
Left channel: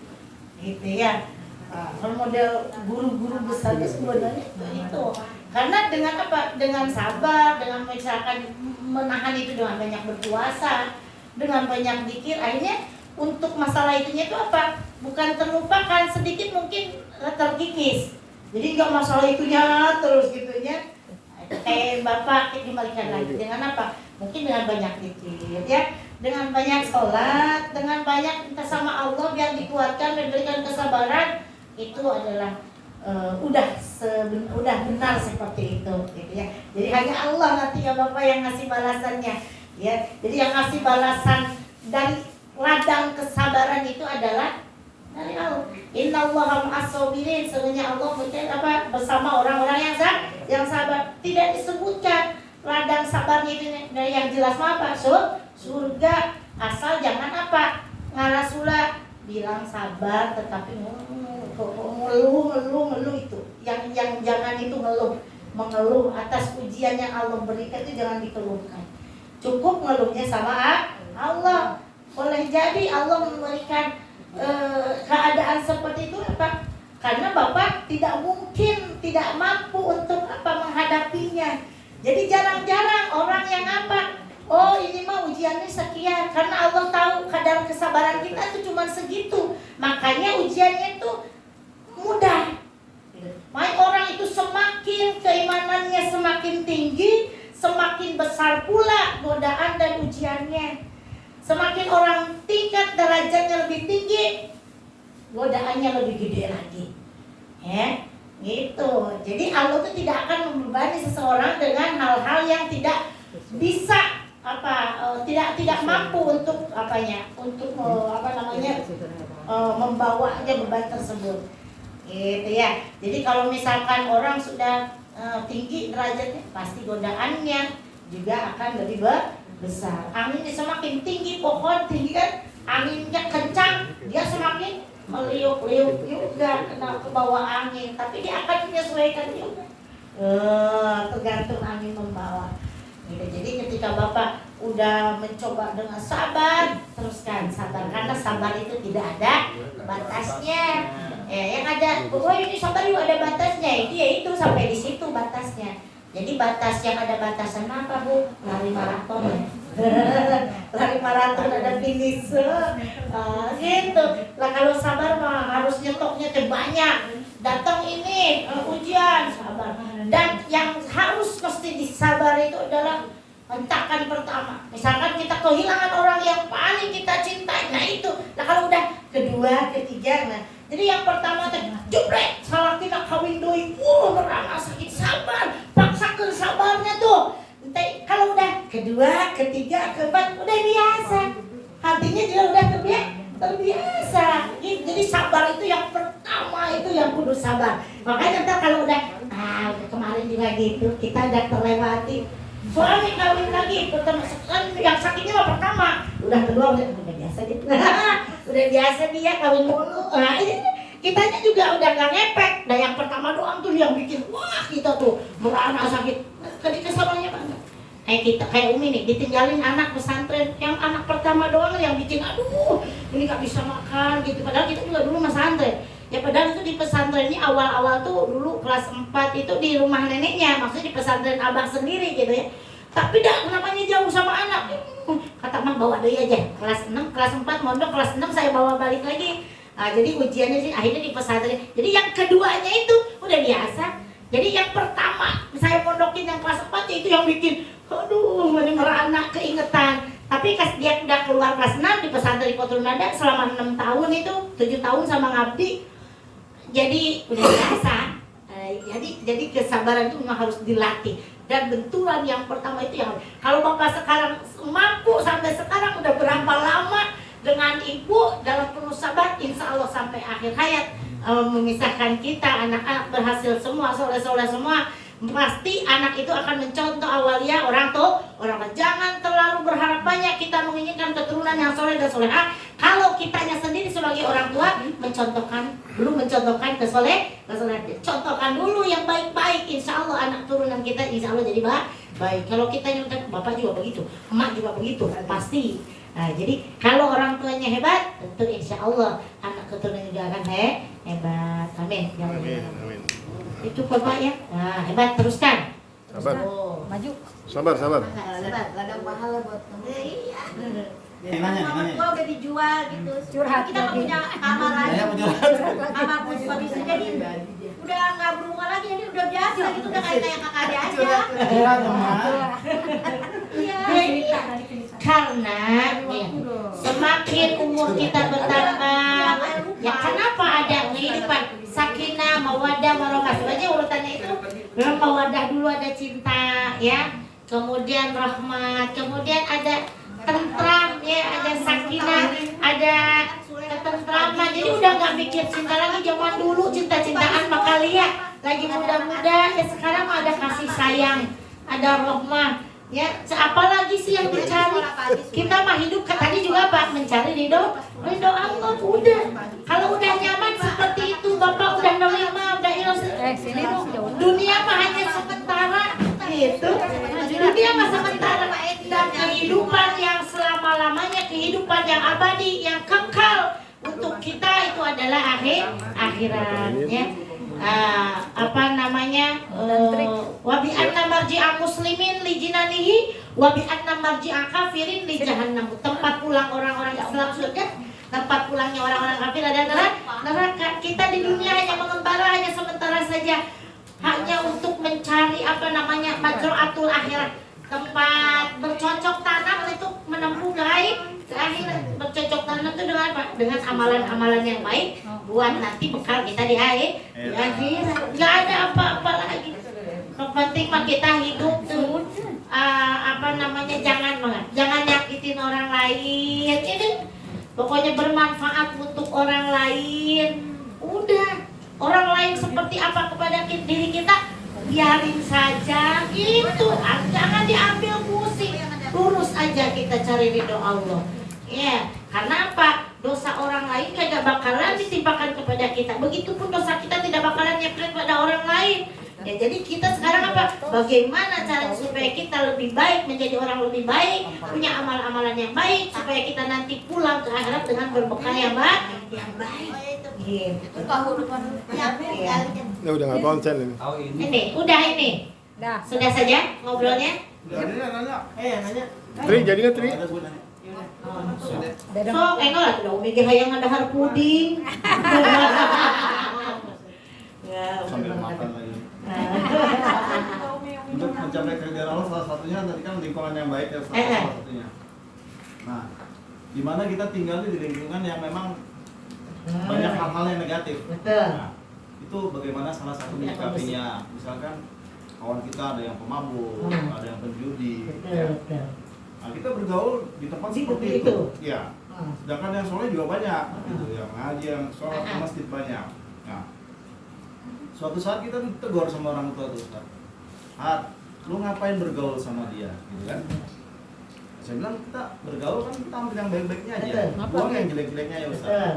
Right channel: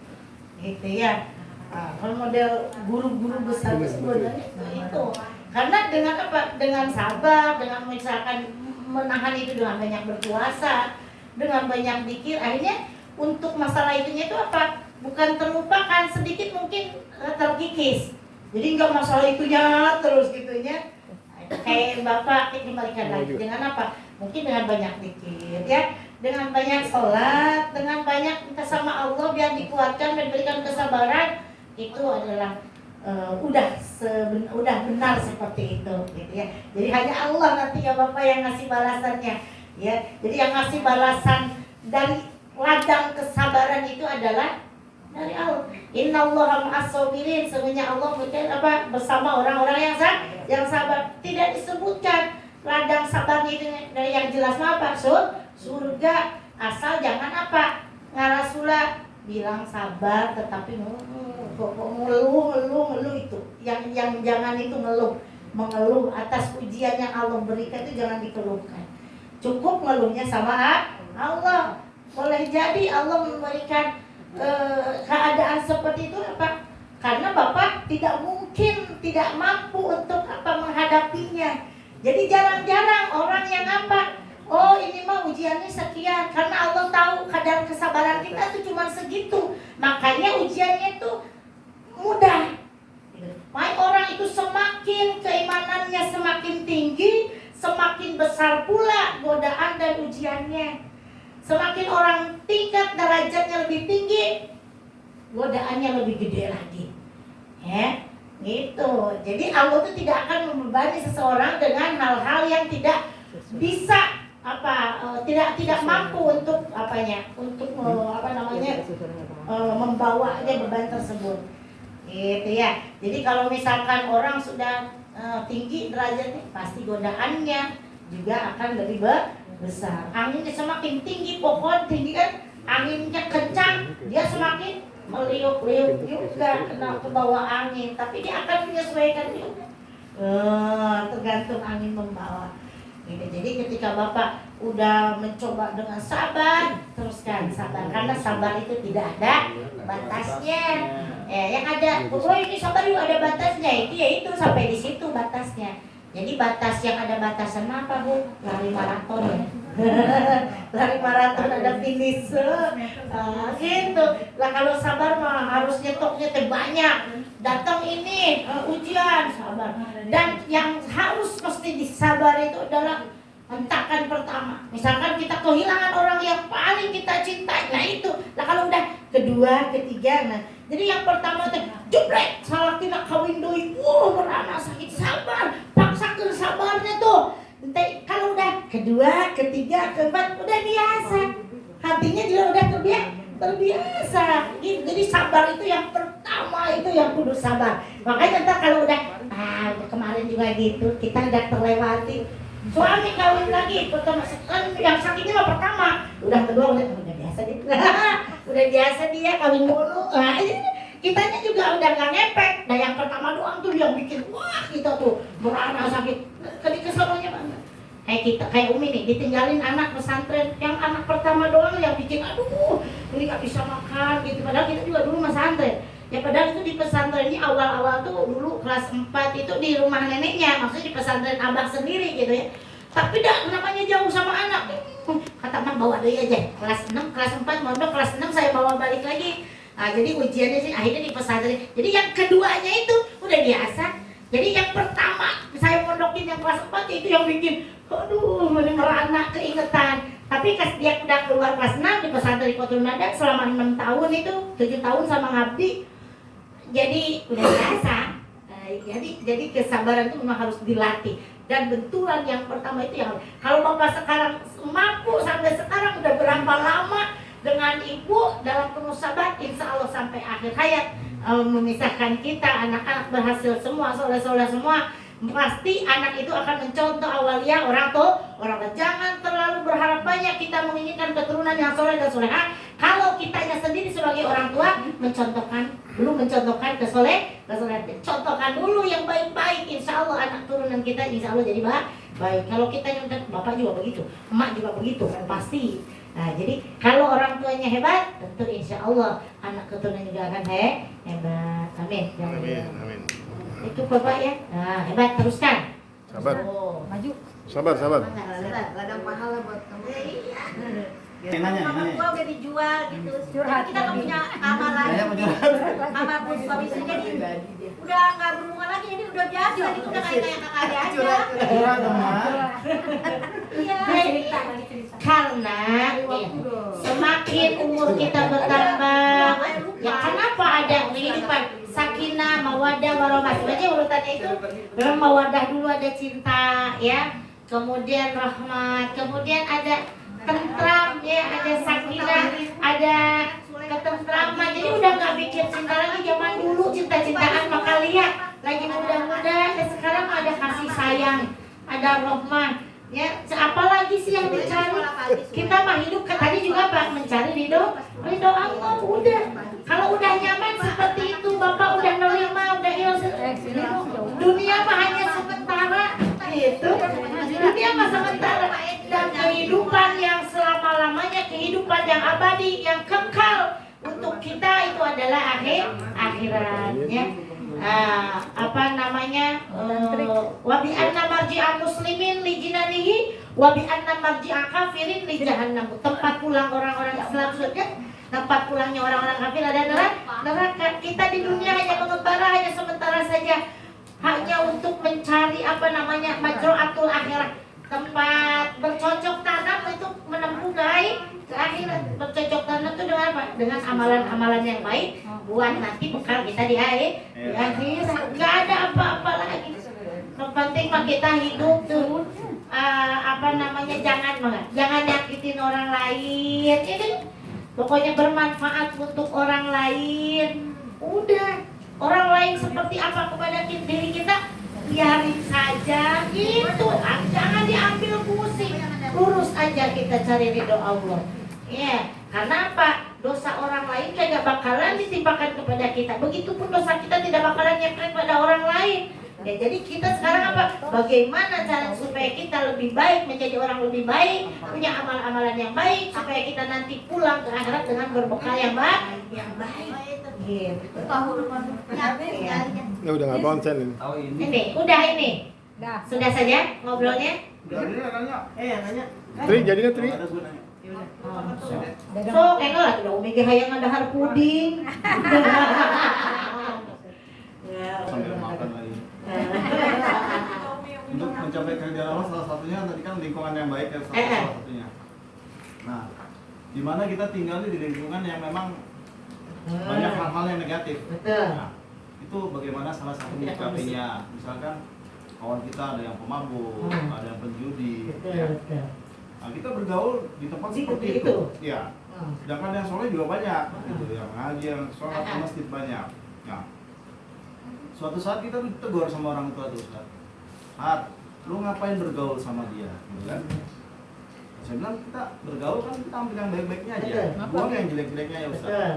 gitu ya. Kalau model guru-guru besar sebenarnya itu, karena dengan apa? Dengan sabar, dengan misalkan menahan itu dengan banyak berpuasa, dengan banyak zikir, akhirnya untuk masalah itunya itu apa? Bukan terlupakan, sedikit mungkin terkikis. Jadi nggak masalah itunya terus gitunya. Kayak Bapak kembalikan lagi dengan apa? Mungkin dengan banyak zikir ya, dengan banyak sholat, dengan banyak minta sama Allah biar dikuatkan dan berikan kesabaran. Itu adalah udah benar seperti itu gitu ya. Jadi hanya Allah nanti ya Bapak yang ngasih balasannya ya. Jadi yang ngasih balasan dari ladang kesabaran itu adalah dari Allah. Innallaha ma'as-sabirin, sesungguhnya Allah bersama orang-orang yang sabar. Tidak disebutkan ladang sabarnya itu dari yang jelas apa? Surga, asal jangan apa? Ngarasula bilang sabar tetapi mengeluh itu. Yang jangan itu mengeluh atas ujian yang Allah berikan itu jangan dikeluhkan. Cukup ngeluhnya sama Allah. Boleh jadi Allah memberikan keadaan seperti itu apa? Karena Bapak tidak mungkin, tidak mampu untuk menghadapinya. Jadi jarang-jarang orang yang oh ini mah ujiannya sekian, karena Allah tahu kadar kesabaran kita itu cuma segitu. Makanya ujiannya itu mudah. Makanya orang itu semakin keimanannya semakin tinggi, semakin besar pula godaan dan ujiannya. Semakin orang tingkat derajatnya lebih tinggi, godaannya lebih gede lagi. Ya, gitu. Jadi Allah itu tidak akan membebani seseorang dengan hal-hal yang tidak bisa tidak mampu untuk membawanya beban tersebut. Gitu ya. Jadi kalau misalkan orang sudah tinggi derajatnya, pasti godaannya juga akan lebih besar. Anginnya semakin tinggi, pohon tinggi kan, anginnya kencang, dia semakin meliuk-liuk juga kena ke bawah angin, tapi dia akan menyesuaikan juga. Tergantung angin membawa. Gitu. Jadi ketika Bapak udah mencoba dengan sabar, teruskan sabar, karena sabar itu tidak ada batasnya. Yang ada, oh ini sabar juga ada batasnya. Itu sampai di situ batasnya. Jadi batas yang ada batasan apa Bu? Lari maraton ya. Lari maraton ada finish. Gitu. Lah kalau sabar mah harus nyetoknya banyak. Datang ini ujian sabar. Dan yang harus mesti disabar itu adalah hentakan pertama. Misalkan kita kehilangan orang yang paling kita cintai, nah itu. Nah kalau udah kedua, ketiga, nah jadi yang pertama tuh jebret salah kita kawin doi, merana sakit sabar, paksakan sabarnya tuh. Nanti kalau udah kedua, ketiga, keempat udah biasa, hatinya juga udah terbiasa. Jadi sabar itu yang pertama, itu yang kudu sabar. Makanya ntar kalau udah kemarin juga gitu, kita udah terlewati. Suami kawin lagi, pertama kan yang sakitnya mah pertama, udah kedua udah biasa dia, udah biasa dia kawin mulu. Nah, kitanya juga udah gak ngepek. Nah yang pertama doang tuh yang bikin wah kita tuh merana sakit. Kesalnya banget. Kayak kita, kayak Umi nih ditinggalin anak pesantren, yang anak pertama doang yang bikin aduh ini gak bisa makan gitu. Padahal kita juga dulu pesantren. Ya padahal itu di pesantren ini awal-awal tuh dulu kelas 4 itu di rumah neneknya, maksudnya di pesantren abang sendiri gitu ya. Tapi dah namanya jauh sama anak. Kata Mang bawa deh aja. Kelas 6, kelas 4 mondok, kelas 6 saya bawa balik lagi. Nah, jadi ujiannya sih akhirnya di pesantren. Jadi yang keduanya itu udah biasa. Jadi yang pertama saya mondokin yang kelas 4 itu yang bikin aduh merana keingetan. Tapi pas dia udah keluar kelas 6 di pesantren di Kotul Nada selama 6 tahun itu 7 tahun sama ngabdi. Jadi udah biasa. Jadi kesabaran itu memang harus dilatih. Dan benturan yang pertama itu yang kalau Bapak sekarang mampu sampai sekarang udah berapa lama dengan Ibu dalam penuh sabar, insya Allah sampai akhir hayat memisahkan kita, anak-anak berhasil semua, soleh-soleh semua. Pasti anak itu akan mencontoh awalia orang tua. Jangan terlalu berharap banyak kita menginginkan keturunan yang soleh dan solehah. Kalau kitanya sendiri sebagai orang tua mencontohkan kesolehan, contohkan dulu yang baik-baik. Insya Allah anak turunan kita insya Allah jadi baik. Kalau kita yang bapak juga begitu, emak juga begitu, pasti. Nah jadi kalau orang tuanya hebat, tentu insya Allah anak keturunan juga akan hebat. Amin. Amin. Itu bapak ya. Nah, hebat teruskan. Sabar. Maju. Sabar. Sabar. Gak ada pahala buat kamu. Iya. Kamar gua udah dijual gitu. Curhat. Kita nggak punya kamar lagi. Kamar pun suami istri jadi udah nggak berhubungan lagi, jadi udah biasa gitu, udah kayak kakak adik aja. Iya. Karena semakin umur kita bertambah, ya kenapa ada kehidupan sakinah, mawadah, warahmah. Sebenarnya urutannya itu mawadah dulu, ada cinta, ya. Kemudian rahmat, kemudian ada tentram, ya, ada sakinah, ada ketentraman. Jadi udah nggak mikir cinta lagi. Zaman dulu cinta-cintaan maka lihat lagi muda-muda, ya sekarang ada kasih sayang, ada rahmat. Ya, apalagi sih yang dicari? Kita mah hidup tadi juga Pak mencari ridho Allah. Udah, kalau udah nyaman seperti itu, Bapak udah nerima, udah ikhlas. Dunia mah hanya sementara, gitu. Dunia mah sementara, dan kehidupan yang selama-lamanya, kehidupan yang abadi, yang kekal untuk kita itu adalah akhirat, ya. Wa bi anna marji'al muslimin li jinanihi wa bi anna marji'al kafirin li jahannam. Tempat pulang orang-orang Islam surga, tempat pulangnya orang-orang kafir adalah neraka. Kita di dunia hanya mengembara, hanya sementara saja, hanya untuk mencari majru'atul akhirat, tempat bercocok tanam untuk menempuh gaib akhirat. Bercocok tanam itu dengan apa? Dengan amalan-amalan yang baik buat nanti bekal kita di akhirat. Gak ada apa-apa lagi. Yang penting mah kita hidup tuh jangan nyakitin orang lain. Ini pokoknya bermanfaat untuk orang lain. Udah, orang lain seperti apa kepada diri kita, biarin saja gitu. Jangan diambil pusing. Lurus aja kita cari ridho Allah. Ya, karena apa? Dosa orang lain kagak bakalan ditimpakan kepada kita. Begitupun dosa kita tidak bakalan nyepet pada orang lain. Ya, jadi kita sekarang apa? Bagaimana cara supaya kita lebih baik, menjadi orang lebih baik, punya amal-amalan yang baik, supaya kita nanti pulang ke akhirat dengan berbekal yang yang baik. Gitu. Ya udah nggak konsen ini. Tahu ini. Ini, udah ini. Sudah saja ngobrolnya. Nanya. Tri, jadinya Tri. Ada gunanya. So, enggak lah, udah Umi hayang ada har puding. Sambil makan lagi. Untuk mencapai keridhaan Allah salah satunya tadi kan lingkungan yang baik ya salah satunya. Nah, di mana kita tinggal di lingkungan yang memang banyak hal-hal yang negatif. Betul. Nah, itu bagaimana salah satu menyikapinya. Misalkan kawan kita ada yang pemabuk, ada yang penjudi. Betul, Ya. betul. Nah, kita bergaul di tempat Di seperti itu. itu. Ya. Sedangkan yang soleh juga banyak, gitu. Yang ngaji, yang sholat ke masjid banyak. Nah, suatu saat kita tuh tegur sama orang tua tuh, Ustaz. Lu ngapain bergaul sama dia, gitu kan? Saya bilang kita bergaul kan kita ambil yang baik-baiknya aja, Betul. buang yang jelek-jeleknya ya Ustaz. Betul.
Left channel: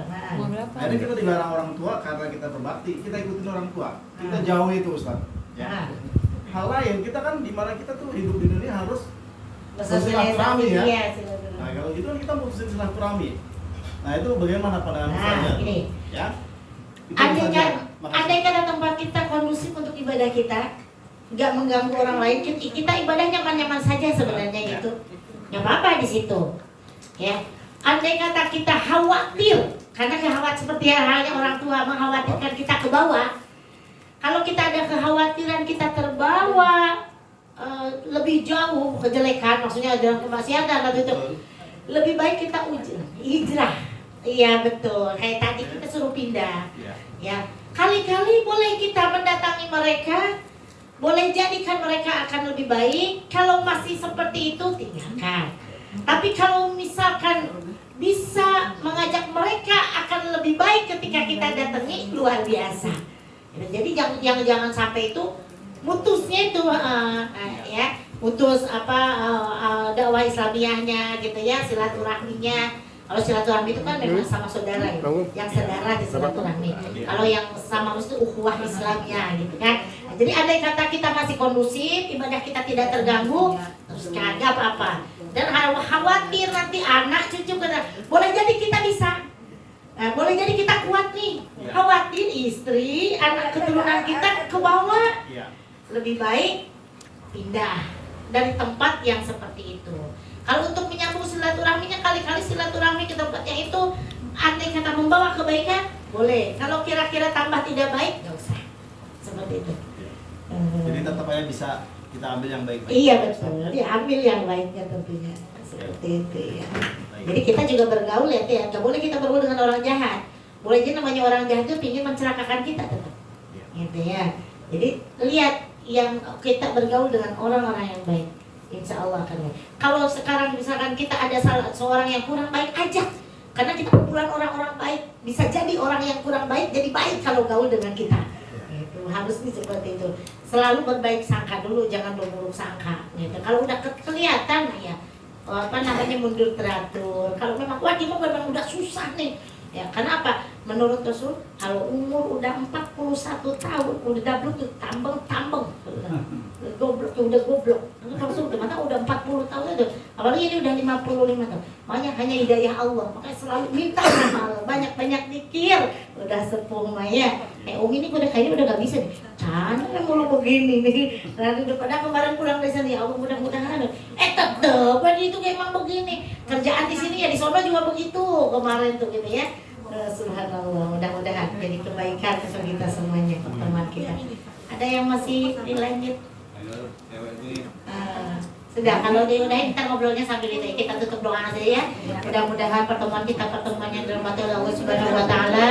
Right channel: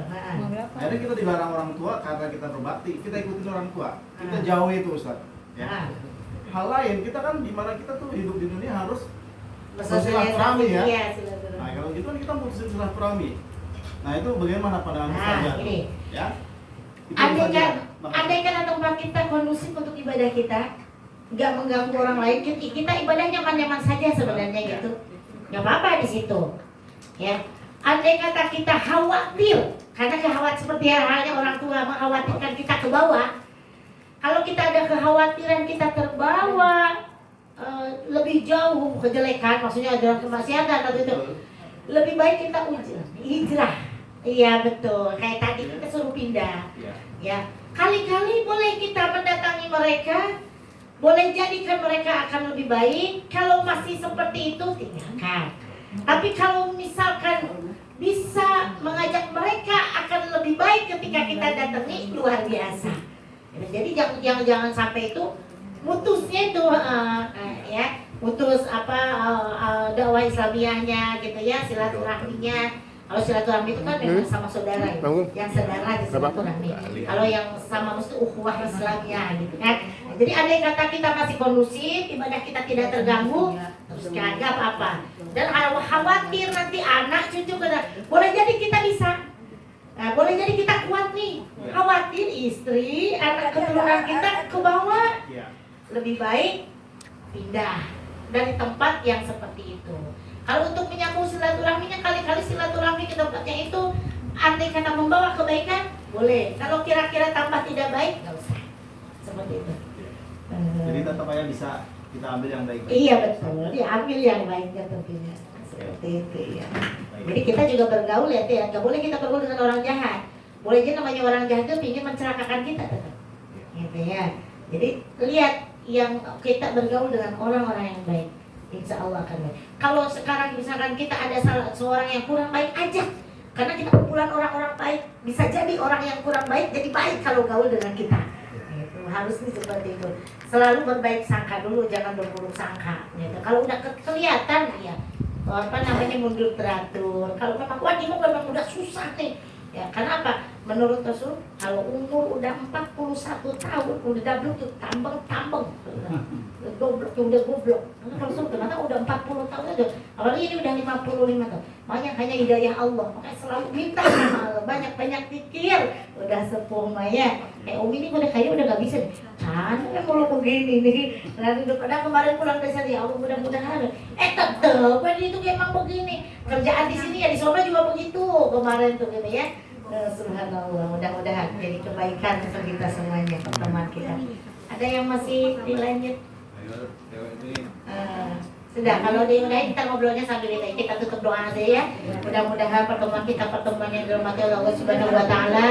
Akhirnya kita dilarang orang tua karena kita berbakti, kita ikutin orang tua, kita jauhi itu Ustaz. Ya. Hal lain kita kan di mana kita tuh hidup di dunia harus bersilaturahmi ya. Iya, silaturahmi. Nah kalau gitu kan kita putusin silaturahmi. Nah itu bagaimana pandangan Ustaz? Ini. Ya. Itu saja. Makasih. Andai kan tempat kita kondusif untuk ibadah kita, nggak mengganggu orang lain, kita ibadah nyaman-nyaman saja sebenarnya Ya. gitu. Nggak apa-apa di situ. Ya. Andai kata kita khawatir, karena khawatir seperti halnya orang tua mengkhawatirkan kita ke bawah. Kalau kita ada kekhawatiran kita terbawa lebih jauh kejelekan, maksudnya dalam kemaksiatan atau itu, lebih baik kita hijrah. Iya betul. Kayak tadi kita suruh pindah. Ya. Ya, kali-kali boleh kita mendatangi mereka, boleh jadikan mereka akan lebih baik. Kalau masih seperti itu tinggalkan. Tapi kalau misalkan bisa mengajak mereka akan lebih baik ketika kita datangi, luar biasa. Jadi jangan sampai itu mutusnya itu ya, mutus dakwah Islamiyahnya gitu ya, silaturahminya. Kalau silaturahmi itu kan memang sama saudara ya, yang saudara di silaturahmi. Kalau yang sama itu ukhuwah Islamiyah gitu kan. Nah, jadi andai kata kita masih kondusif, ibadah kita tidak terganggu, terus kagak apa-apa. Dan khawatir nanti anak cucu kita, boleh jadi kita bisa. Nah, boleh jadi kita kuat nih. Khawatir istri, anak keturunan kita ke bawah. Lebih baik pindah dari tempat yang seperti itu. Kalau untuk menyambung silaturahminya, kali-kali silaturahmi ke tempatnya itu andai kata membawa kebaikan, boleh. Kalau kira-kira tambah tidak baik, nggak usah. Seperti itu. Jadi tetap aja bisa kita ambil yang baik-baik. Iya betul. Ya ambil yang baiknya tentunya. Seperti itu ya. Jadi kita juga bergaul ya, nggak boleh kita bergaul dengan orang jahat. Boleh aja namanya orang jahat itu ingin mencelakakan kita tetap. Gitu ya. Jadi lihat yang kita bergaul dengan orang-orang yang baik. Insya Allah akan baik. Kalau sekarang misalkan kita ada seorang yang kurang baik, aja. Karena kita kumpulan orang-orang baik, bisa jadi orang yang kurang baik jadi baik kalau gaul dengan kita. Gitu. Harusnya seperti itu. Selalu berbaik sangka dulu, jangan berburuk sangka. Gitu. Kalau udah kelihatan ya, mundur teratur. Kalau memang wajib memang udah susah nih. Ya, karena apa? Menurut Rasul, kalau umur udah 41 tahun, udah dabluk tuh tambeng. Udah goblok. Rasul gimana udah 40 tahun itu. Apalagi ini udah 55 tahun. Makanya hanya hidayah Allah. Makanya selalu minta sama Allah, banyak-banyak zikir. Udah sepuh Maya. Umi ini udah kayaknya udah gak bisa nih. Cantik mulu begini nih. Nanti pada kemarin pulang dari sana, ya Allah mudah-mudahan. Tetep itu emang begini. Kerjaan di sini ya di sana juga begitu. Kemarin tuh gitu ya. Subhanallah, mudah-mudahan jadi kebaikan untuk kita semuanya, teman kita. Ada yang masih dilanjut? Sudah, kalau diudahin kita ngobrolnya sambil itu. Kita tutup doa saja ya. Mudah-mudahan pertemuan yang dirahmati oleh Allah Subhanahu wa taala.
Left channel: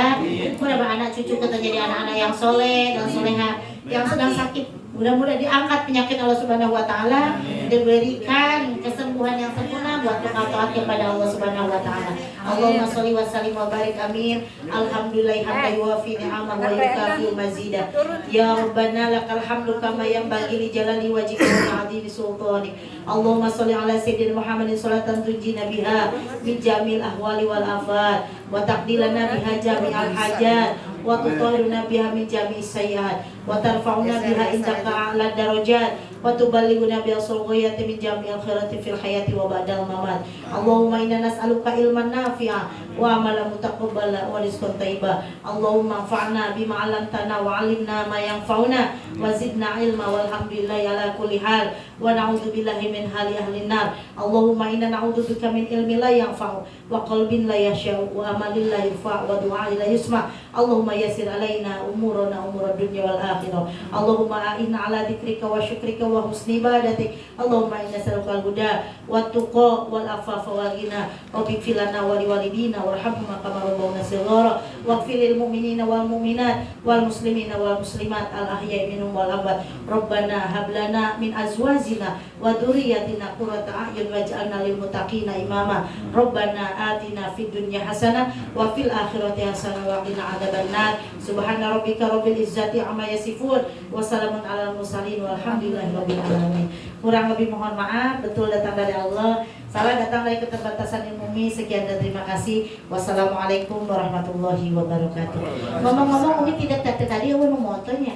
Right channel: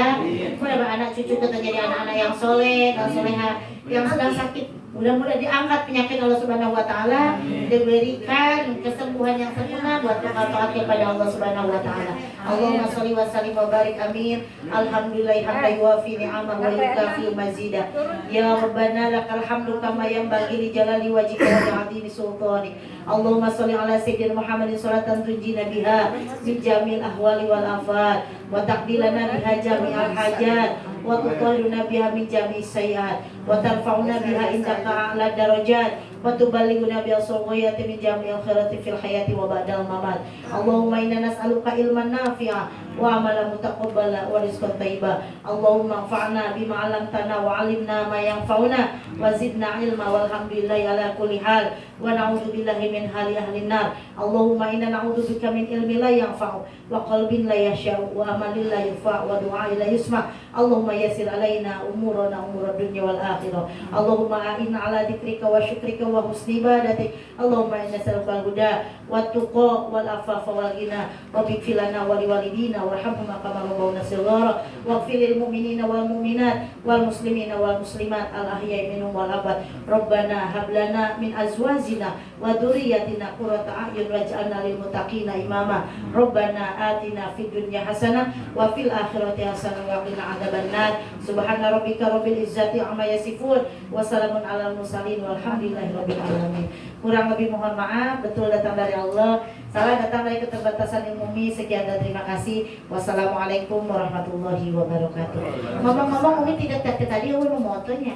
Mudah-mudahan anak cucu kita jadi anak-anak yang soleh dan soleha, yang sedang sakit mudah-mudahan diangkat penyakit Allah Subhanahu wa taala, diberikan kesembuhan yang sempurna buat taat kepada Allah Subhanahu wa taala. Allahumma sholli wa sallim wa barik amin. Alhamdulillah hamdan yuwafi ni'amahu wa yukafi mazida. Ya Rabbana lakal hamdu kama yanbaghi li jalali wajhika wa 'azimi sultanik. Allahumma sholli ala sayyidina Muhammadin sholatan tunjina biha min jamil ahwali wal afat wa taqdilana biha jami'al hajat wa tutahhiruna biha min jami'is sayyi'at wa tarfa'una biha indaka a'la darajat wa tuballighuna biha ghayati min jami'il khairati fil hayati wa ba'dal mamat. Allahumma inna nas'aluka ilman nafi'a wa amalan mutaqabbala wa rizqan thayyiba. Allahumma anfa'na bima 'allamtana wa 'allimna ma yanfa'una wa zidna ilma walhamdulillahi ala kulli hal wa na'udzu billahi min hali ahli nar. Allahumma inna na'udzu bika min ilmin la yanfa'u wa qalbin la yasha'u wa amalin la yufa'u wa du'ain la yusma'. Allahumma yassir alaina umurana umurad dunya wal akhirah. Allahumma a'inna ala dzikrika wa syukrika wa husni ibadatik. Allahumma inna nas'aluka al-huda wat tuqa wal afafa wal ghina wa bighfir lana wa liwalidina warhamhuma kama rabbawna shighara waghfir lil mu'minina wal mu'minat wal muslimina wal muslimat al ahya'i minhum wal amwat. Rabbana hab lana min azwajina wa dhurriyyatina qurrata a'yun waj'alna lil muttaqina imama. Rabbana atina fid dunya hasanah wa fil akhirati hasanah wa qina adzabannar. Subhana rabbika rabbil izzati amma yasifun wa salamun alal mursalin walhamdulillahi rabbil alamin. Kurang lebih mohon maaf, betul datang dari Allah, salah datang dari keterbatasan ilmu. Sekian dan terima kasih. Wassalamualaikum warahmatullahi wabarakatuh. Ngomong-ngomong, Umi tidak kata tadi Umi mau motonya.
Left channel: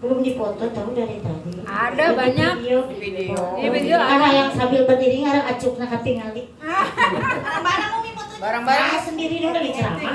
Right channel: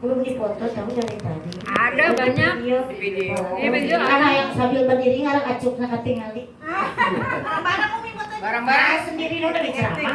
Belum dipoto tahu dari tadi. Ada banyak video. Video Anak yang sambil berdiri ngarang acukna katingali. barang-barang Sendiri udah diceramah.